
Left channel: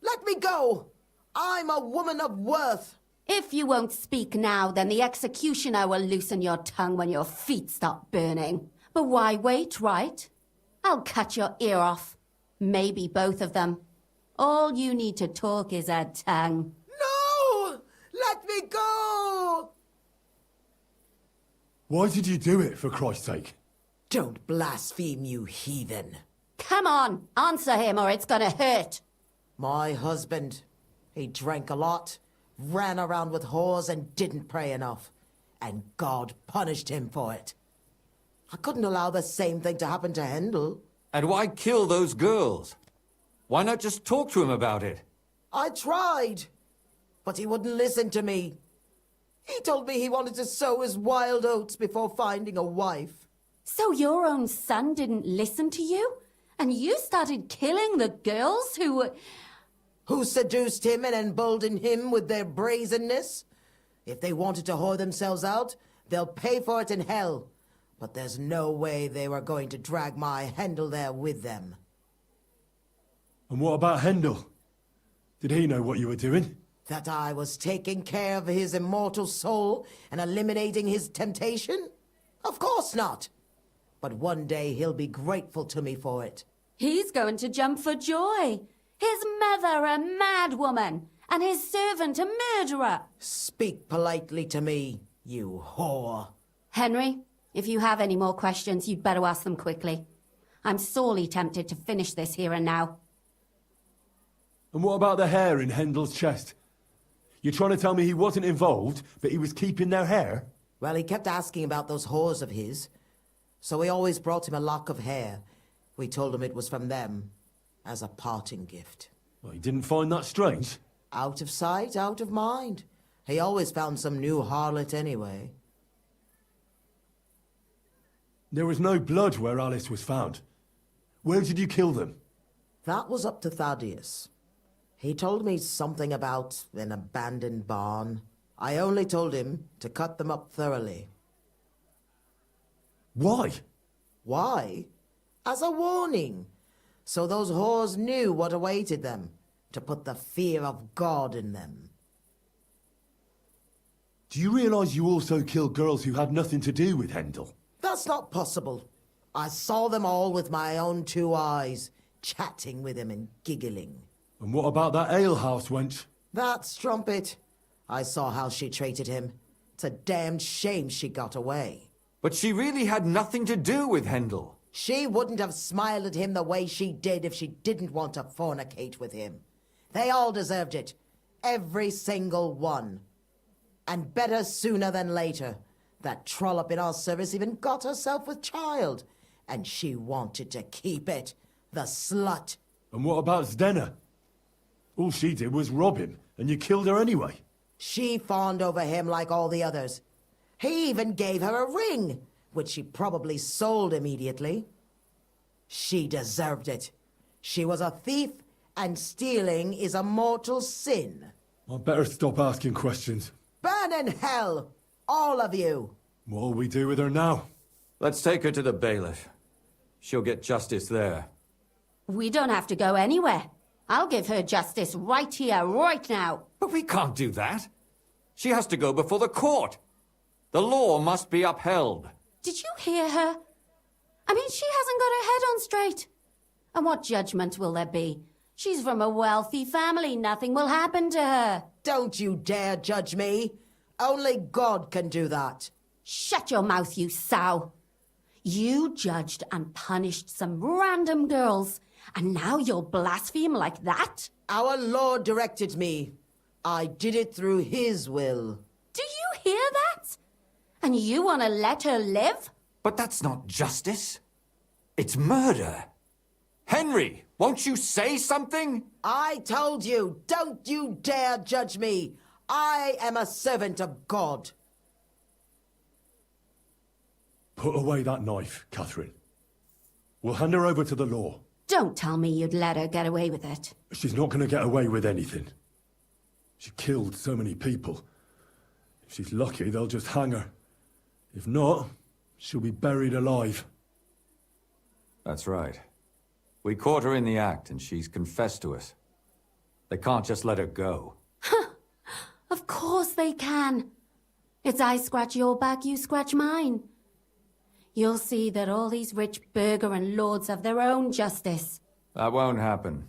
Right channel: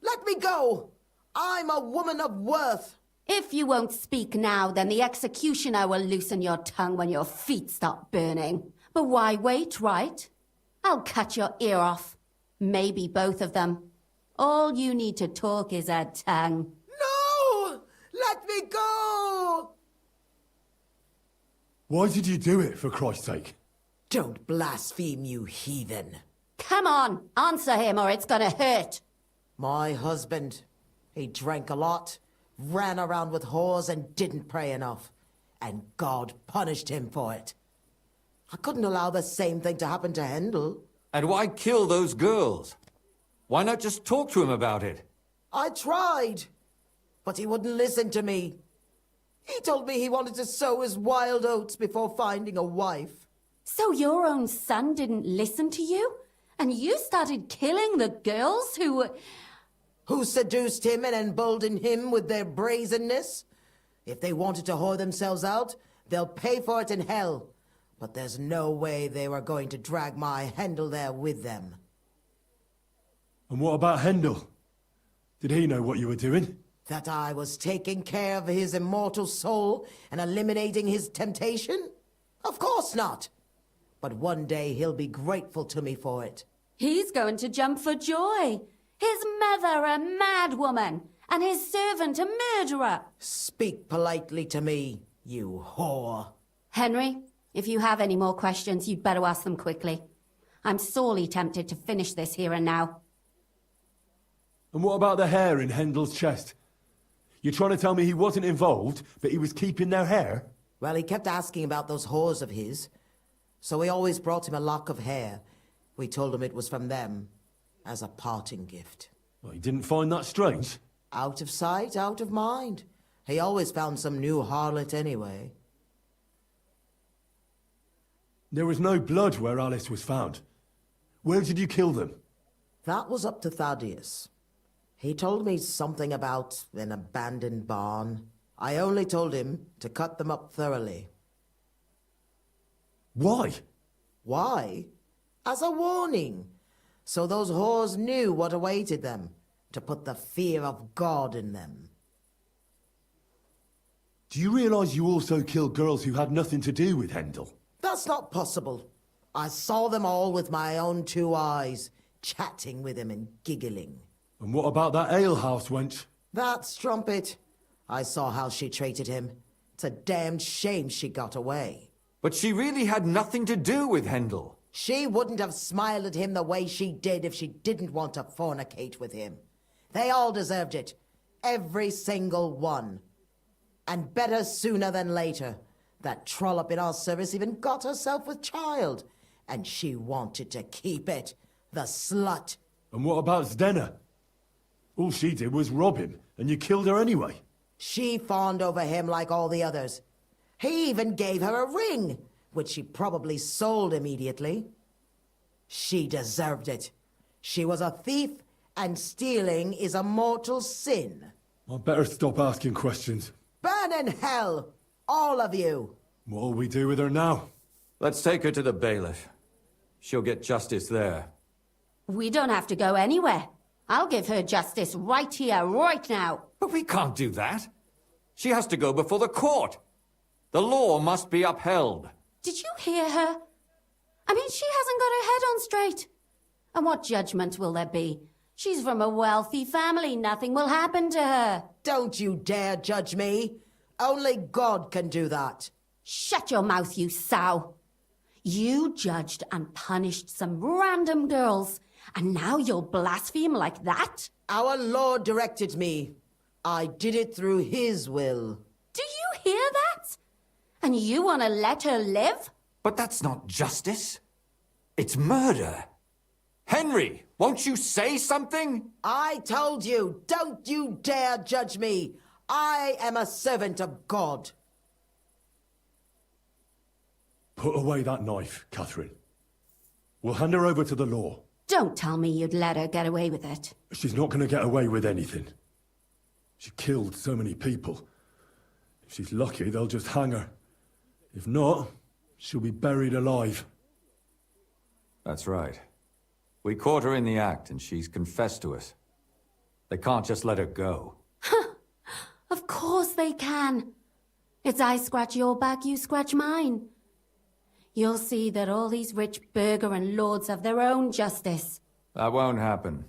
Let me go. I'm a woman of worth. If you won't speak now, then the executioner will loosen your tongue when your feet start burning. But why wait, right? I'll cut your ear off. Maybe both of them. All you need to talk is a tongue. No! Let me go! Why did you do it, for Christ's sake? Don't blaspheme, you heathen. Come on, answer him or it's gonna hurt. My husband, he drank a lot, ran around with whores and didn't pray enough. And God punished him for it. I couldn't allow the same thing to happen to Hendel. And why kill those girls? Why not just talk to him about it? I tried, but he wouldn't listen to me. He told me he wanted to sow his wild oats before finding a wife. So your own son didn't listen to you? And you started killing the girls who seduced him and emboldened him with their brazenness? If they wanted to whore themselves out, they'll pay for it in hell. But there's no way they were going to drag my Hendel there with them. And what about Hendel? Did he know what you were doing? That I was taking care of his immortal soul and eliminating his temptation? Of course not. But one day he'll be grateful to me for it. He's going to jump for joy. His mother a mad woman, and his servant a murderer. Speak politely to me, you whore. Henry, if you have any more questions, you'd better ask them quickly. I'm sorely tempted to finish this here and now. And what about the hair in Hendel's chest? You're trying to tell me he wasn't involved, but he was keeping their hair? Well, he kept asking about those whores of his. So we always brought him a lock of hair. We told him it was from them, as a parting gift. Well, he didn't find that strange? Out of sight, out of mind. He always found some new harlot anyway. There was no blood where Alice was found. Where did you kill them? That was up to Thaddeus. He told me something about an abandoned barn. I only told him to cut them up thoroughly. Why? Why? As a warning. So those whores knew what awaited them. To put the fear of God in them. Do you realize you also killed girls who had nothing to do with Hendel? That's not possible. I saw them all with my own 2 eyes, chatting with him and giggling. And what about that alehouse wench? That strumpet. I saw how she treated him. It's a damned shame she got away. But she really had nothing to do with Hendel. She wouldn't have smiled at him the way she did if she didn't want to fornicate with him. They all deserved it. Every single one. And better sooner than later. That trollop in our service even got herself with child. And she wanted to keep it. The slut. And what about Zdenna? All she did was rob him, and you killed her anyway. She fawned over him like all the others. He even gave her a ring, which she probably sold immediately. She deserved it. She was a thief, and stealing is a mortal sin. I'd better stop asking questions. Burn in hell, all of you. What'll we do with her now? Let's take her to the bailiff. She'll get justice there. We don't have to go anywhere. I'll give her justice right here, right now. But we can't do that. She has to go before the court. The law must be upheld. Did you hear her? I mean, she hasn't got her head on straight. And what judgment will there be? She's from a wealthy family. Nothing will happen to her. Don't you dare judge me. Only God can do that. Shut your mouth, you sow. You judged and punished some random girls, and now you'll blaspheme like that? Our Lord directed me. I did it through His will. Do you hear that? And you want to let her live? But that's not justice. It's murder. Henry, won't you say something? I told you, don't you dare judge me. I am a servant of God. Put away that knife, Catherine. We'll hand her over to the law. Don't tell me you'd let her get away with it. She's not going to get away with anything. She killed so many people. If she's lucky, they'll just hang her. If not, she'll be buried alive. That's right. We caught her in the act, and she's confessed to us. They can't just let her go. Of course they can. It's I scratch your back, you scratch mine. You'll see that all these rich burgher and lords have their own justice. That won't happen.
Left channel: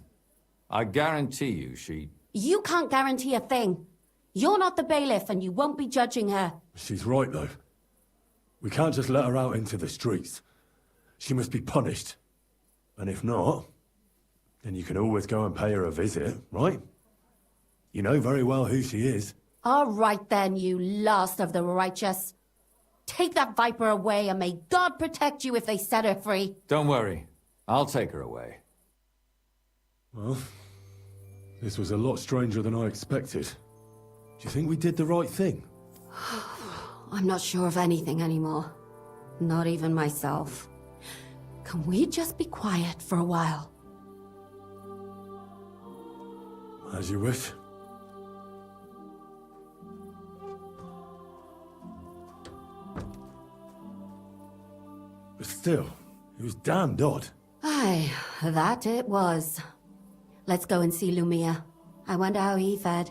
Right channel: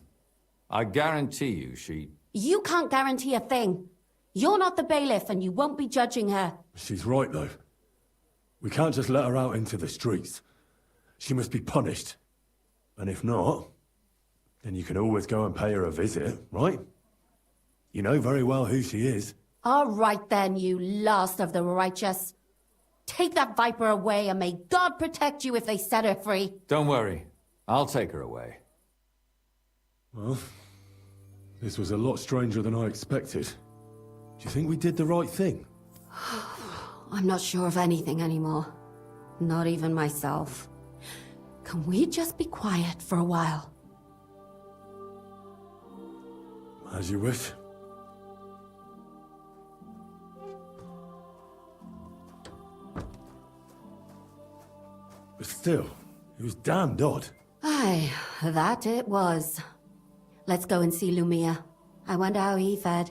I guarantee you she... You can't guarantee a thing. You're not the bailiff, and you won't be judging her. She's right, though. We can't just let her out into the streets. She must be punished. And if not, then you can always go and pay her a visit, right? You know very well who she is. All right then, you last of the righteous. Take that viper away, and may God protect you if they set her free. Don't worry. I'll take her away. Well, this was a lot stranger than I expected. Do you think we did the right thing? I'm not sure of anything anymore. Not even myself. Can we just be quiet for a while? As you wish. But still, it was damned odd. Aye, that it was. Let's go and see Lumia. I wonder how he fared.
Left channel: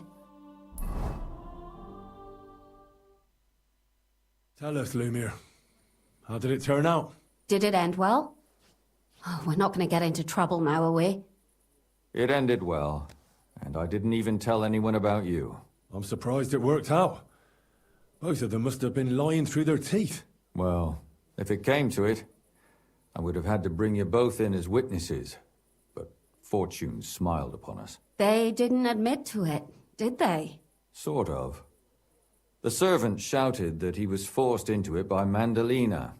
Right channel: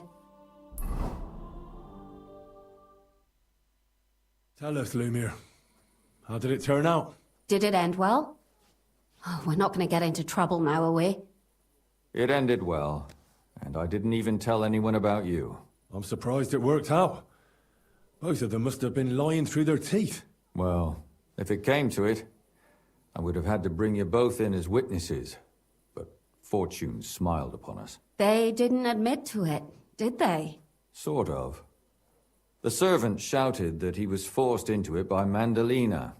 Tell us, Lumir. How did it turn out? Did it end well? Oh, we're not going to get into trouble now, are we? It ended well, and I didn't even tell anyone about you. I'm surprised it worked out. Both of them must have been lying through their teeth. Well, if it came to it, I would have had to bring you both in as witnesses. But fortune smiled upon us. They didn't admit to it, did they? Sort of. The servant shouted that he was forced into it by Mandalina.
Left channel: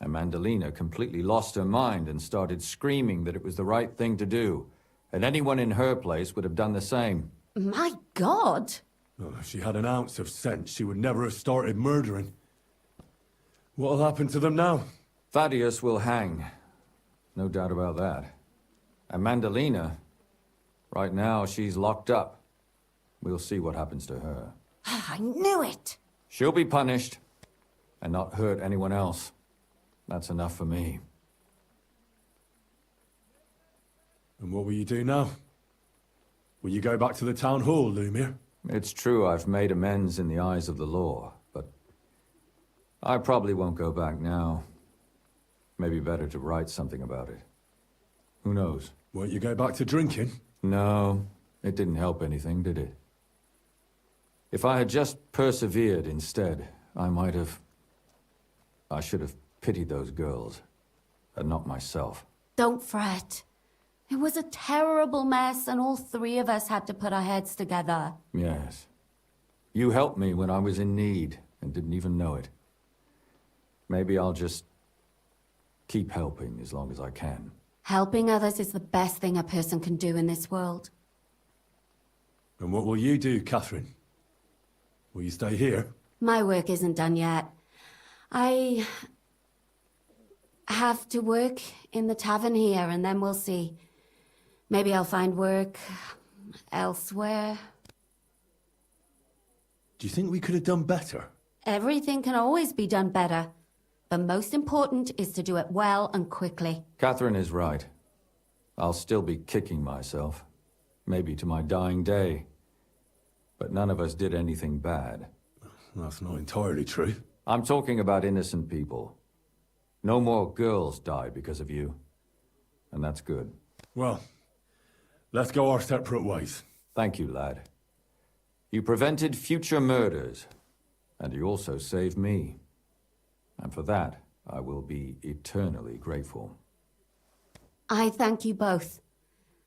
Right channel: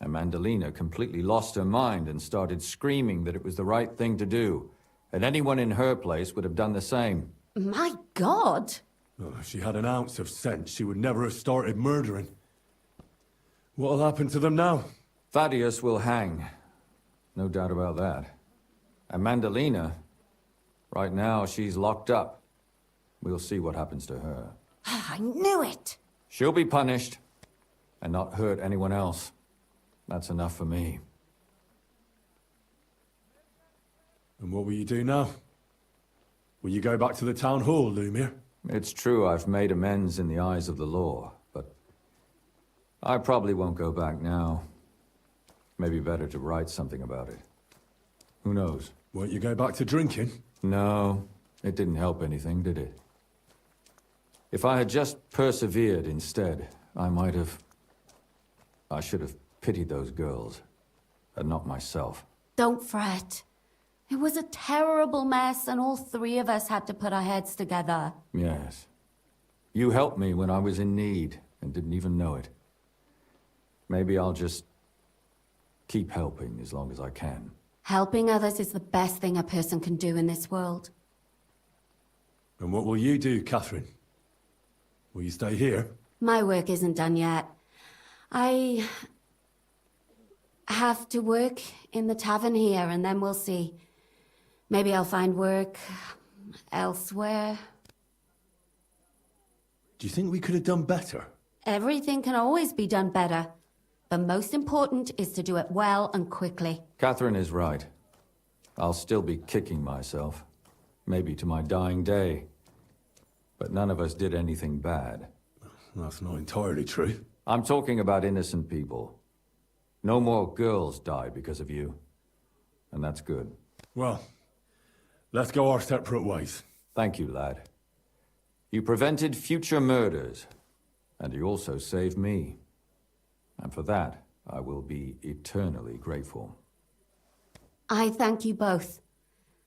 And Mandalina completely lost her mind and started screaming that it was the right thing to do. And anyone in her place would have done the same. My God! Oh, if she had an ounce of sense, she would never have started murdering. What'll happen to them now? Thaddeus will hang. No doubt about that. And Mandalina, right now she's locked up. We'll see what happens to her. I knew it! She'll be punished, and not hurt anyone else. That's enough for me. And what will you do now? Will you go back to the town hall, Lumir? It's true I've made amends in the eyes of the law, but I probably won't go back now. Maybe better to write something about it. Who knows? Won't you go back to drinking? No, it didn't help anything, did it? If I had just persevered instead, I should have pitied those girls, and not myself. Don't fret. It was a terrible mess, and all three of us had to put our heads together. Yes. You helped me when I was in need, and didn't even know it. Maybe I'll just keep helping as long as I can. Helping others is the best thing a person can do in this world. And what will you do, Catherine? Will you stay here? My work isn't done yet. I have to work in the tavern here, and then we'll see. Maybe I'll find work elsewhere. Do you think we could have done better? Everything can always be done better. The most important is to do it well and quickly. Catherine is right. I'll still be kicking myself. Maybe to my dying day. But none of us did anything bad. That's not entirely true. I'm talking about innocent people. No more girls died because of you. And that's good. Well, let's go our separate ways. Thank you, lad. You prevented future murders. And you also saved me. And for that, I will be eternally grateful. I thank you both.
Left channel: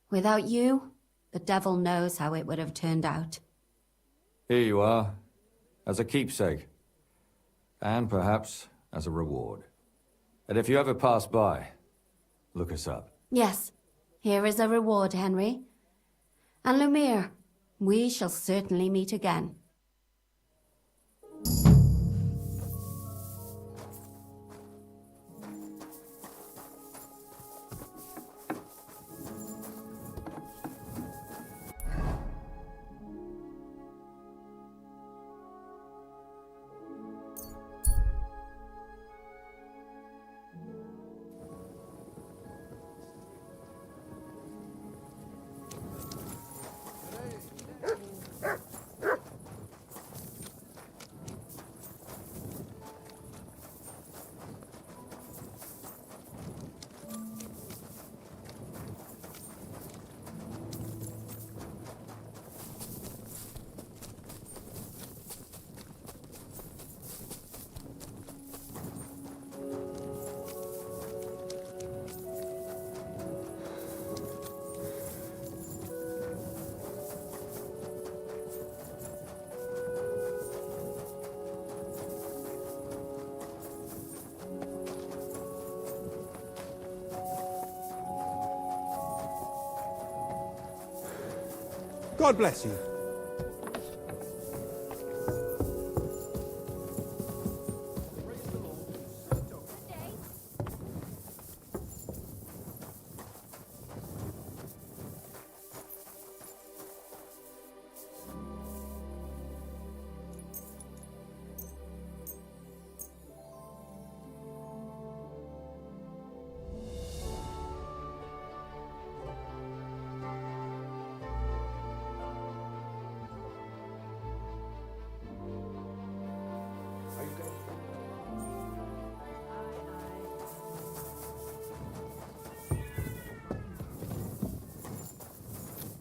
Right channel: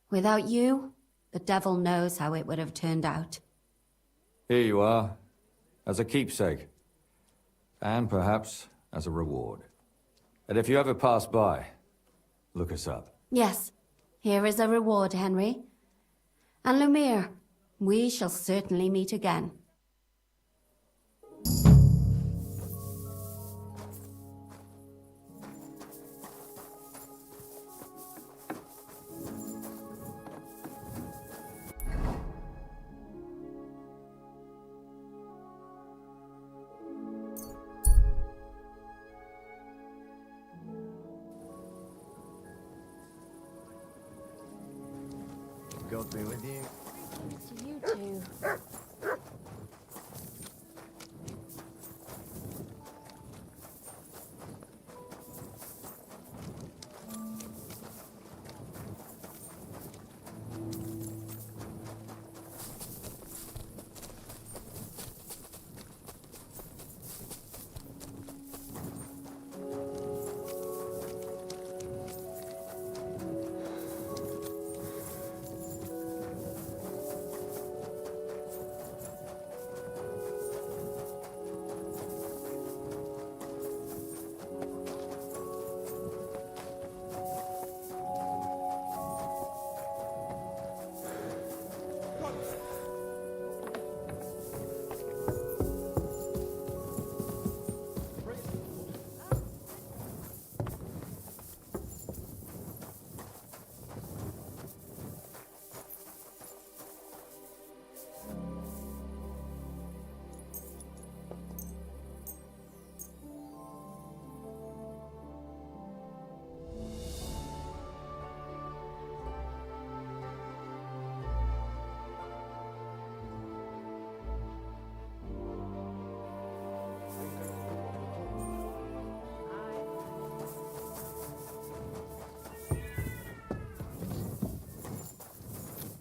Without you, the devil knows how it would have turned out. Here you are, as a keepsake. And perhaps as a reward. And if you ever pass by, look us up. Yes, here is a reward, Henry. And Lumiere, we shall certainly meet again. God bless you.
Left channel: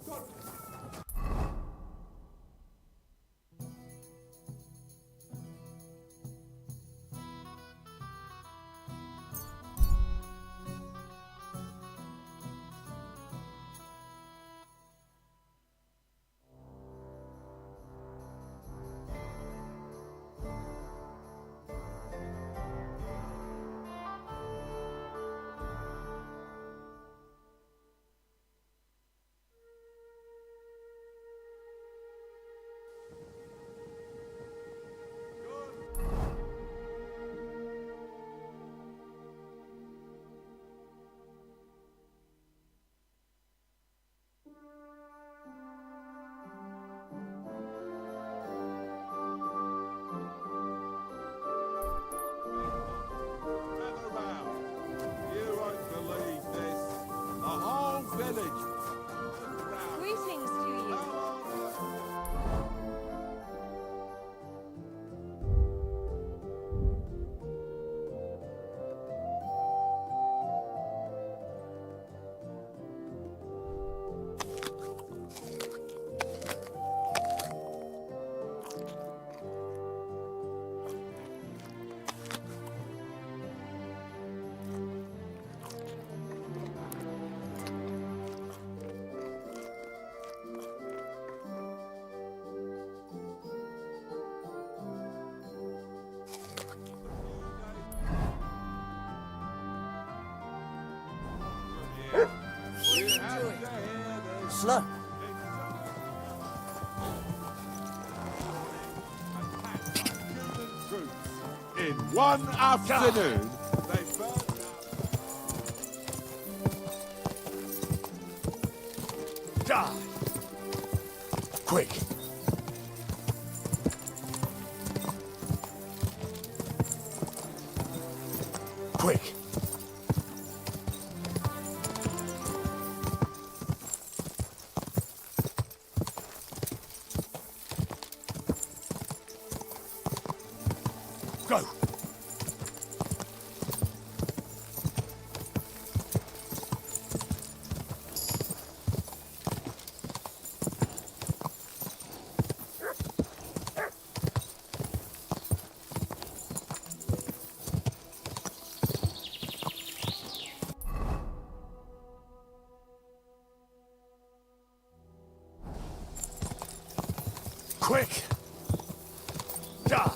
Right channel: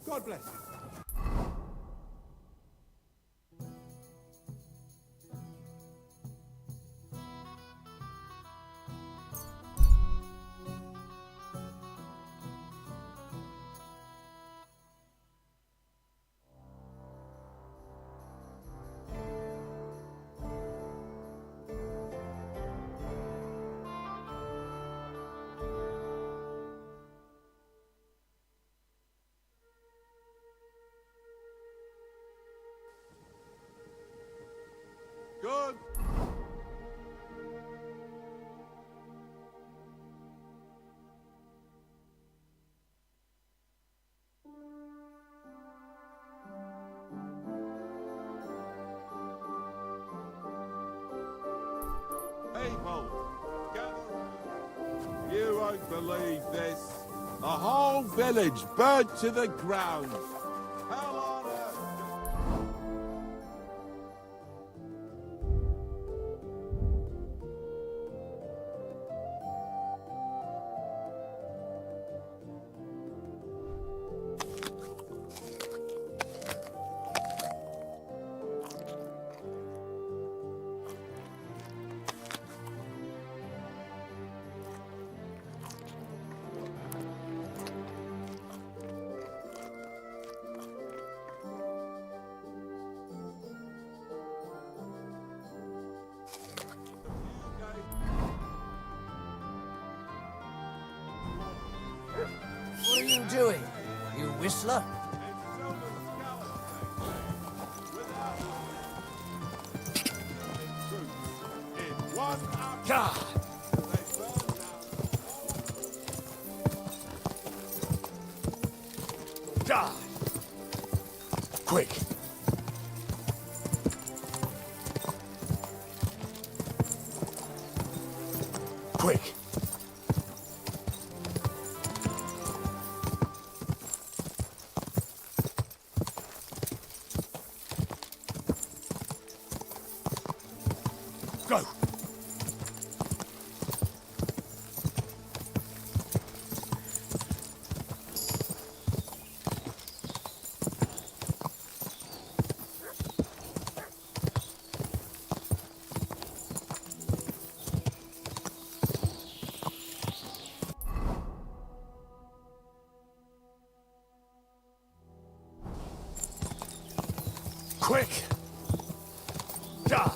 God bless you. Good. People, gather round. You won't believe this. The whole village burnt to the ground. Hell on earth. Whistler? In one afternoon, they burned Die! Quick! Quick! Go! Quick! Die!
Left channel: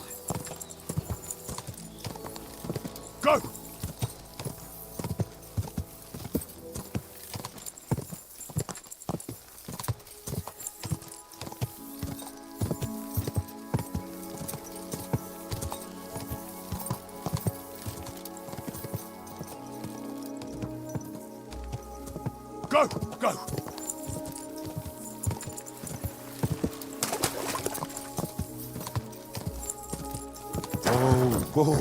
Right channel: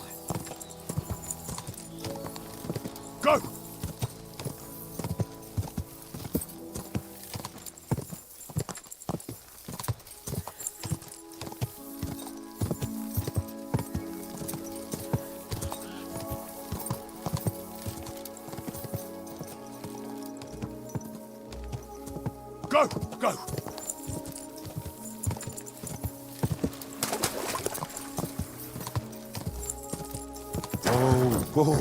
Go! Go! Go! Whoa!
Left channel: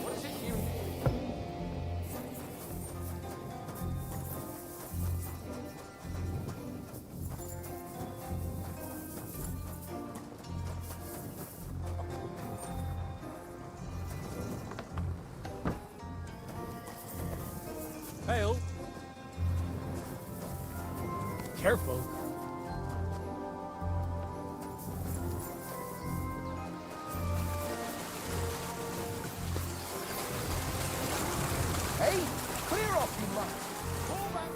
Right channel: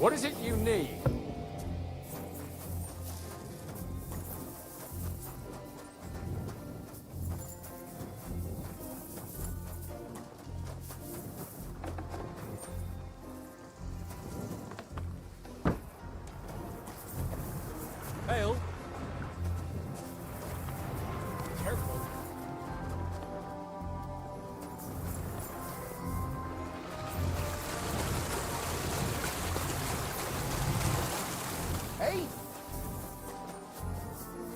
What is it you need? Hail. Careful. Hey, clear off, you runners. All back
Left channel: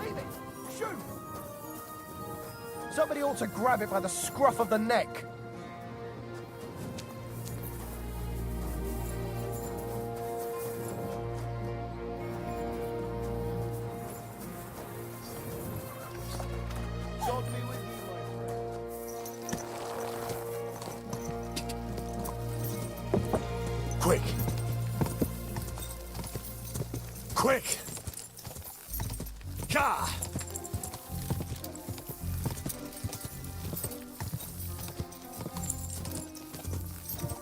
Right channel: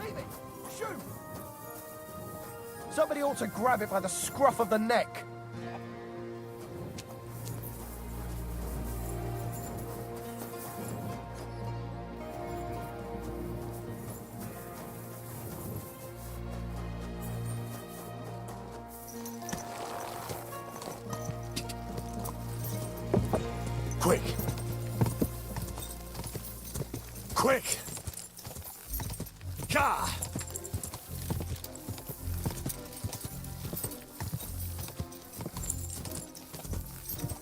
Leave it! Shoot! Somebody ought to grab it by the scruff of the neck. Quick! Quick! Ka!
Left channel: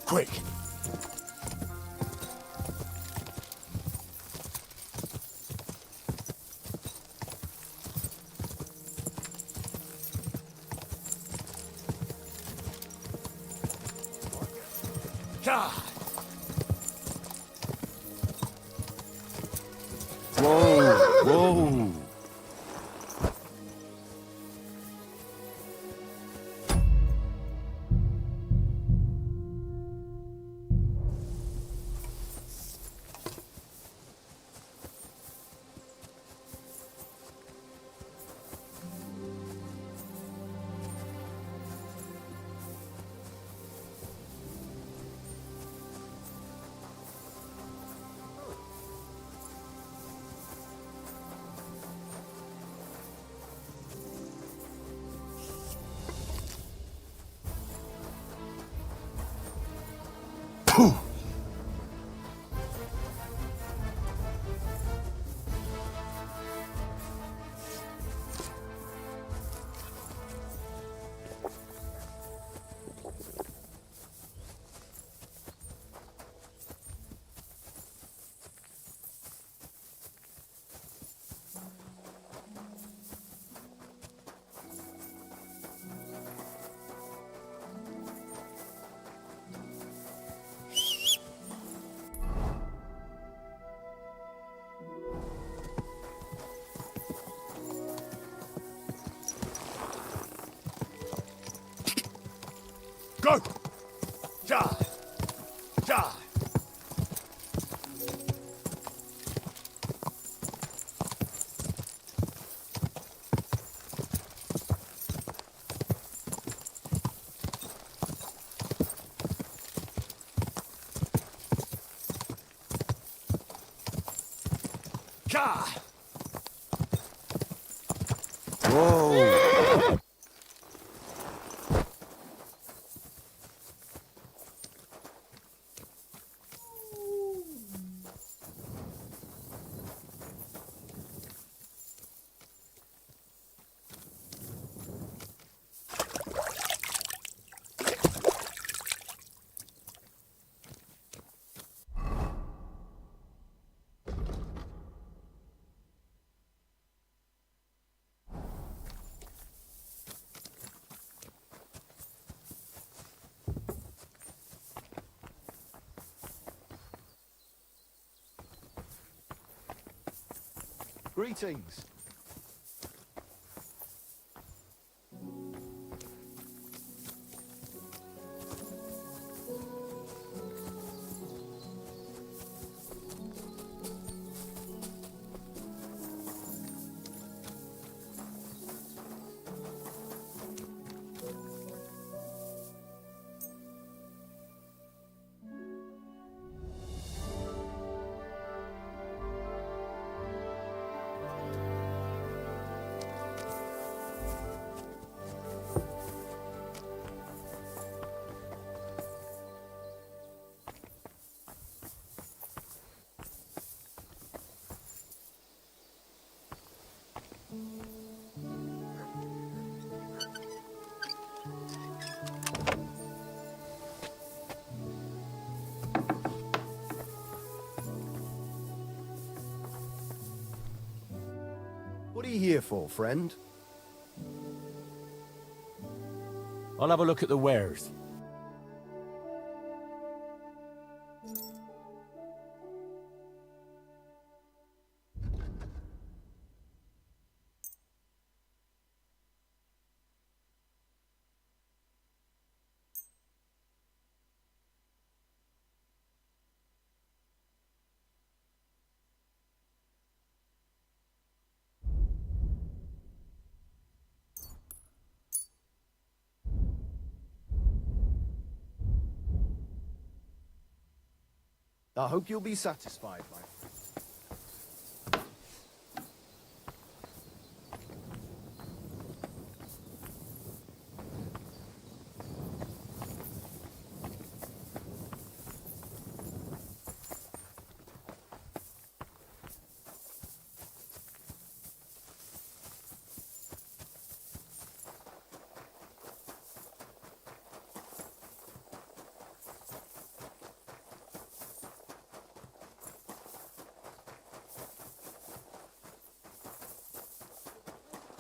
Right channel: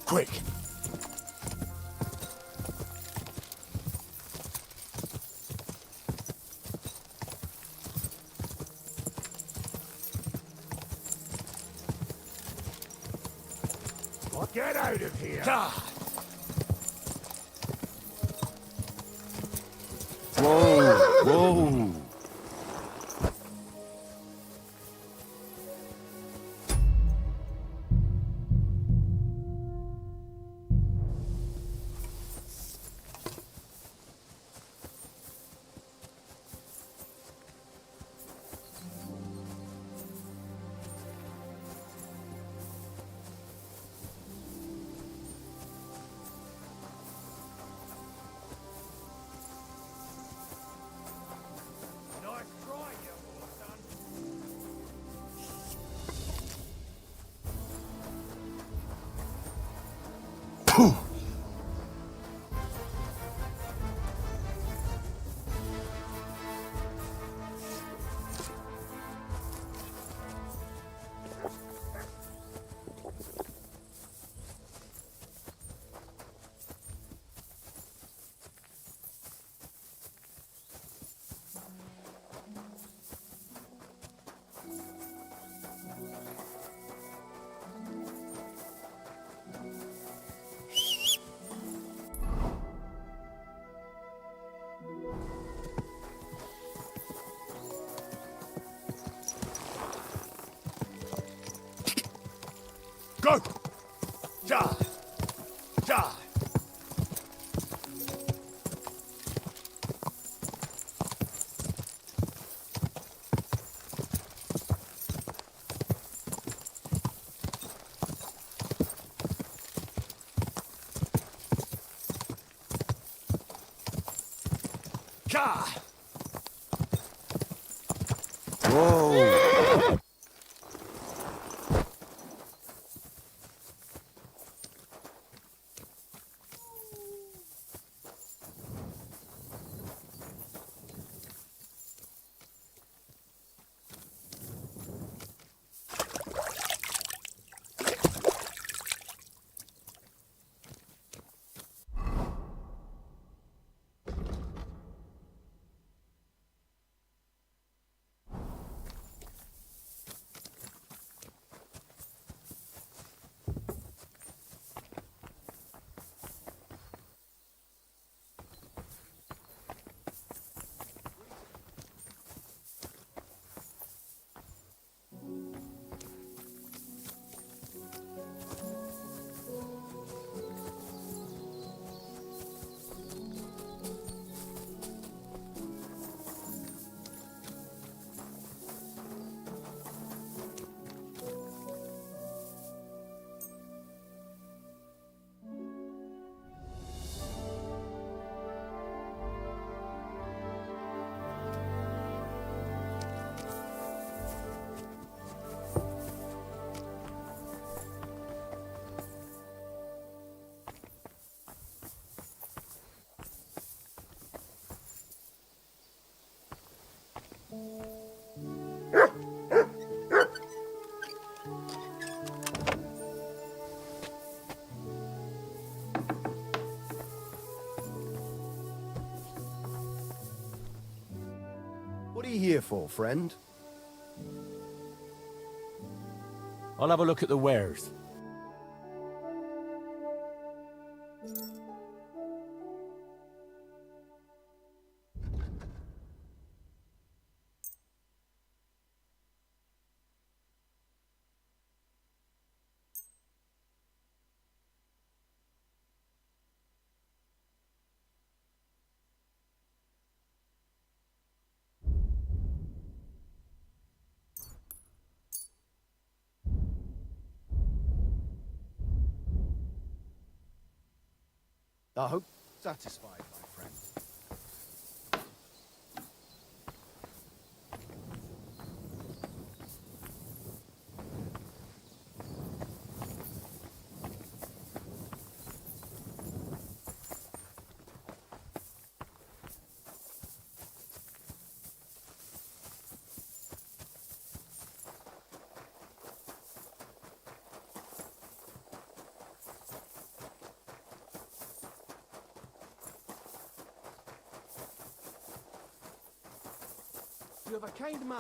Quick! Get out of here! Ka! Whoa! Whoa! Go! Ja! Ja! Ja! Whoa! Greetings. What are you here for, friend? I'll have a look at the wares. I hope you'll be satisfied, my friend. You have a kind man.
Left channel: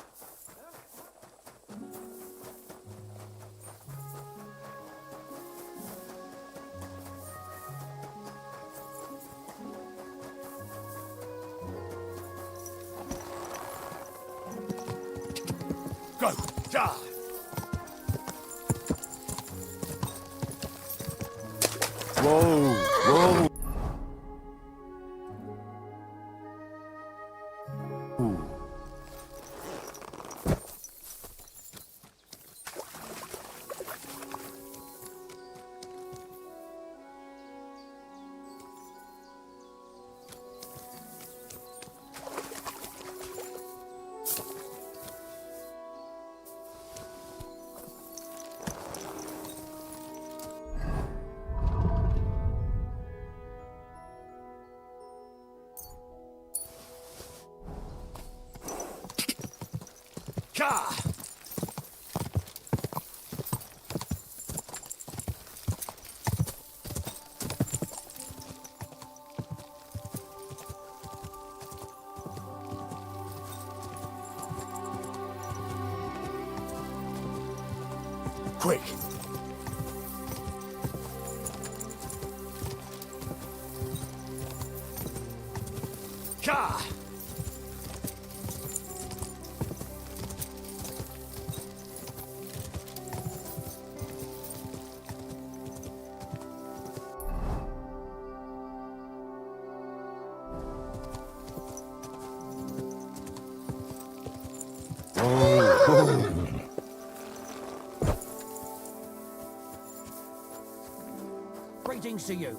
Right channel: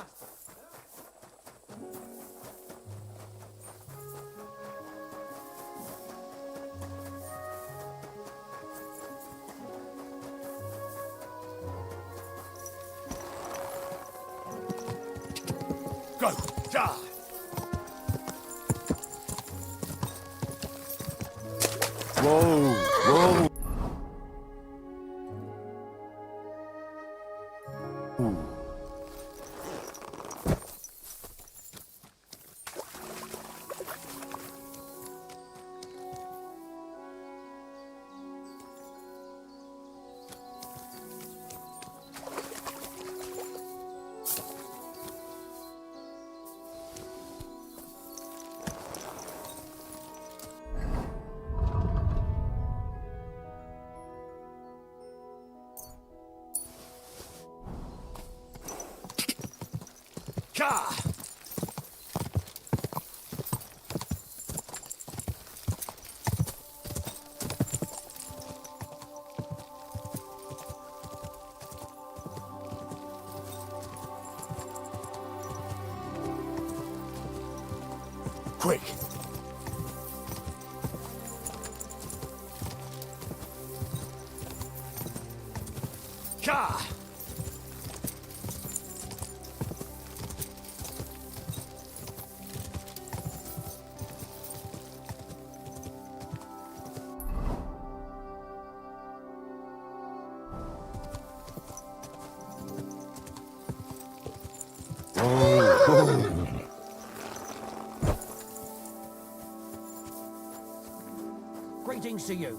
Go! Ja! Whoa! Whoa! Ooh. Ja! Quick! Ja! Greetings to you.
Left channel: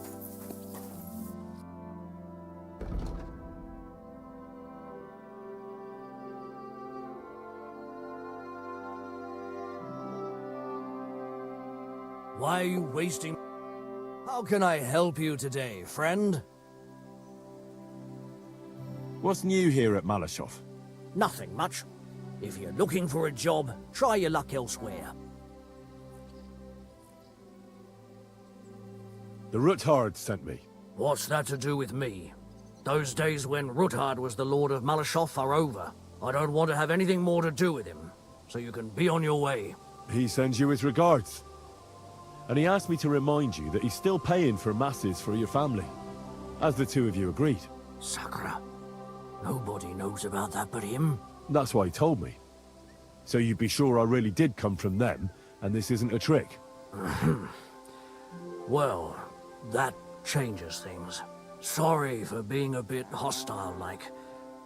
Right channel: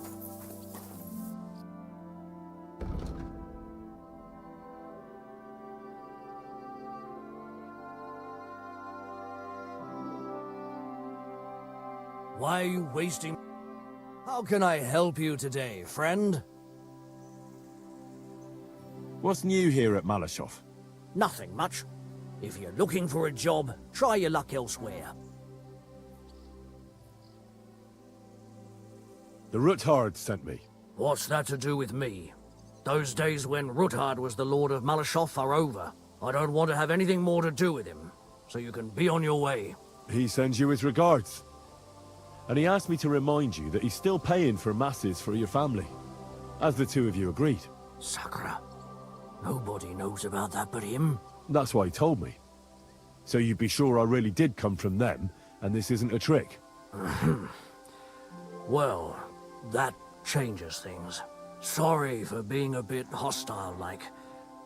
Why are you wasting... How can I help you today, friend? What's new here at Malashov? Nothing much. If you're looking for a job, try your luck elsewhere. The Ruthard sent me. What's that to do with me? Those days when Ruthard was the Lord of Malashov are over. I don't want to have anything more to do with him, so you can be on your way. He sends you his regards. And he asked me to remind you that he's still paying for masses for your family, as the two of you agreed. Sakura. Nobody knows about that but him. That's why he told me. So you'd be sure I really did come from them, and this isn't a trick. Well, that changes things. Sorry for being a bit hostile-like,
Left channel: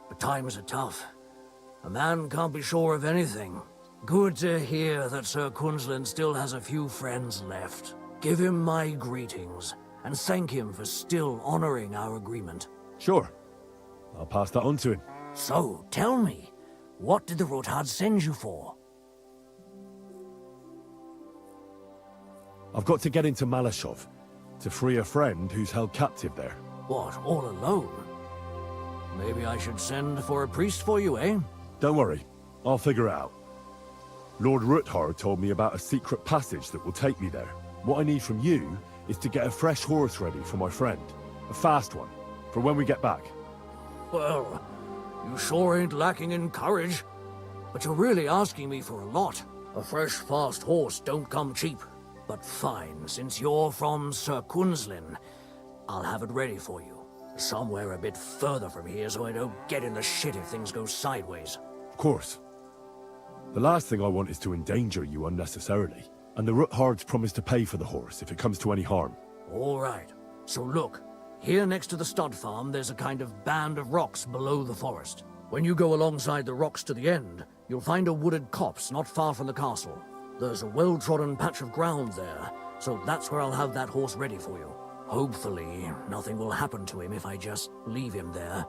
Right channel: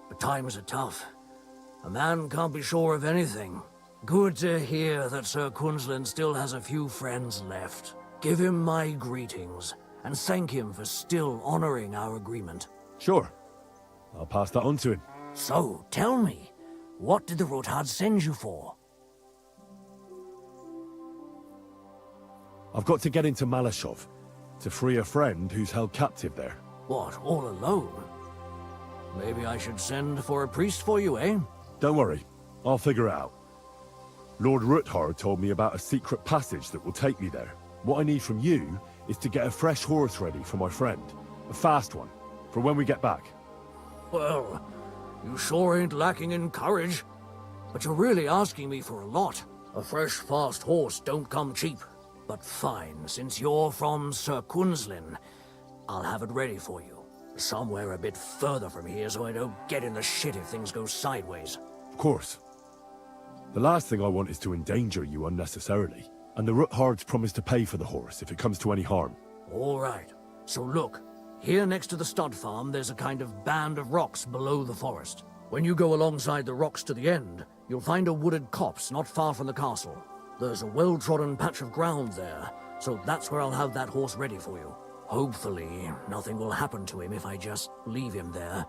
but times are tough. A man can't be sure of anything. Good to hear that Sir Kunzlin still has a few friends left. Give him my greetings, and thank him for still honoring our agreement. Sure. I'll pass that on to him. So, tell me, what did the Ruthard send you for? I've got to get into Malashov, to free a friend who's held captive there. What, all alone? Maybe I should send for a priest for you, eh? Don't worry, I'll figure it out. Lord Ruthard told me about a secret passage that will take me there. What I need from you is to get a fresh horse ready for my friend. A fast one, for when we get back. Well, you sure ain't lacking in courage. But you're really asking me for a lot. A fresh, fast horse don't come cheap. But fine, since you're from Sir Kunzlin, I'll have it ready for you. Somewhere a bit further from here so I don't get in the shit if things go sideways. Of course. The last thing I want is to endanger you unnecessarily. And the Ruthards promised to pay for the horse if it comes to any harm. All right. So look, here next to the stud farm, there's a kind of band of rocks below the forest. When you go alongside the rocks to the end, you'll find a wooded copse not far from the castle. There's a well-trodden patch of ground there, so that's where I'll have that horse ready for you. Hopefully, nothing will happen to him if I just leave him there.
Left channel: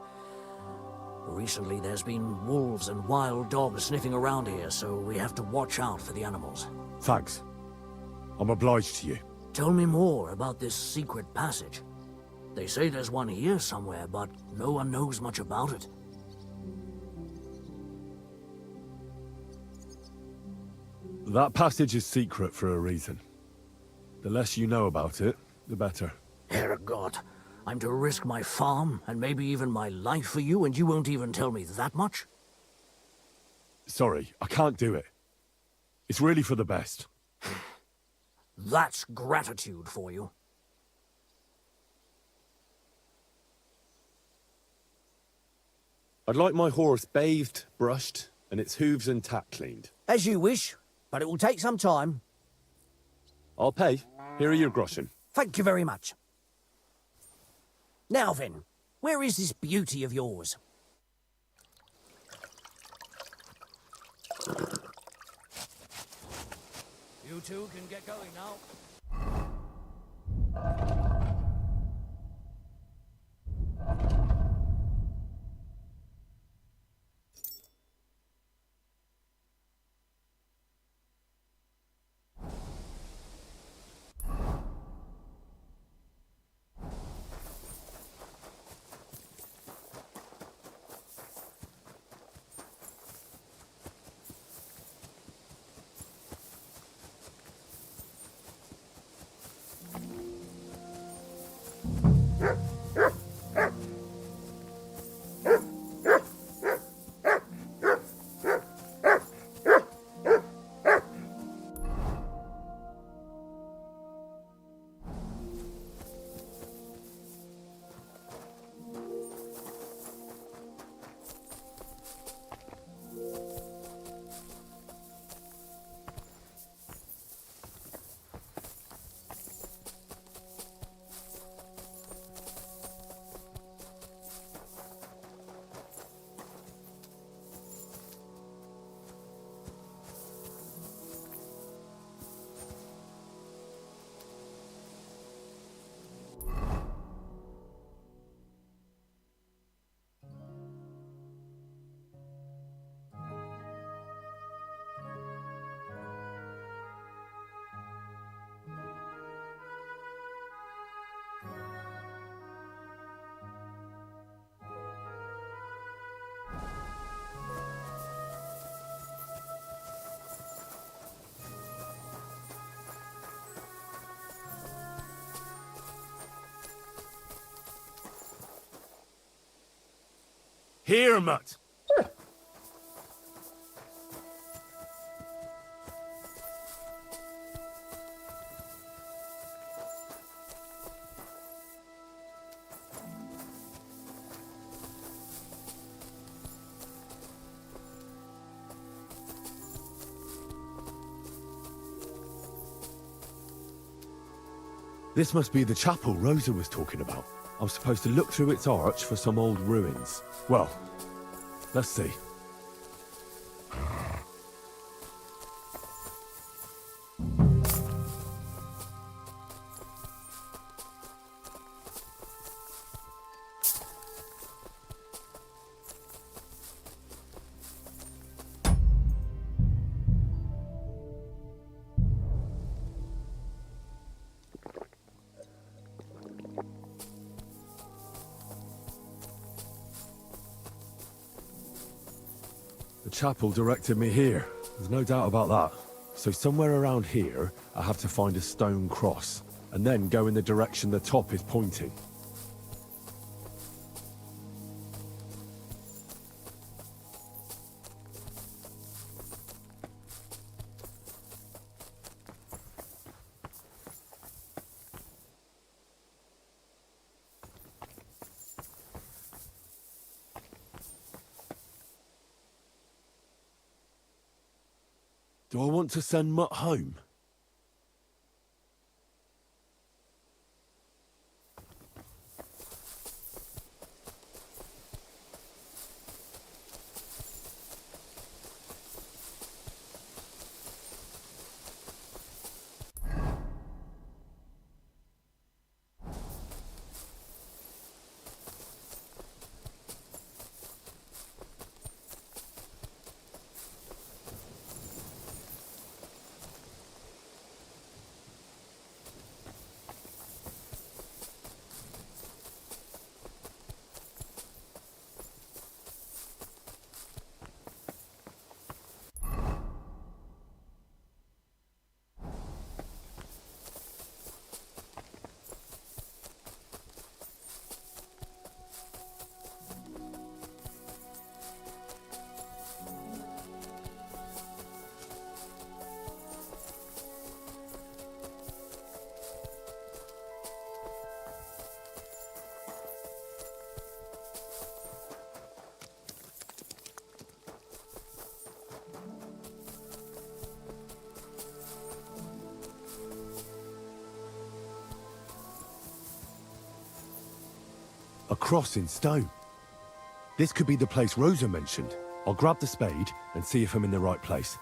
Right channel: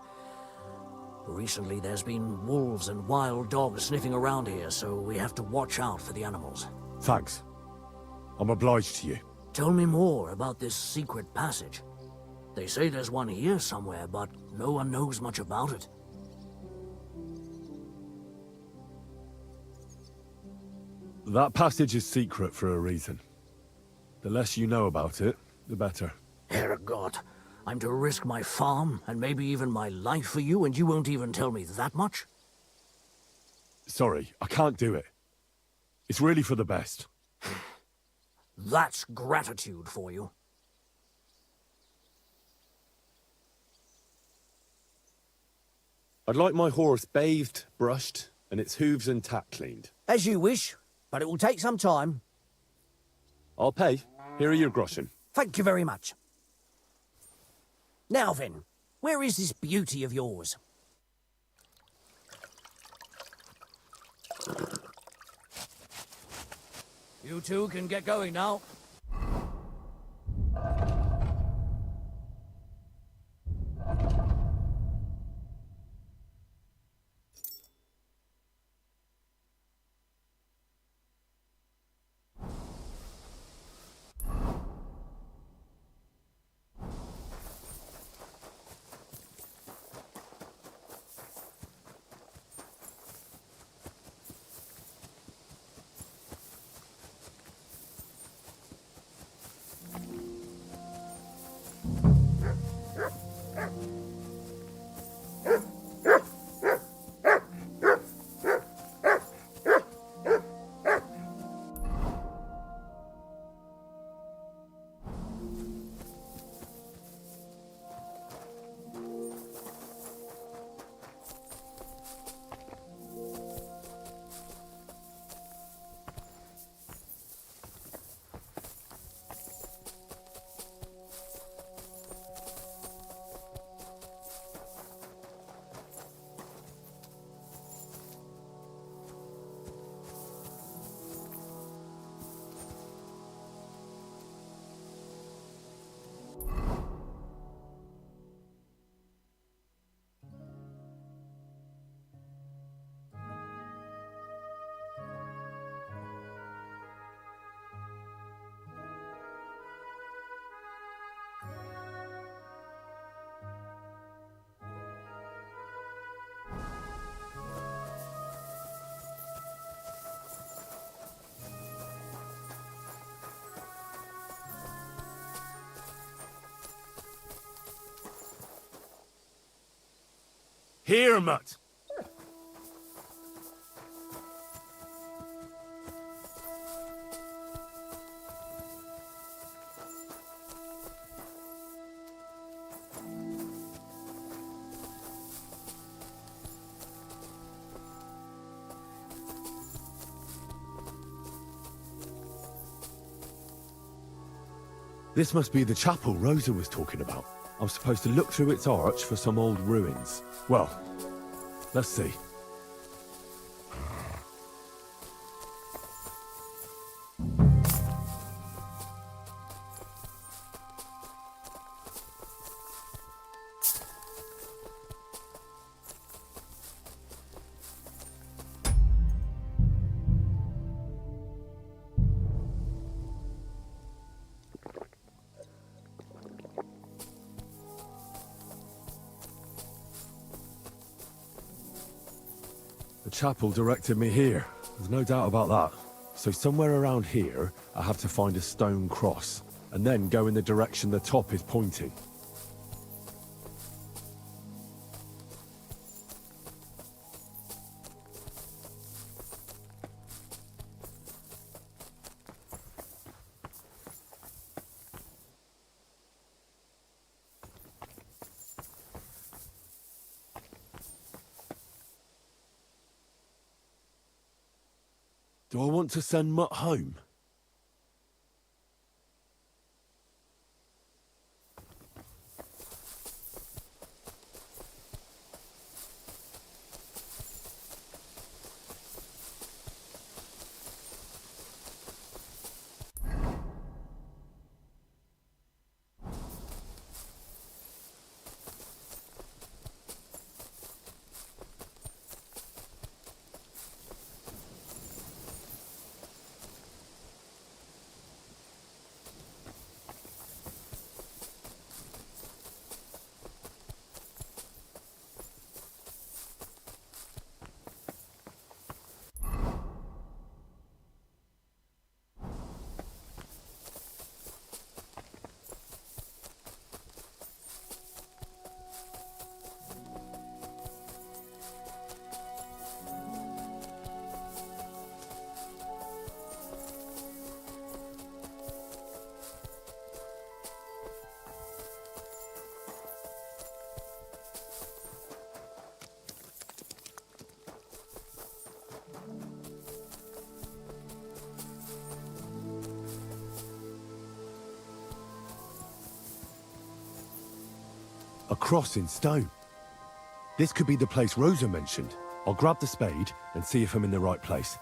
Recently, there's been wolves and wild dogs sniffing around here, so we have to watch out for the animals. Thanks. I'm obliged to you. Tell me more about this secret passage. They say there's one here somewhere, but no one knows much about it. That passage is secret for a reason. The less you know about it, the better. Herregott, I'm to risk my farm, and maybe even my life for you, and you won't even tell me that much? Sorry, I can't do it. It's really for the best. That's gratitude for you. I'd like my horse bathed, brushed, and its hooves and tack cleaned. As you wish, but it will take some time. I'll pay. Here are your groschen. Thank you very much. Now then, where is this beauty of yours? You two can get going now. Here, mutt! This must be the chapel Rosa was talking about. I'm supposed to look through its arch for some old ruins. Well, let's see. The chapel directed me here. There's no doubt about that. So somewhere around here, I have to find a stone cross, and then go in the direction the top is pointing. Do I want to send Mutt home? A cross in stone. This could be the place Rosa mentioned. I'll grab the spade and see if I'm in the right place.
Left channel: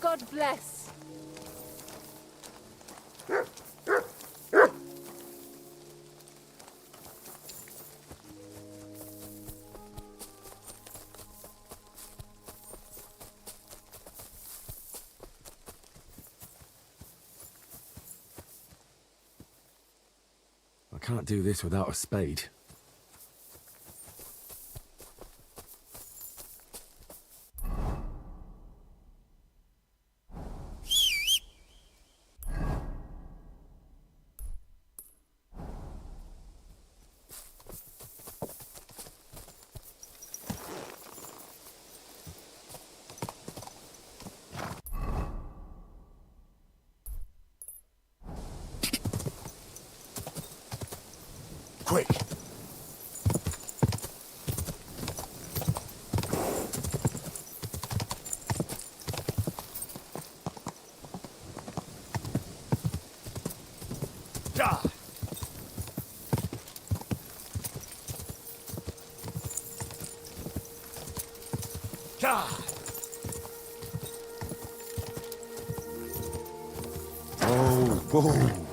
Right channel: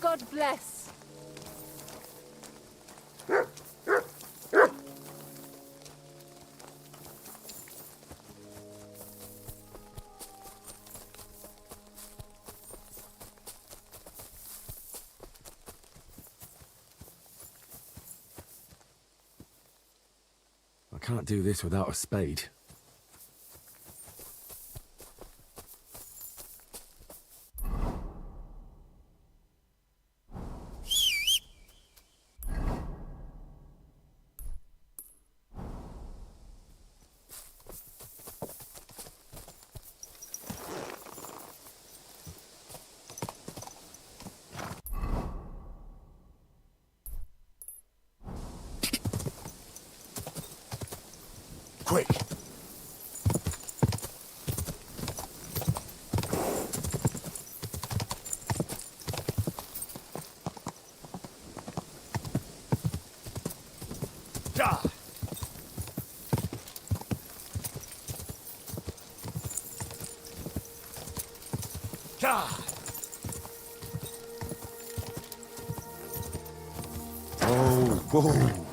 God bless. I can't do this without a spade. quick. Ja! Ja! Oh, whoa.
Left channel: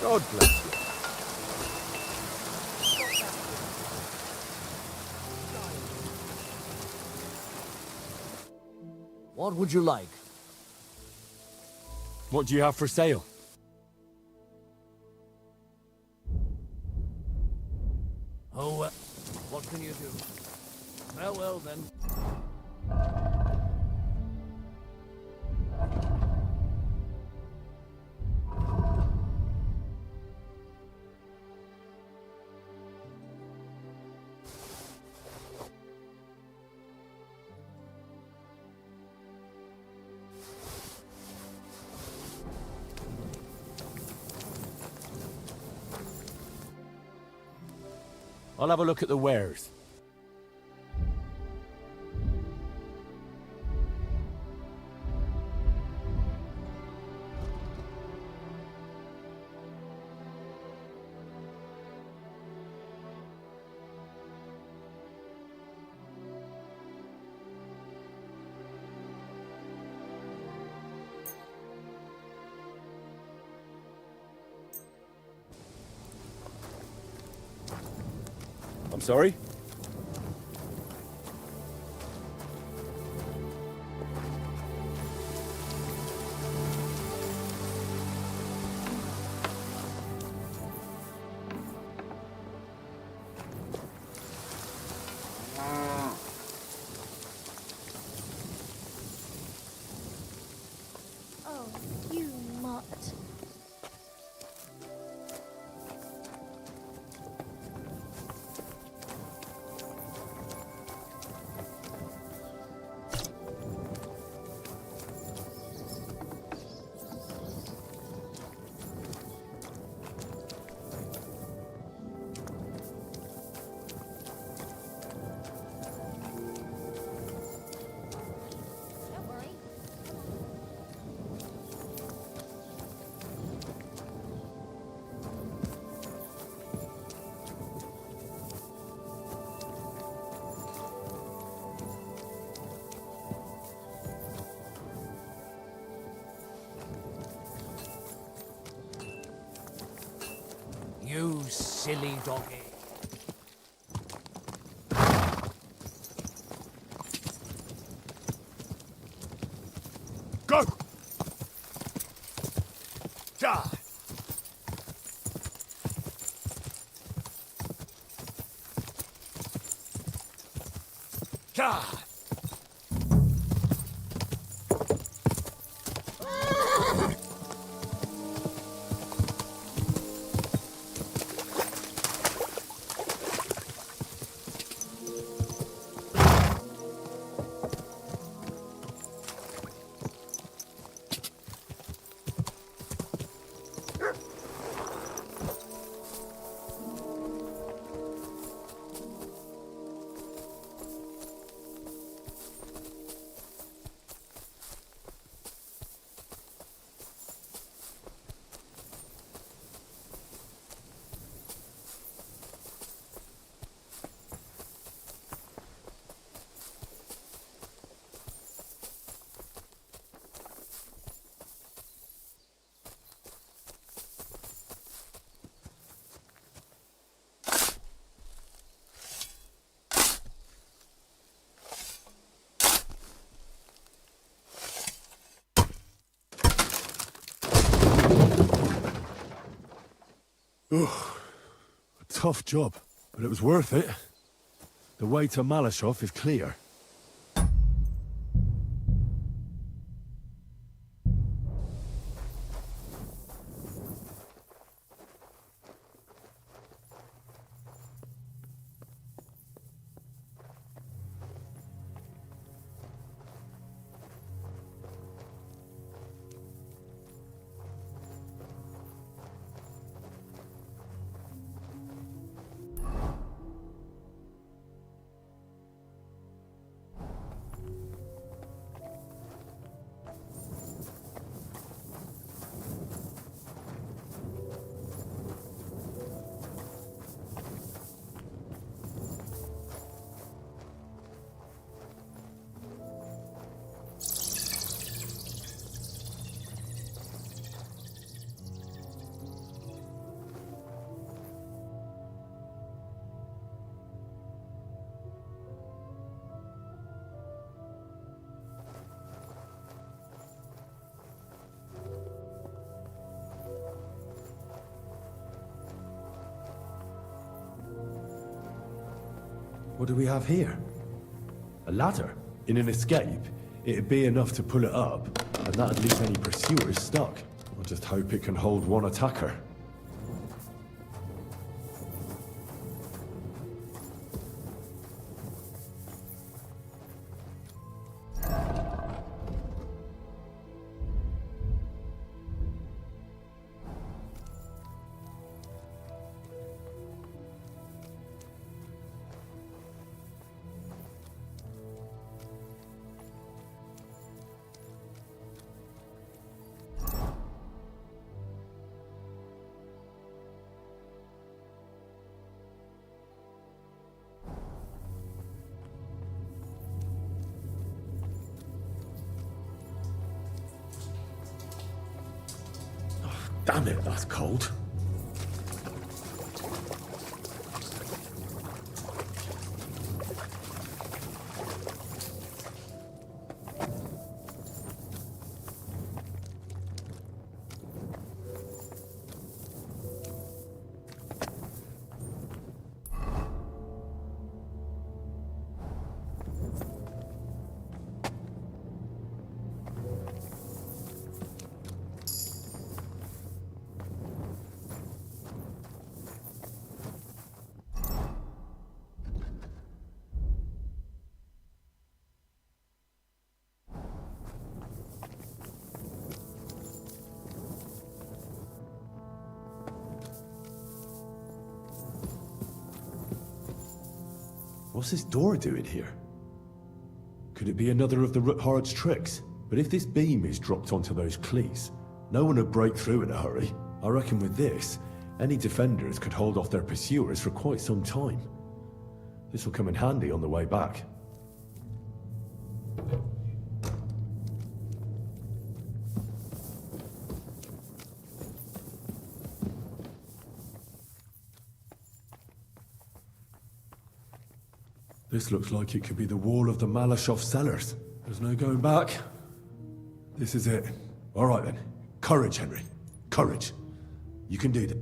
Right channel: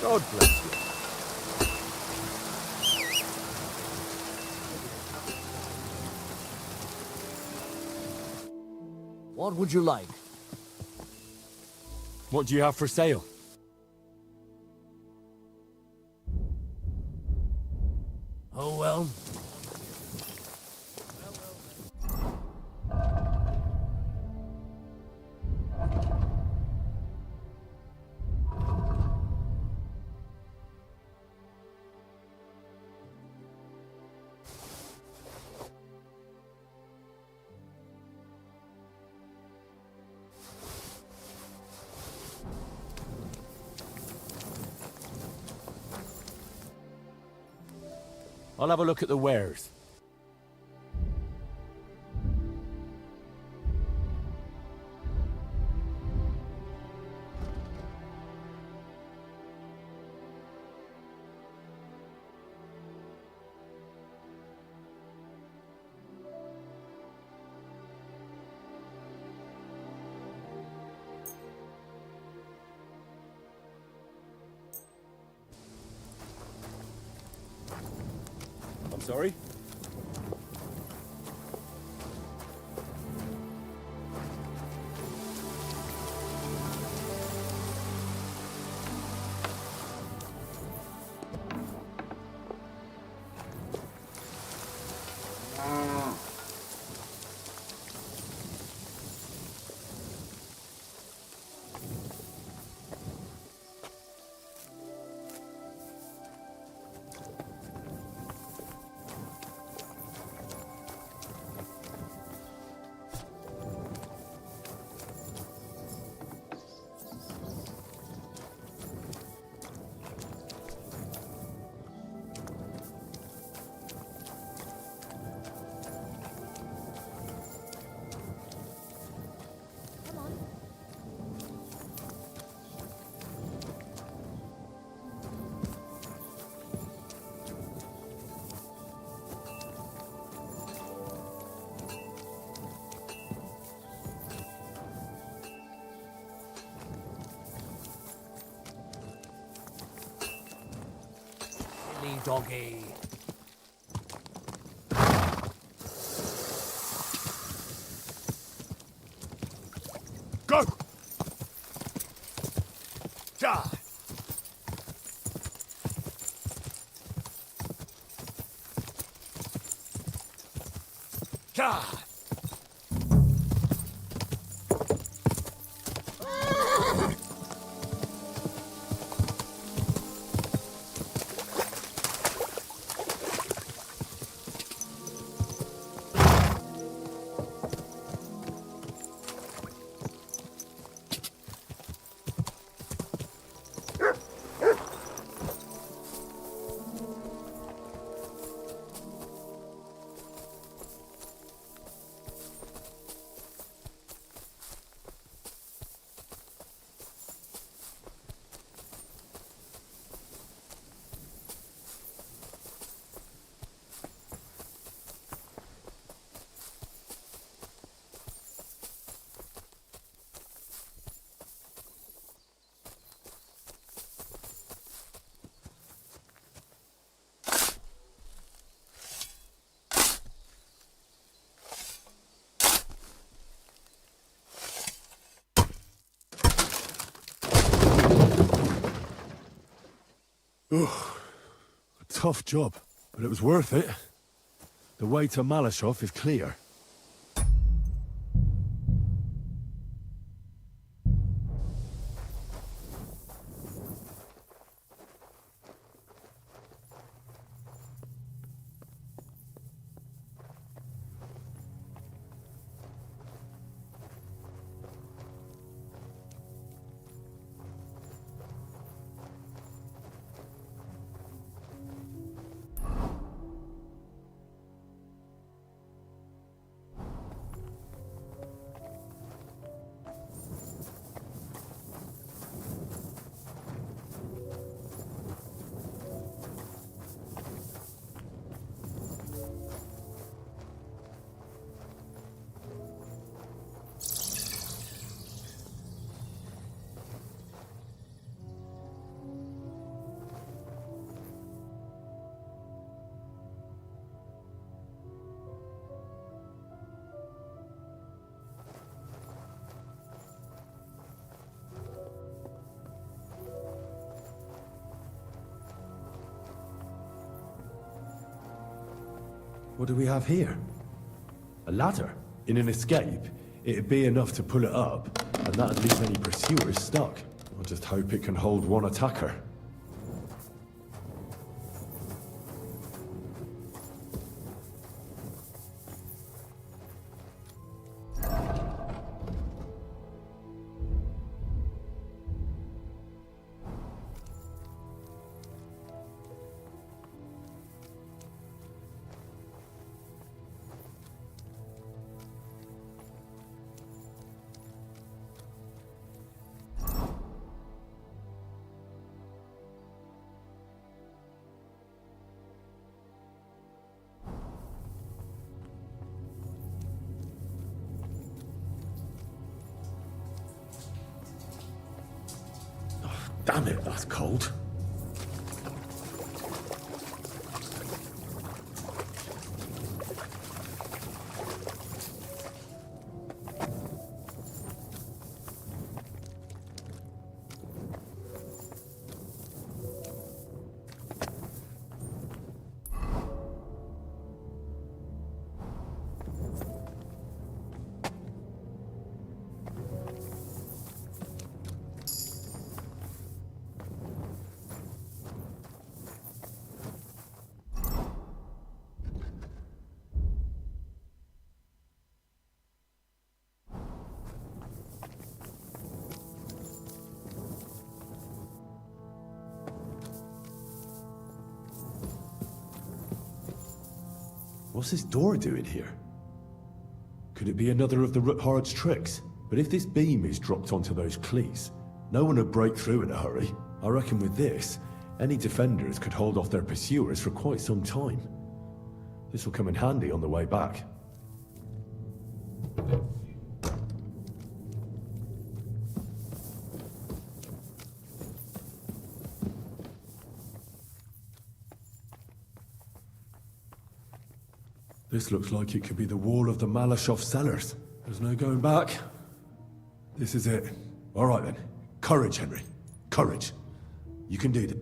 God bless you. What would you like? What do you have for sale? Oh well, what can you do? Farewell then. I'll have a look at the wares. I'm sorry? Oh, you mutt. silly doggy. Go! Die! Die! Ugh, a tough job, but it was worth it. The way to Malashov is clear. What do we have here? A ladder? In an escape, it'd be enough to pull it up, and that'd leave any pursuers stuck. I'll just hope it can hold one attacker. Damn it, that's cold. What's this door doing here? Could it be another of the Warhorse's tricks? But if this beam is dropped onto those cleats, no one would break through in a hurry. I reckon with this, any defenders could hold off their pursuers for quite some time. This will come in handy on the way back. This looks like it could be the wall of the Malashov cellars. There's no going back. This is it. All right then. Courage, Henry. Courage. You can do this.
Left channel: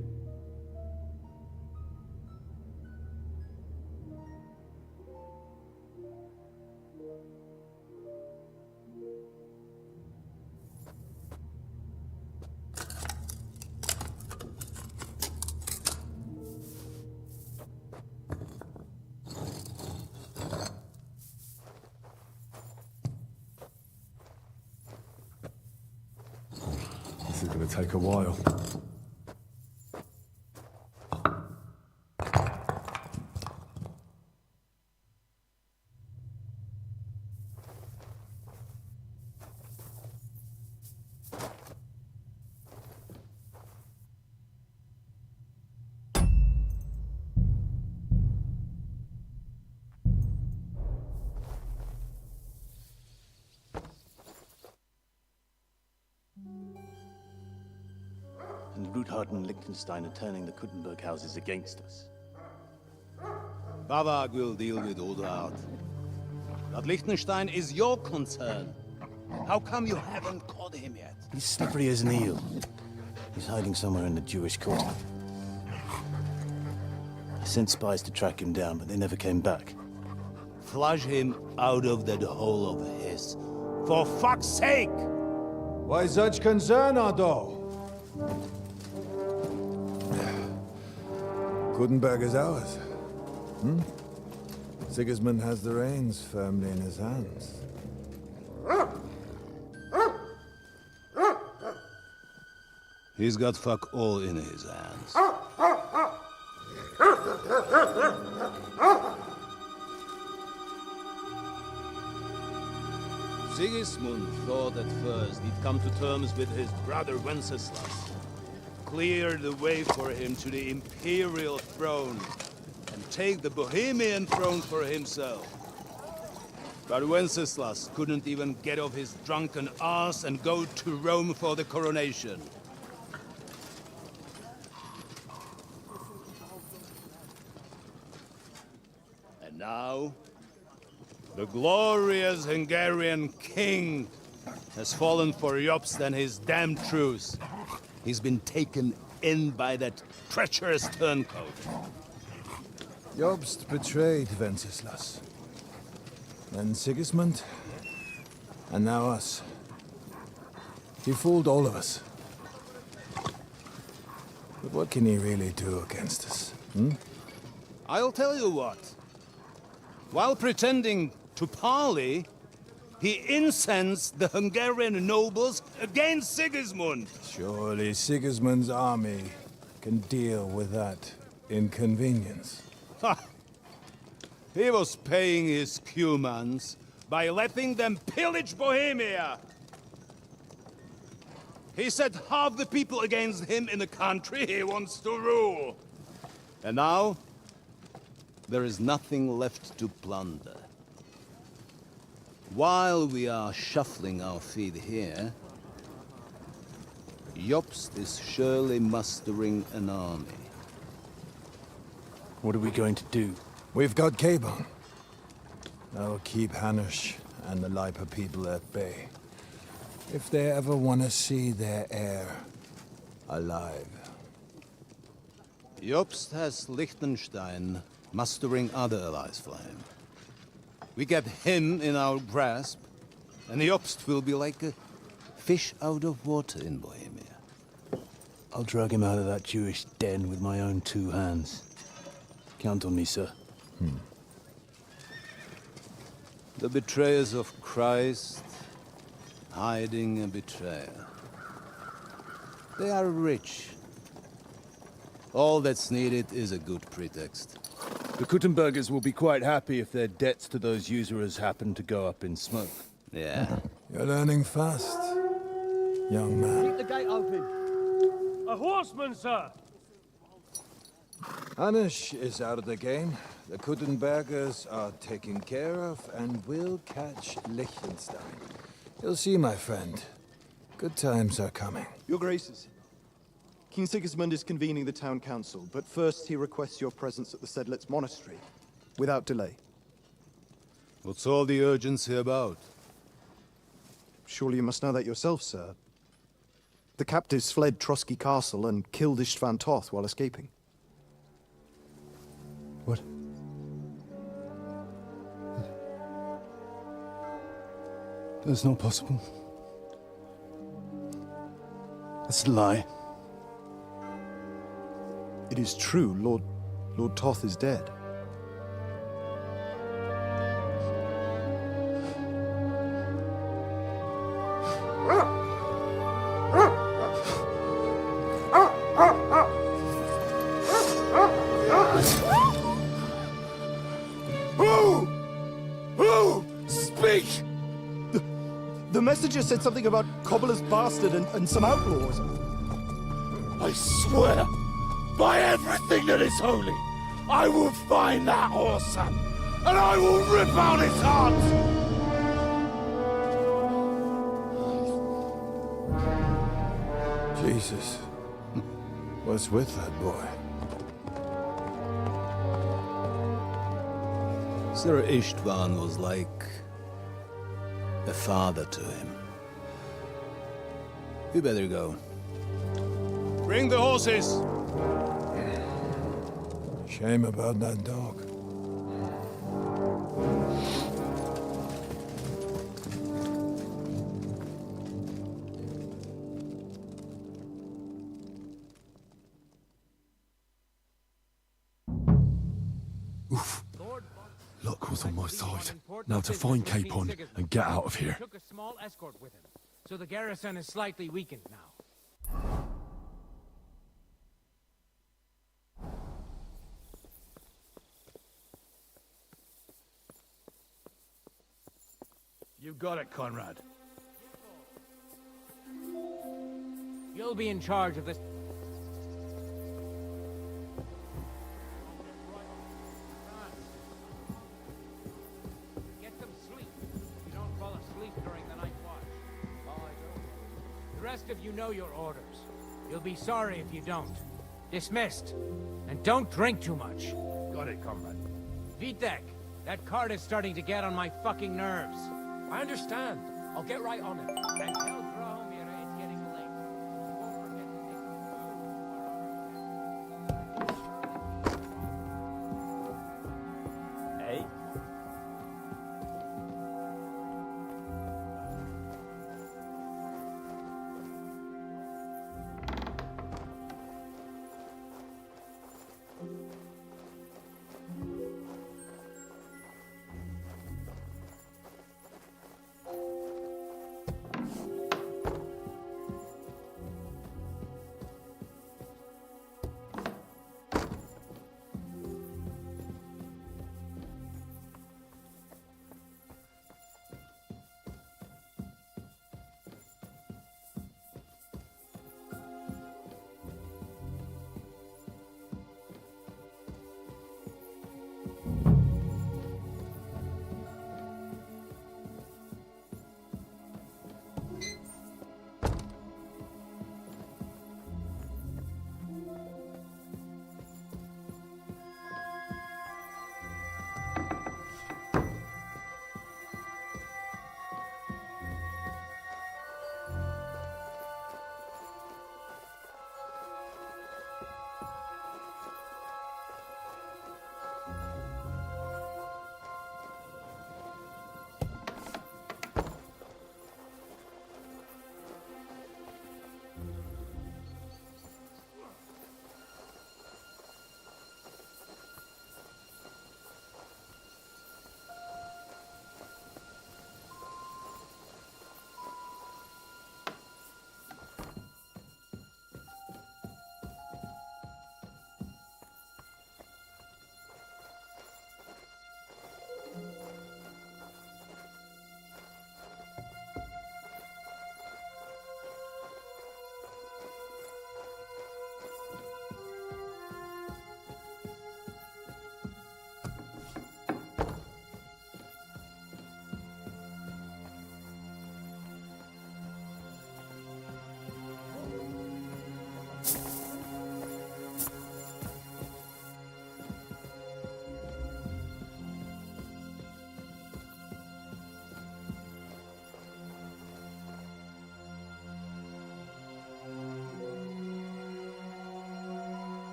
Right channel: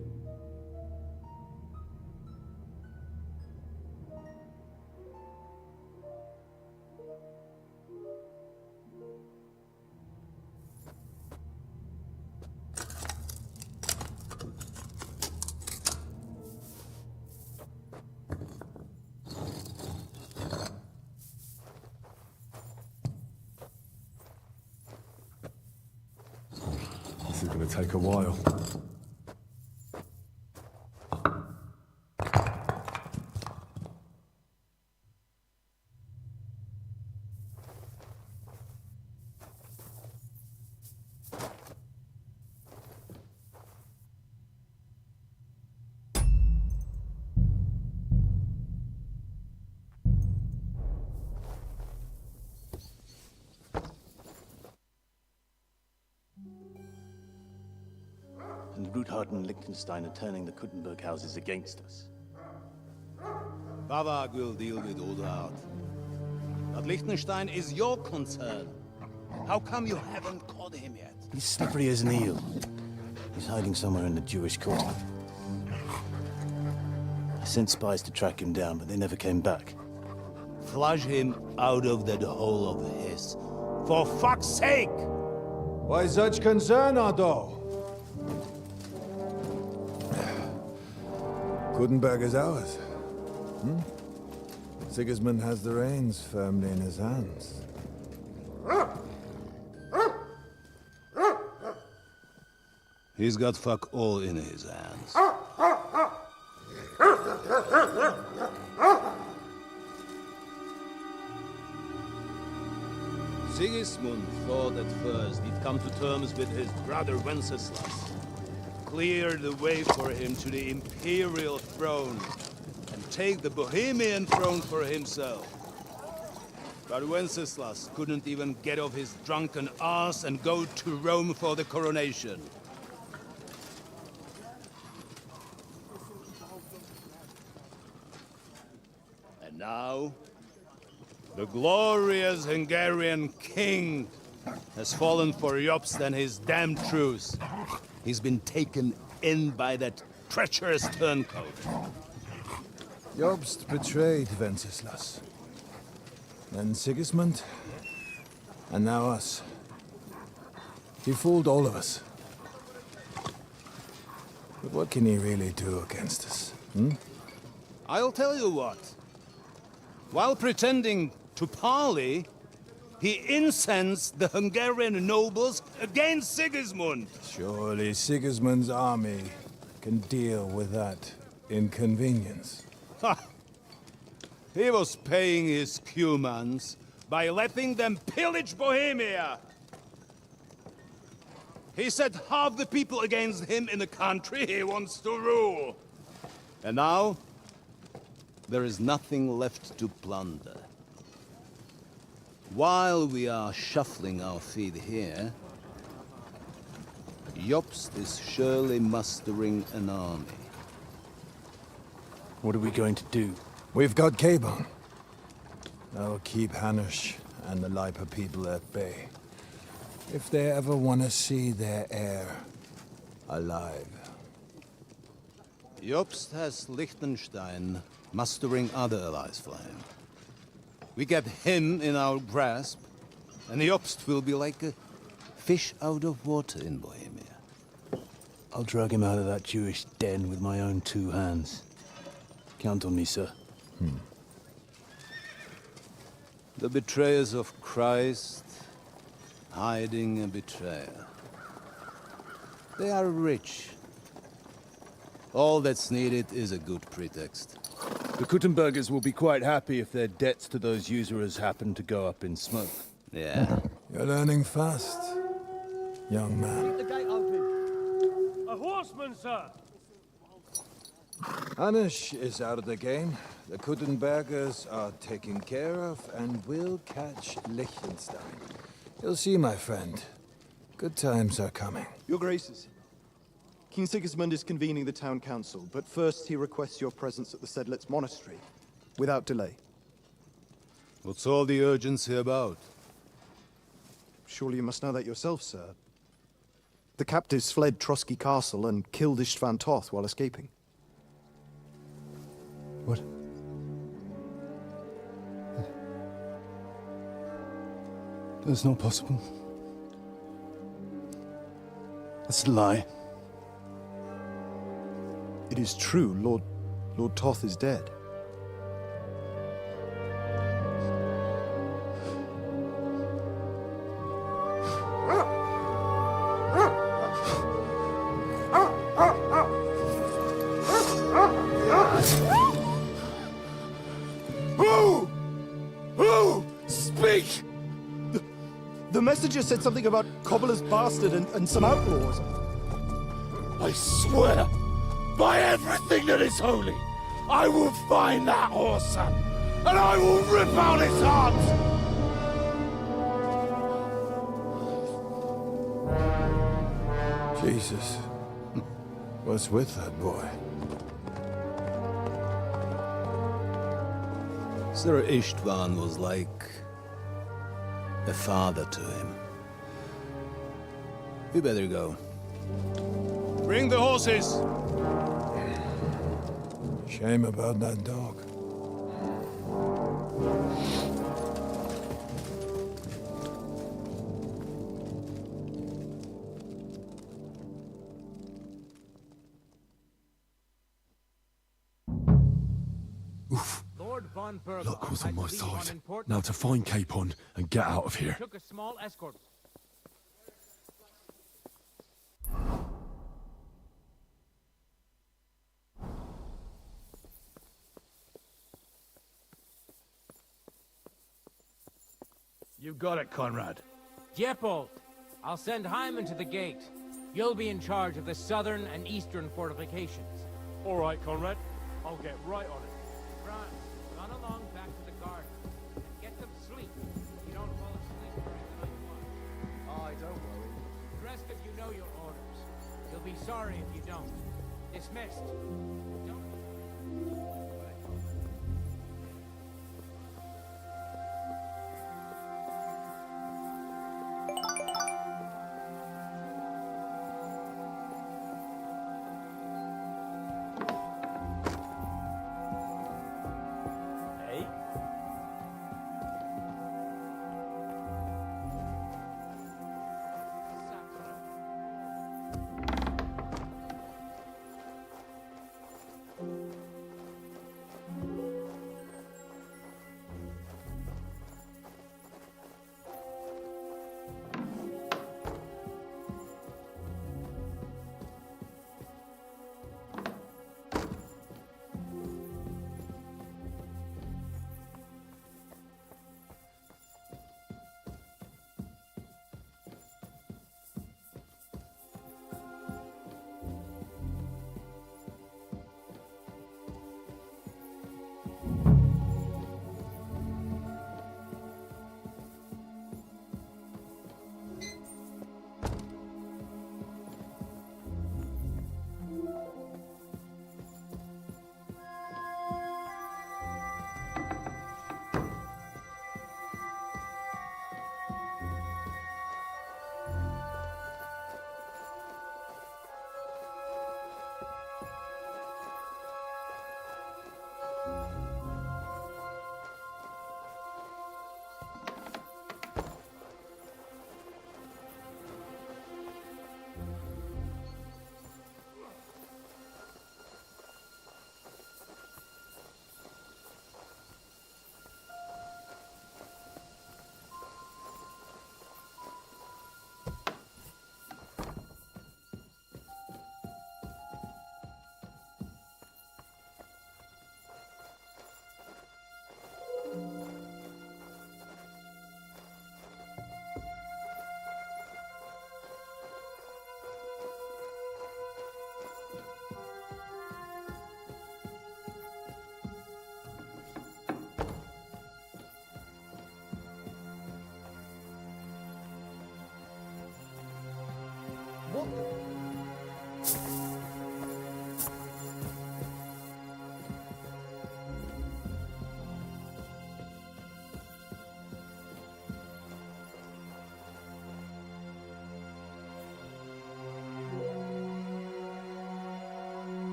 This is going to take a while. And Ruthard and Liechtenstein are turning the Kuttenberg houses against us. Bavag will deal with Ruthard. But Liechtenstein is your concern. How come you haven't caught him yet? He's slippery as an eel. He's hiding somewhere in the Jewish quarter. I sent spies to track him down, but they never came back. Flush him out of that hole of his. For fuck's sake! Why such concern, Otto? Kuttenberg is ours. Sigismund has the reins firmly in his hands. He's got fuck all in his hands. Sigismund thought at first he'd come to terms with his brother Wenceslas, clear the way for him to the imperial throne, and take the Bohemian throne for himself. But Wenceslas couldn't even get off his drunken ass and go to Rome for the coronation. And now, the glorious Hungarian king has fallen for Jobst and his damned truce. He's been taken in by that treacherous turncoat. Jobst betrayed Wenceslas. Then Sigismund, and now us. He fooled all of us. But what can he really do against us, I'll tell you what. While pretending to parley, he incensed the Hungarian nobles against Sigismund. Surely Sigismund's army can deal with that inconvenience. Ha! He was paying his Cumans by letting them pillage Bohemia. He set half the people against him in the country he wants to rule. And now, there is nothing left to plunder. While we are shuffling our feet here, Jobst is surely mustering an army. What are we going to do? We've got Cabon. That'll keep Hanush and the Lipa people at bay. If they ever want to see their heir alive. Jobst has Liechtenstein mustering other allies for him. We get him in our grasp, and Jobst will be like a fish out of water in Bohemia. I'll drag him out of that Jewish den with my own two hands. Count on me, sir. The betrayers of Christ, hiding a betrayer. They are rich. All that's needed is a good pretext. The Kuttenbergers will be quite happy if their debts to those usurers happen to go up in smoke. Yeah. You're learning fast, young man. Keep the gate open. A horseman, sir! Hanush is out of the game. The Kuttenbergers are taken care of, and we'll catch Liechtenstein. You'll see, my friend. Good times are coming. Your Graces, King Sigismund is convening the town council, but first he requests your presence at the Sedlitz monastery, without delay. What's all the urgency about? Surely you must know that yourself, sir. The captives fled Trotsky Castle and killed Istvan Toth while escaping. What? That's not possible. That's a lie. It is true, Lord Toth is dead. Who? Speak! The messenger said something about Cobbler's bastard and some outlaws. I swear, by everything that is holy, I will find that whoreson, and I will rip out his heart! Jesus. What's with that boy? Sir Istvan was like a father to him. We better go. Bring the horses! Shame about that dog. Luck was on my side. Now to find Capon and get out of here. Took a small escort with him, so the garrison is slightly weakened now. You got it, Conrad. Diepold, I'll send Hyman to the gate. You'll be in charge of the southern and eastern fortifications. All right, Conrad. I'll get right on it. Franz, run along back to the garden. Get some sleep. You don't fall asleep during the night watch. Aye, don't worry. The rest of you know your orders. You'll be sorry if you don't. Dismissed. And don't drink too much. Got it, comrade. Vitek, that cart is starting to get on my fucking nerves. I understand. I'll get right on it. And tell Dromir it's getting late. Hey?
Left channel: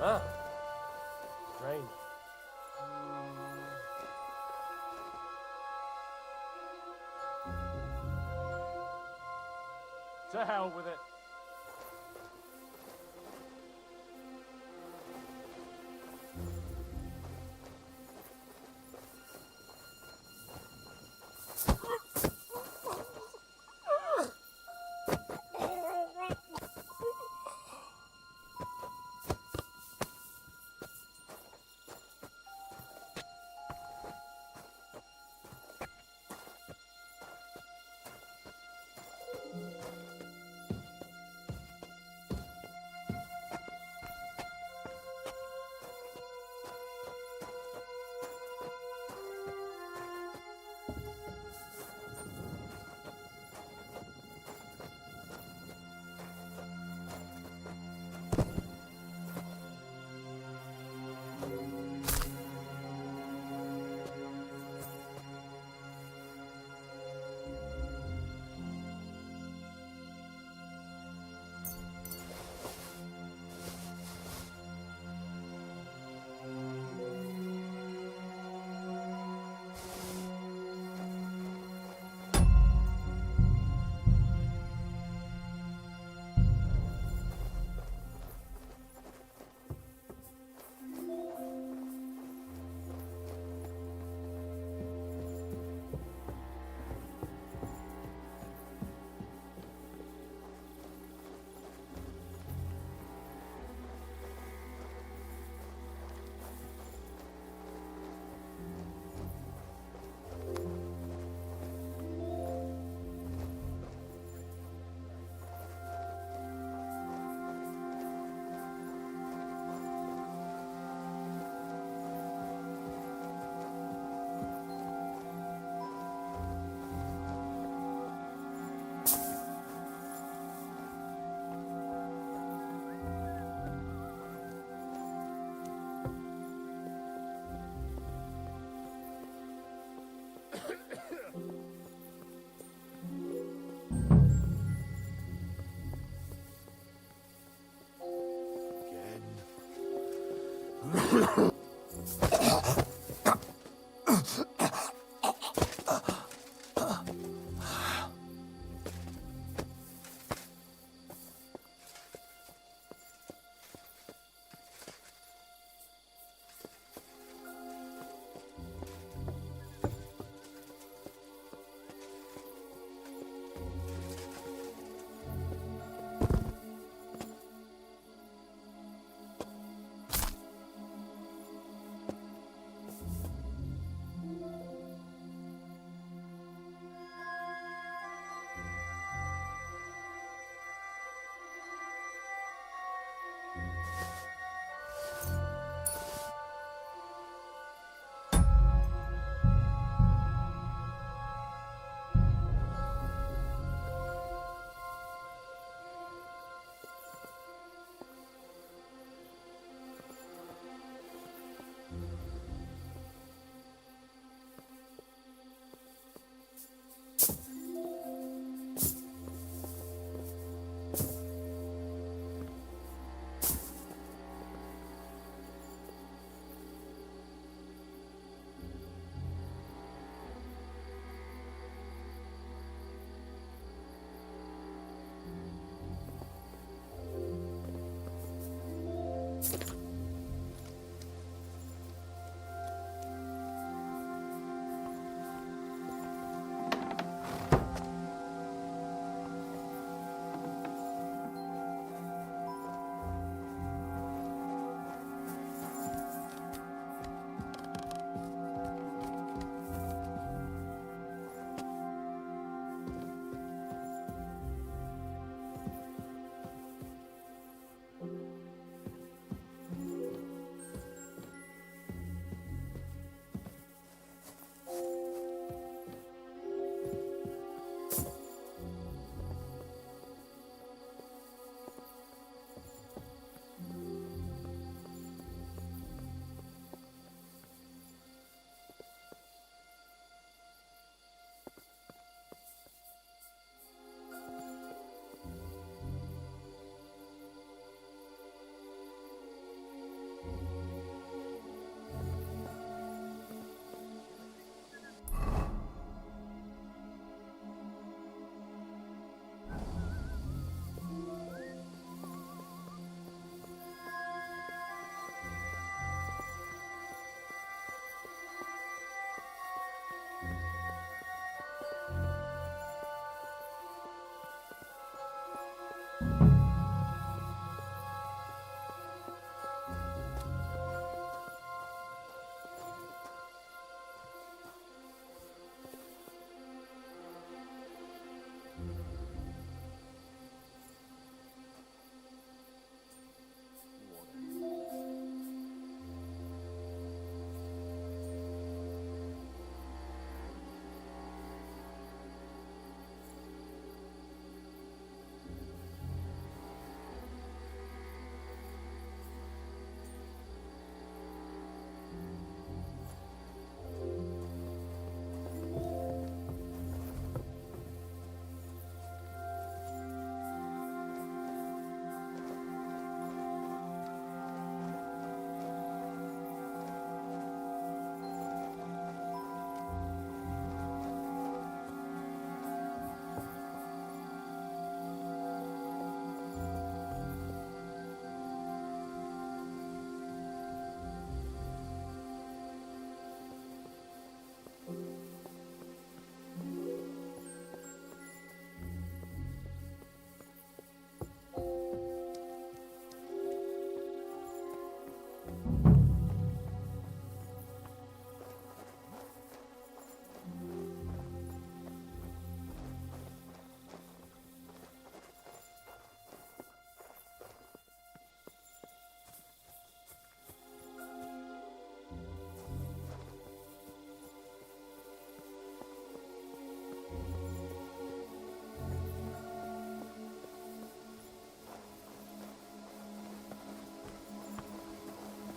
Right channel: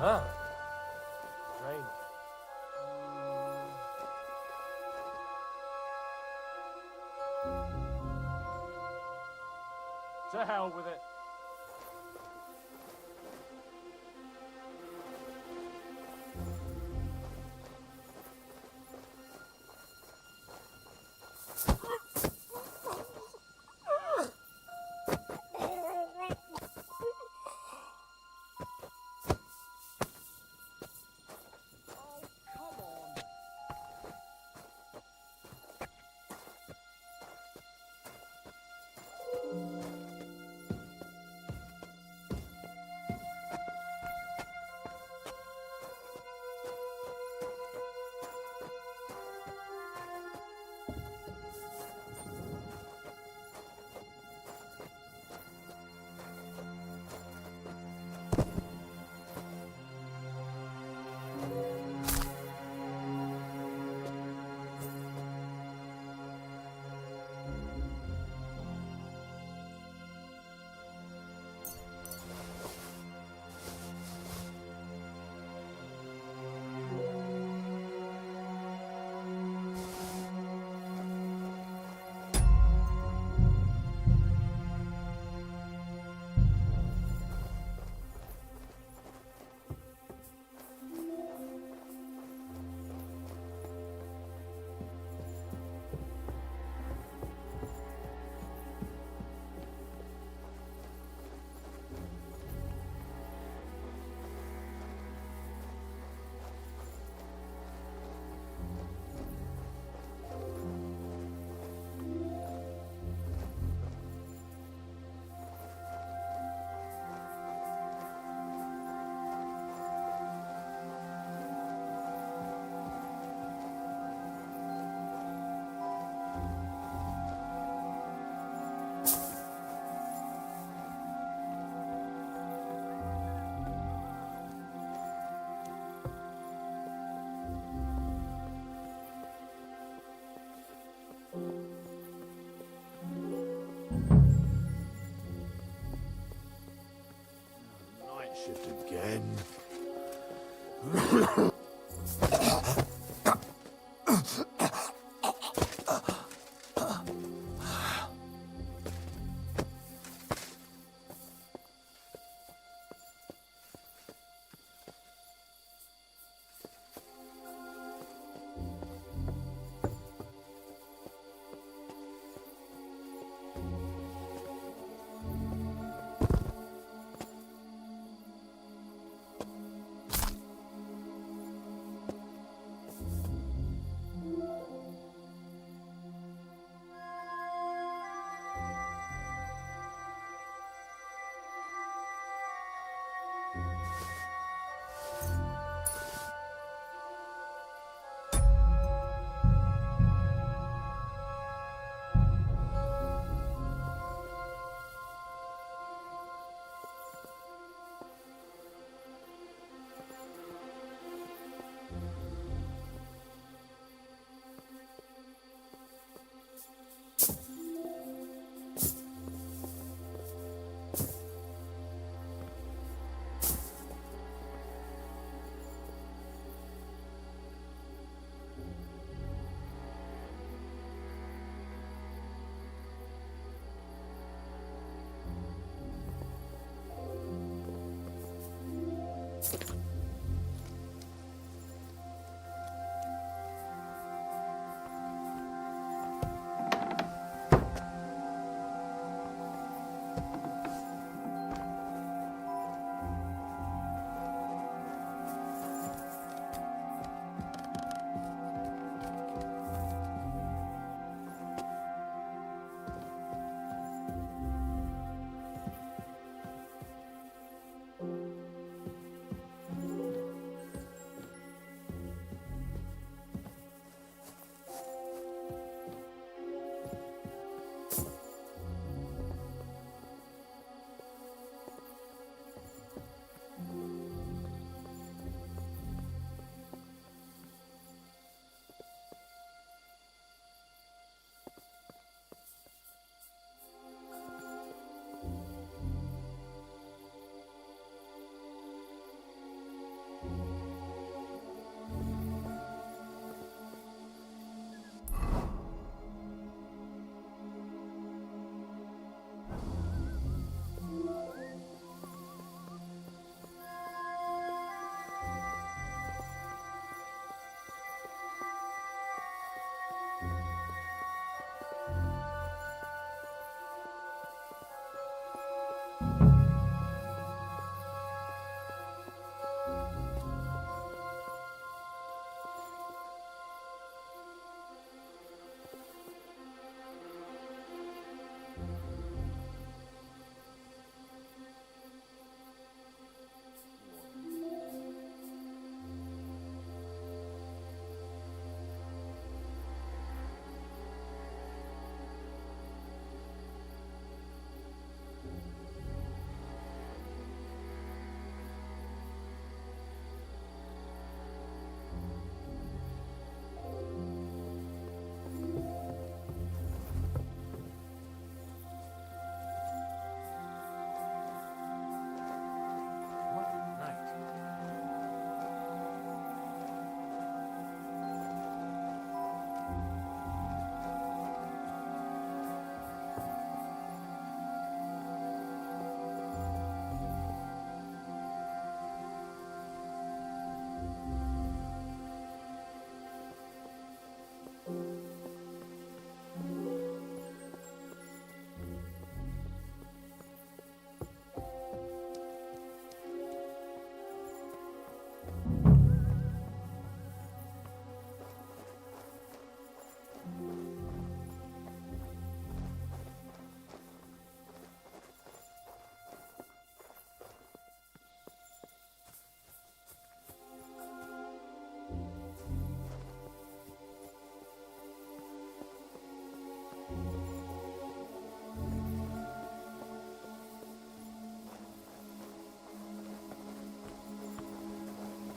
Huh? Strange. To hell with it.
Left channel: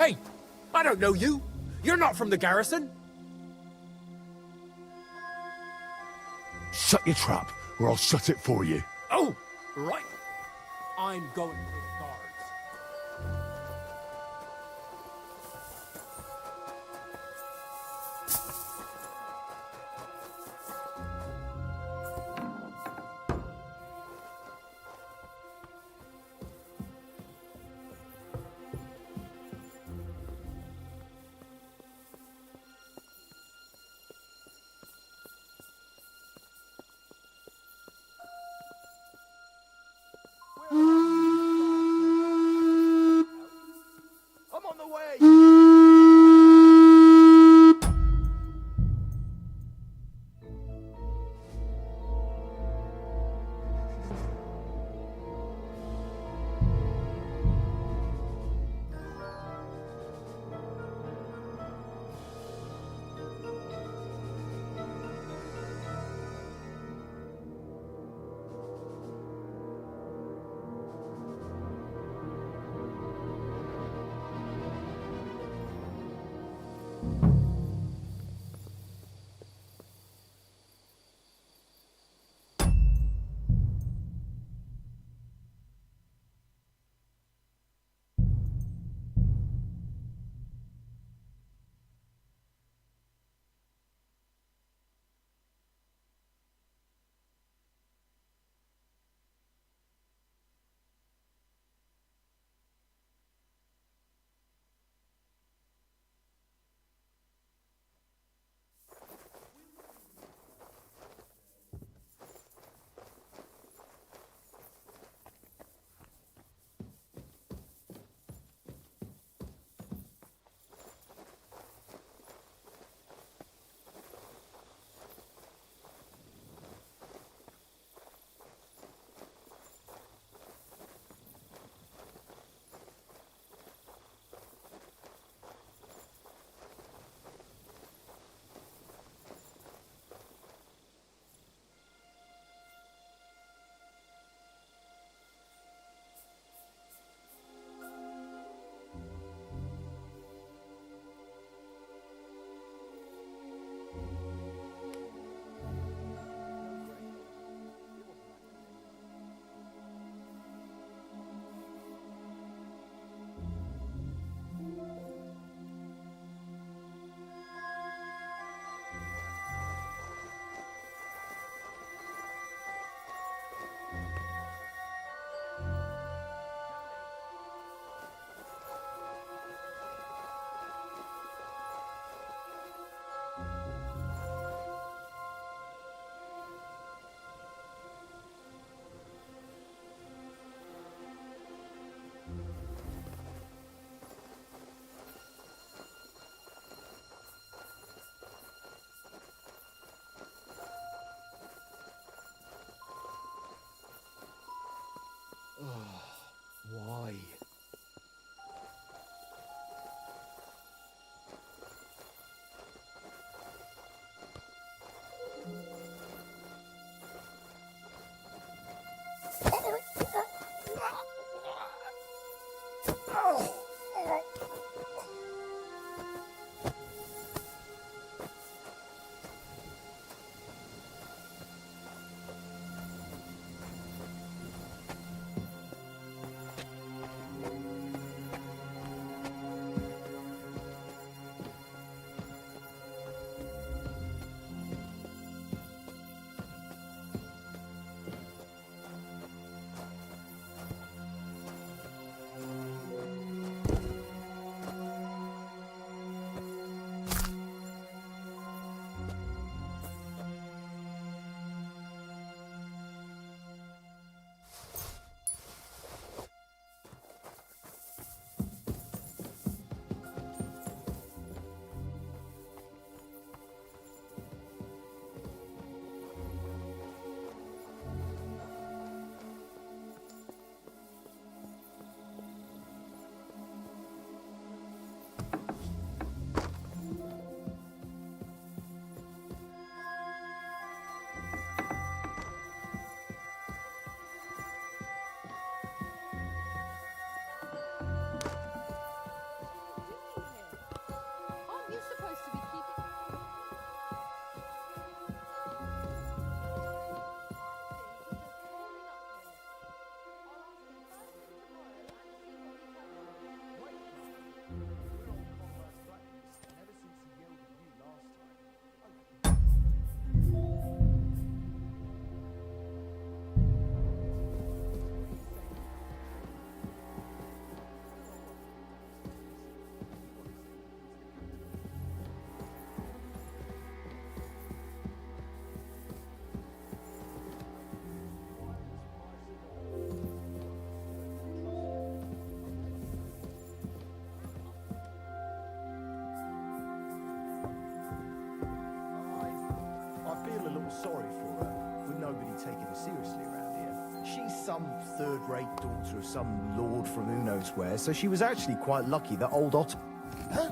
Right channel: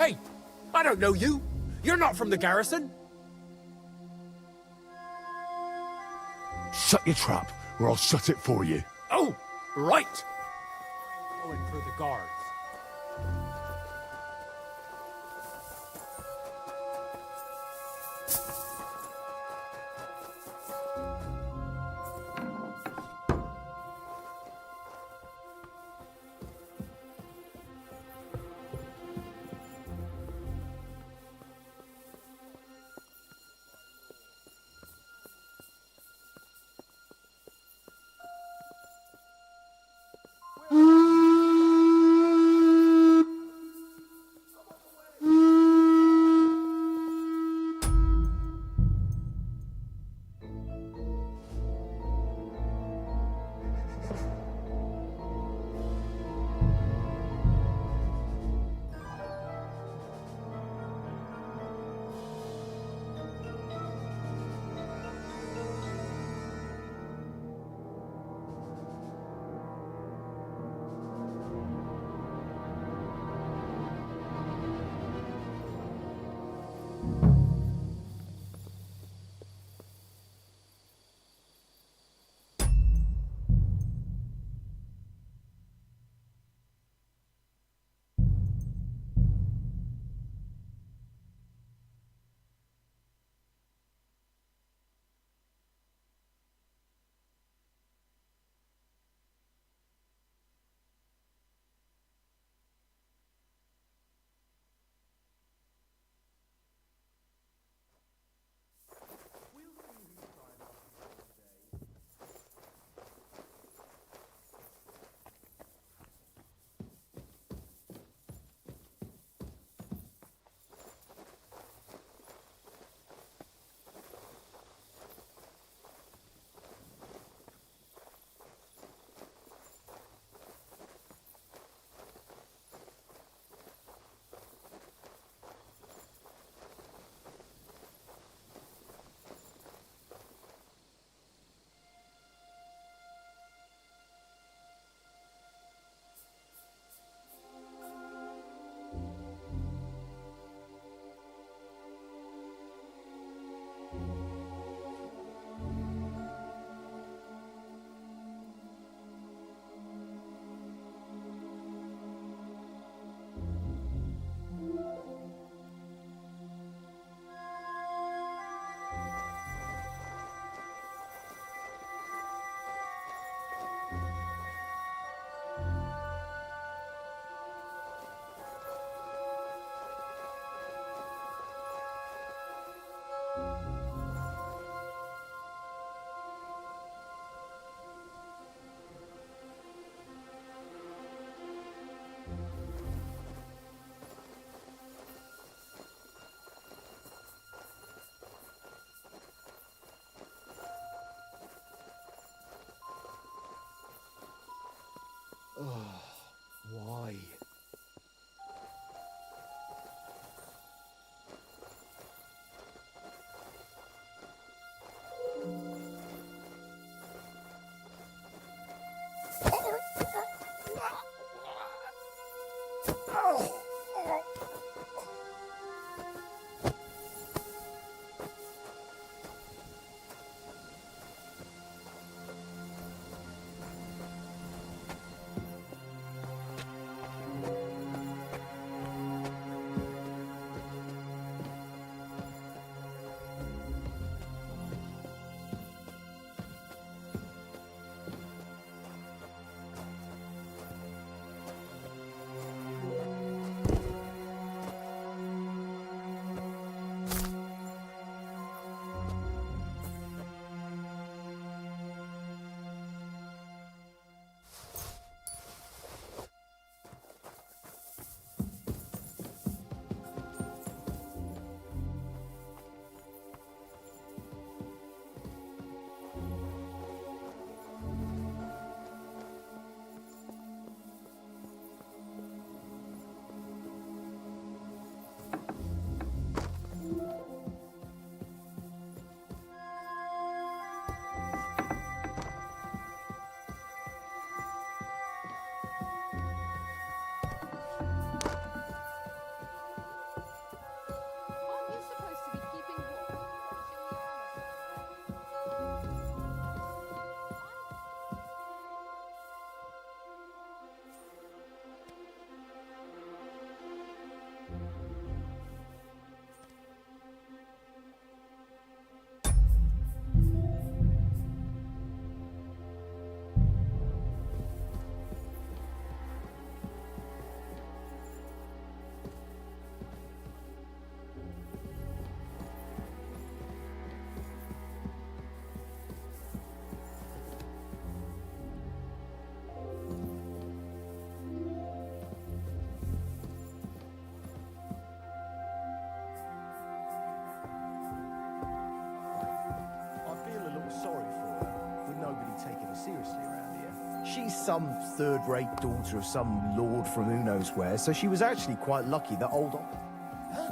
Hey, I don't know you. You're not from the garrison. Shut your trap, or I'll shut it for you. Oh, right. I'm going for the guards. sorry for her, with nobody taking her seriously around here. She's some third-rate daughter of some lord from who knows where, so she was actually quite lucky that old Otto... Huh?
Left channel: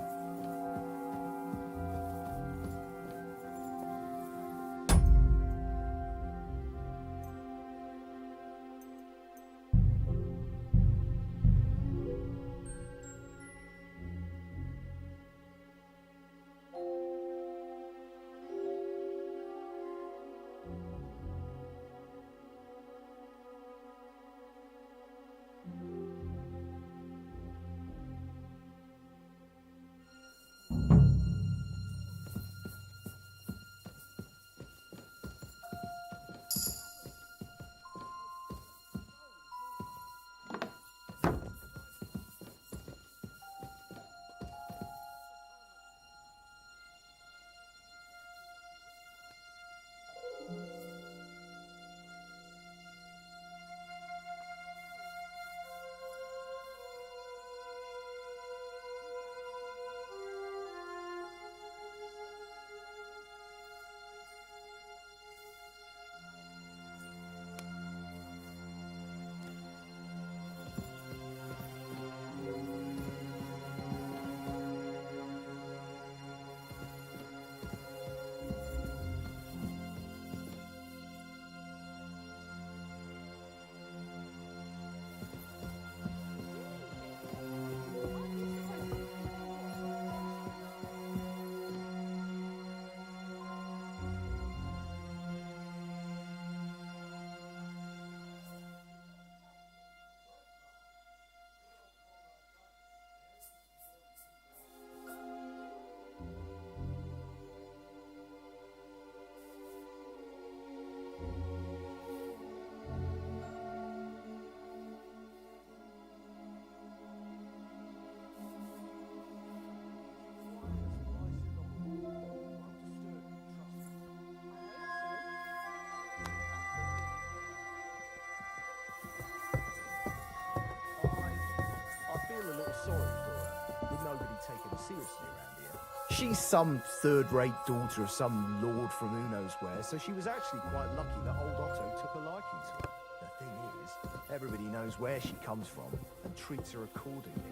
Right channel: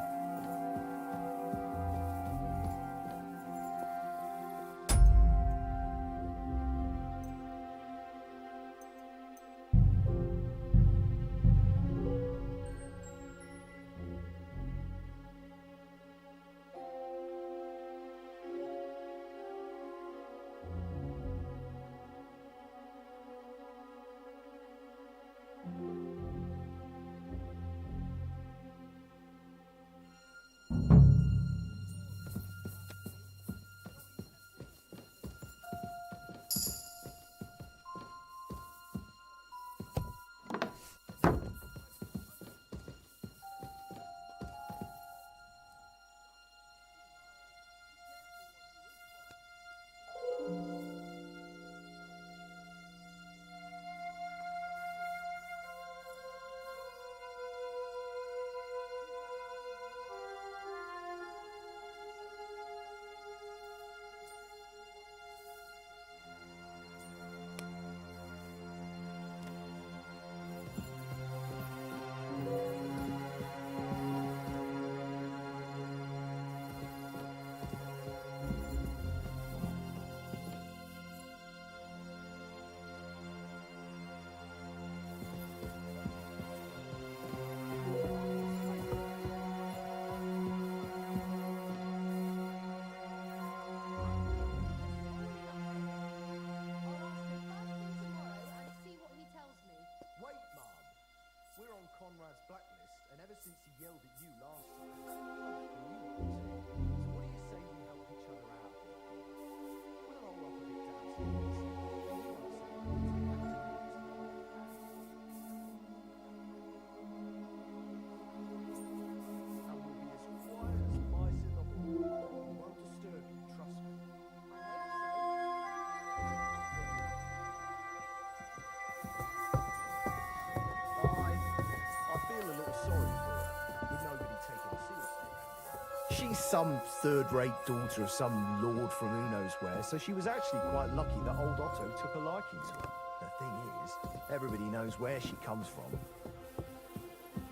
A little sorry for her, with nobody taking her seriously around here. She's some third-rate daughter of some lord from who knows where, so she was actually quite lucky that old Otto took a liking to her. The thing is, everybody knows where she comes from and treats her accordingly.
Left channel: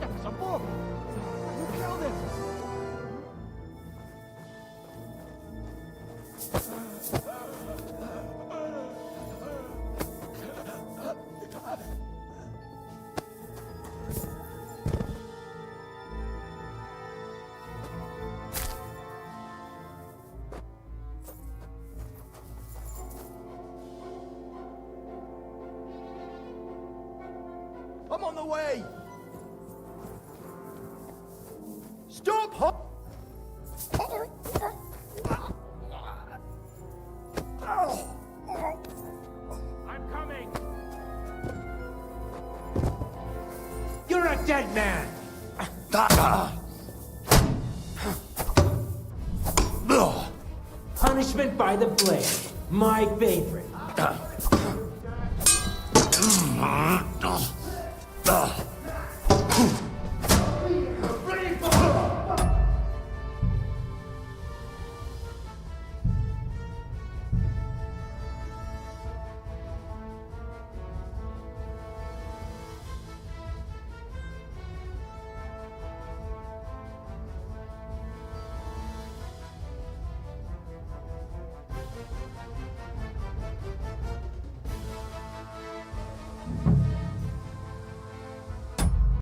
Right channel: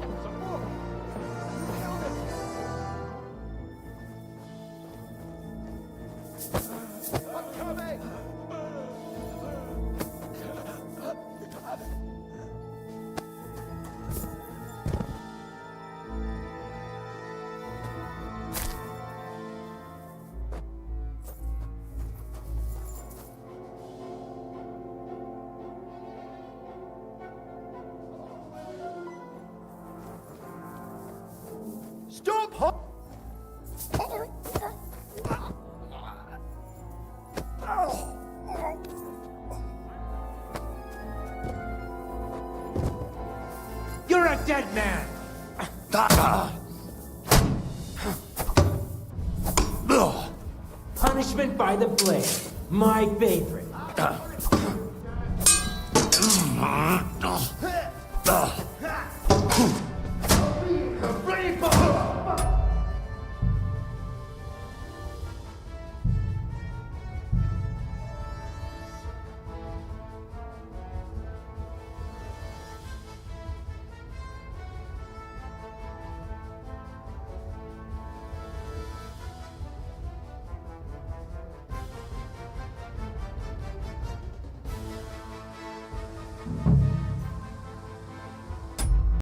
That's a book! Who killed him? I'm on the way! Stop! I'm coming. You're a dead man! Punishment by the blade. My favorite.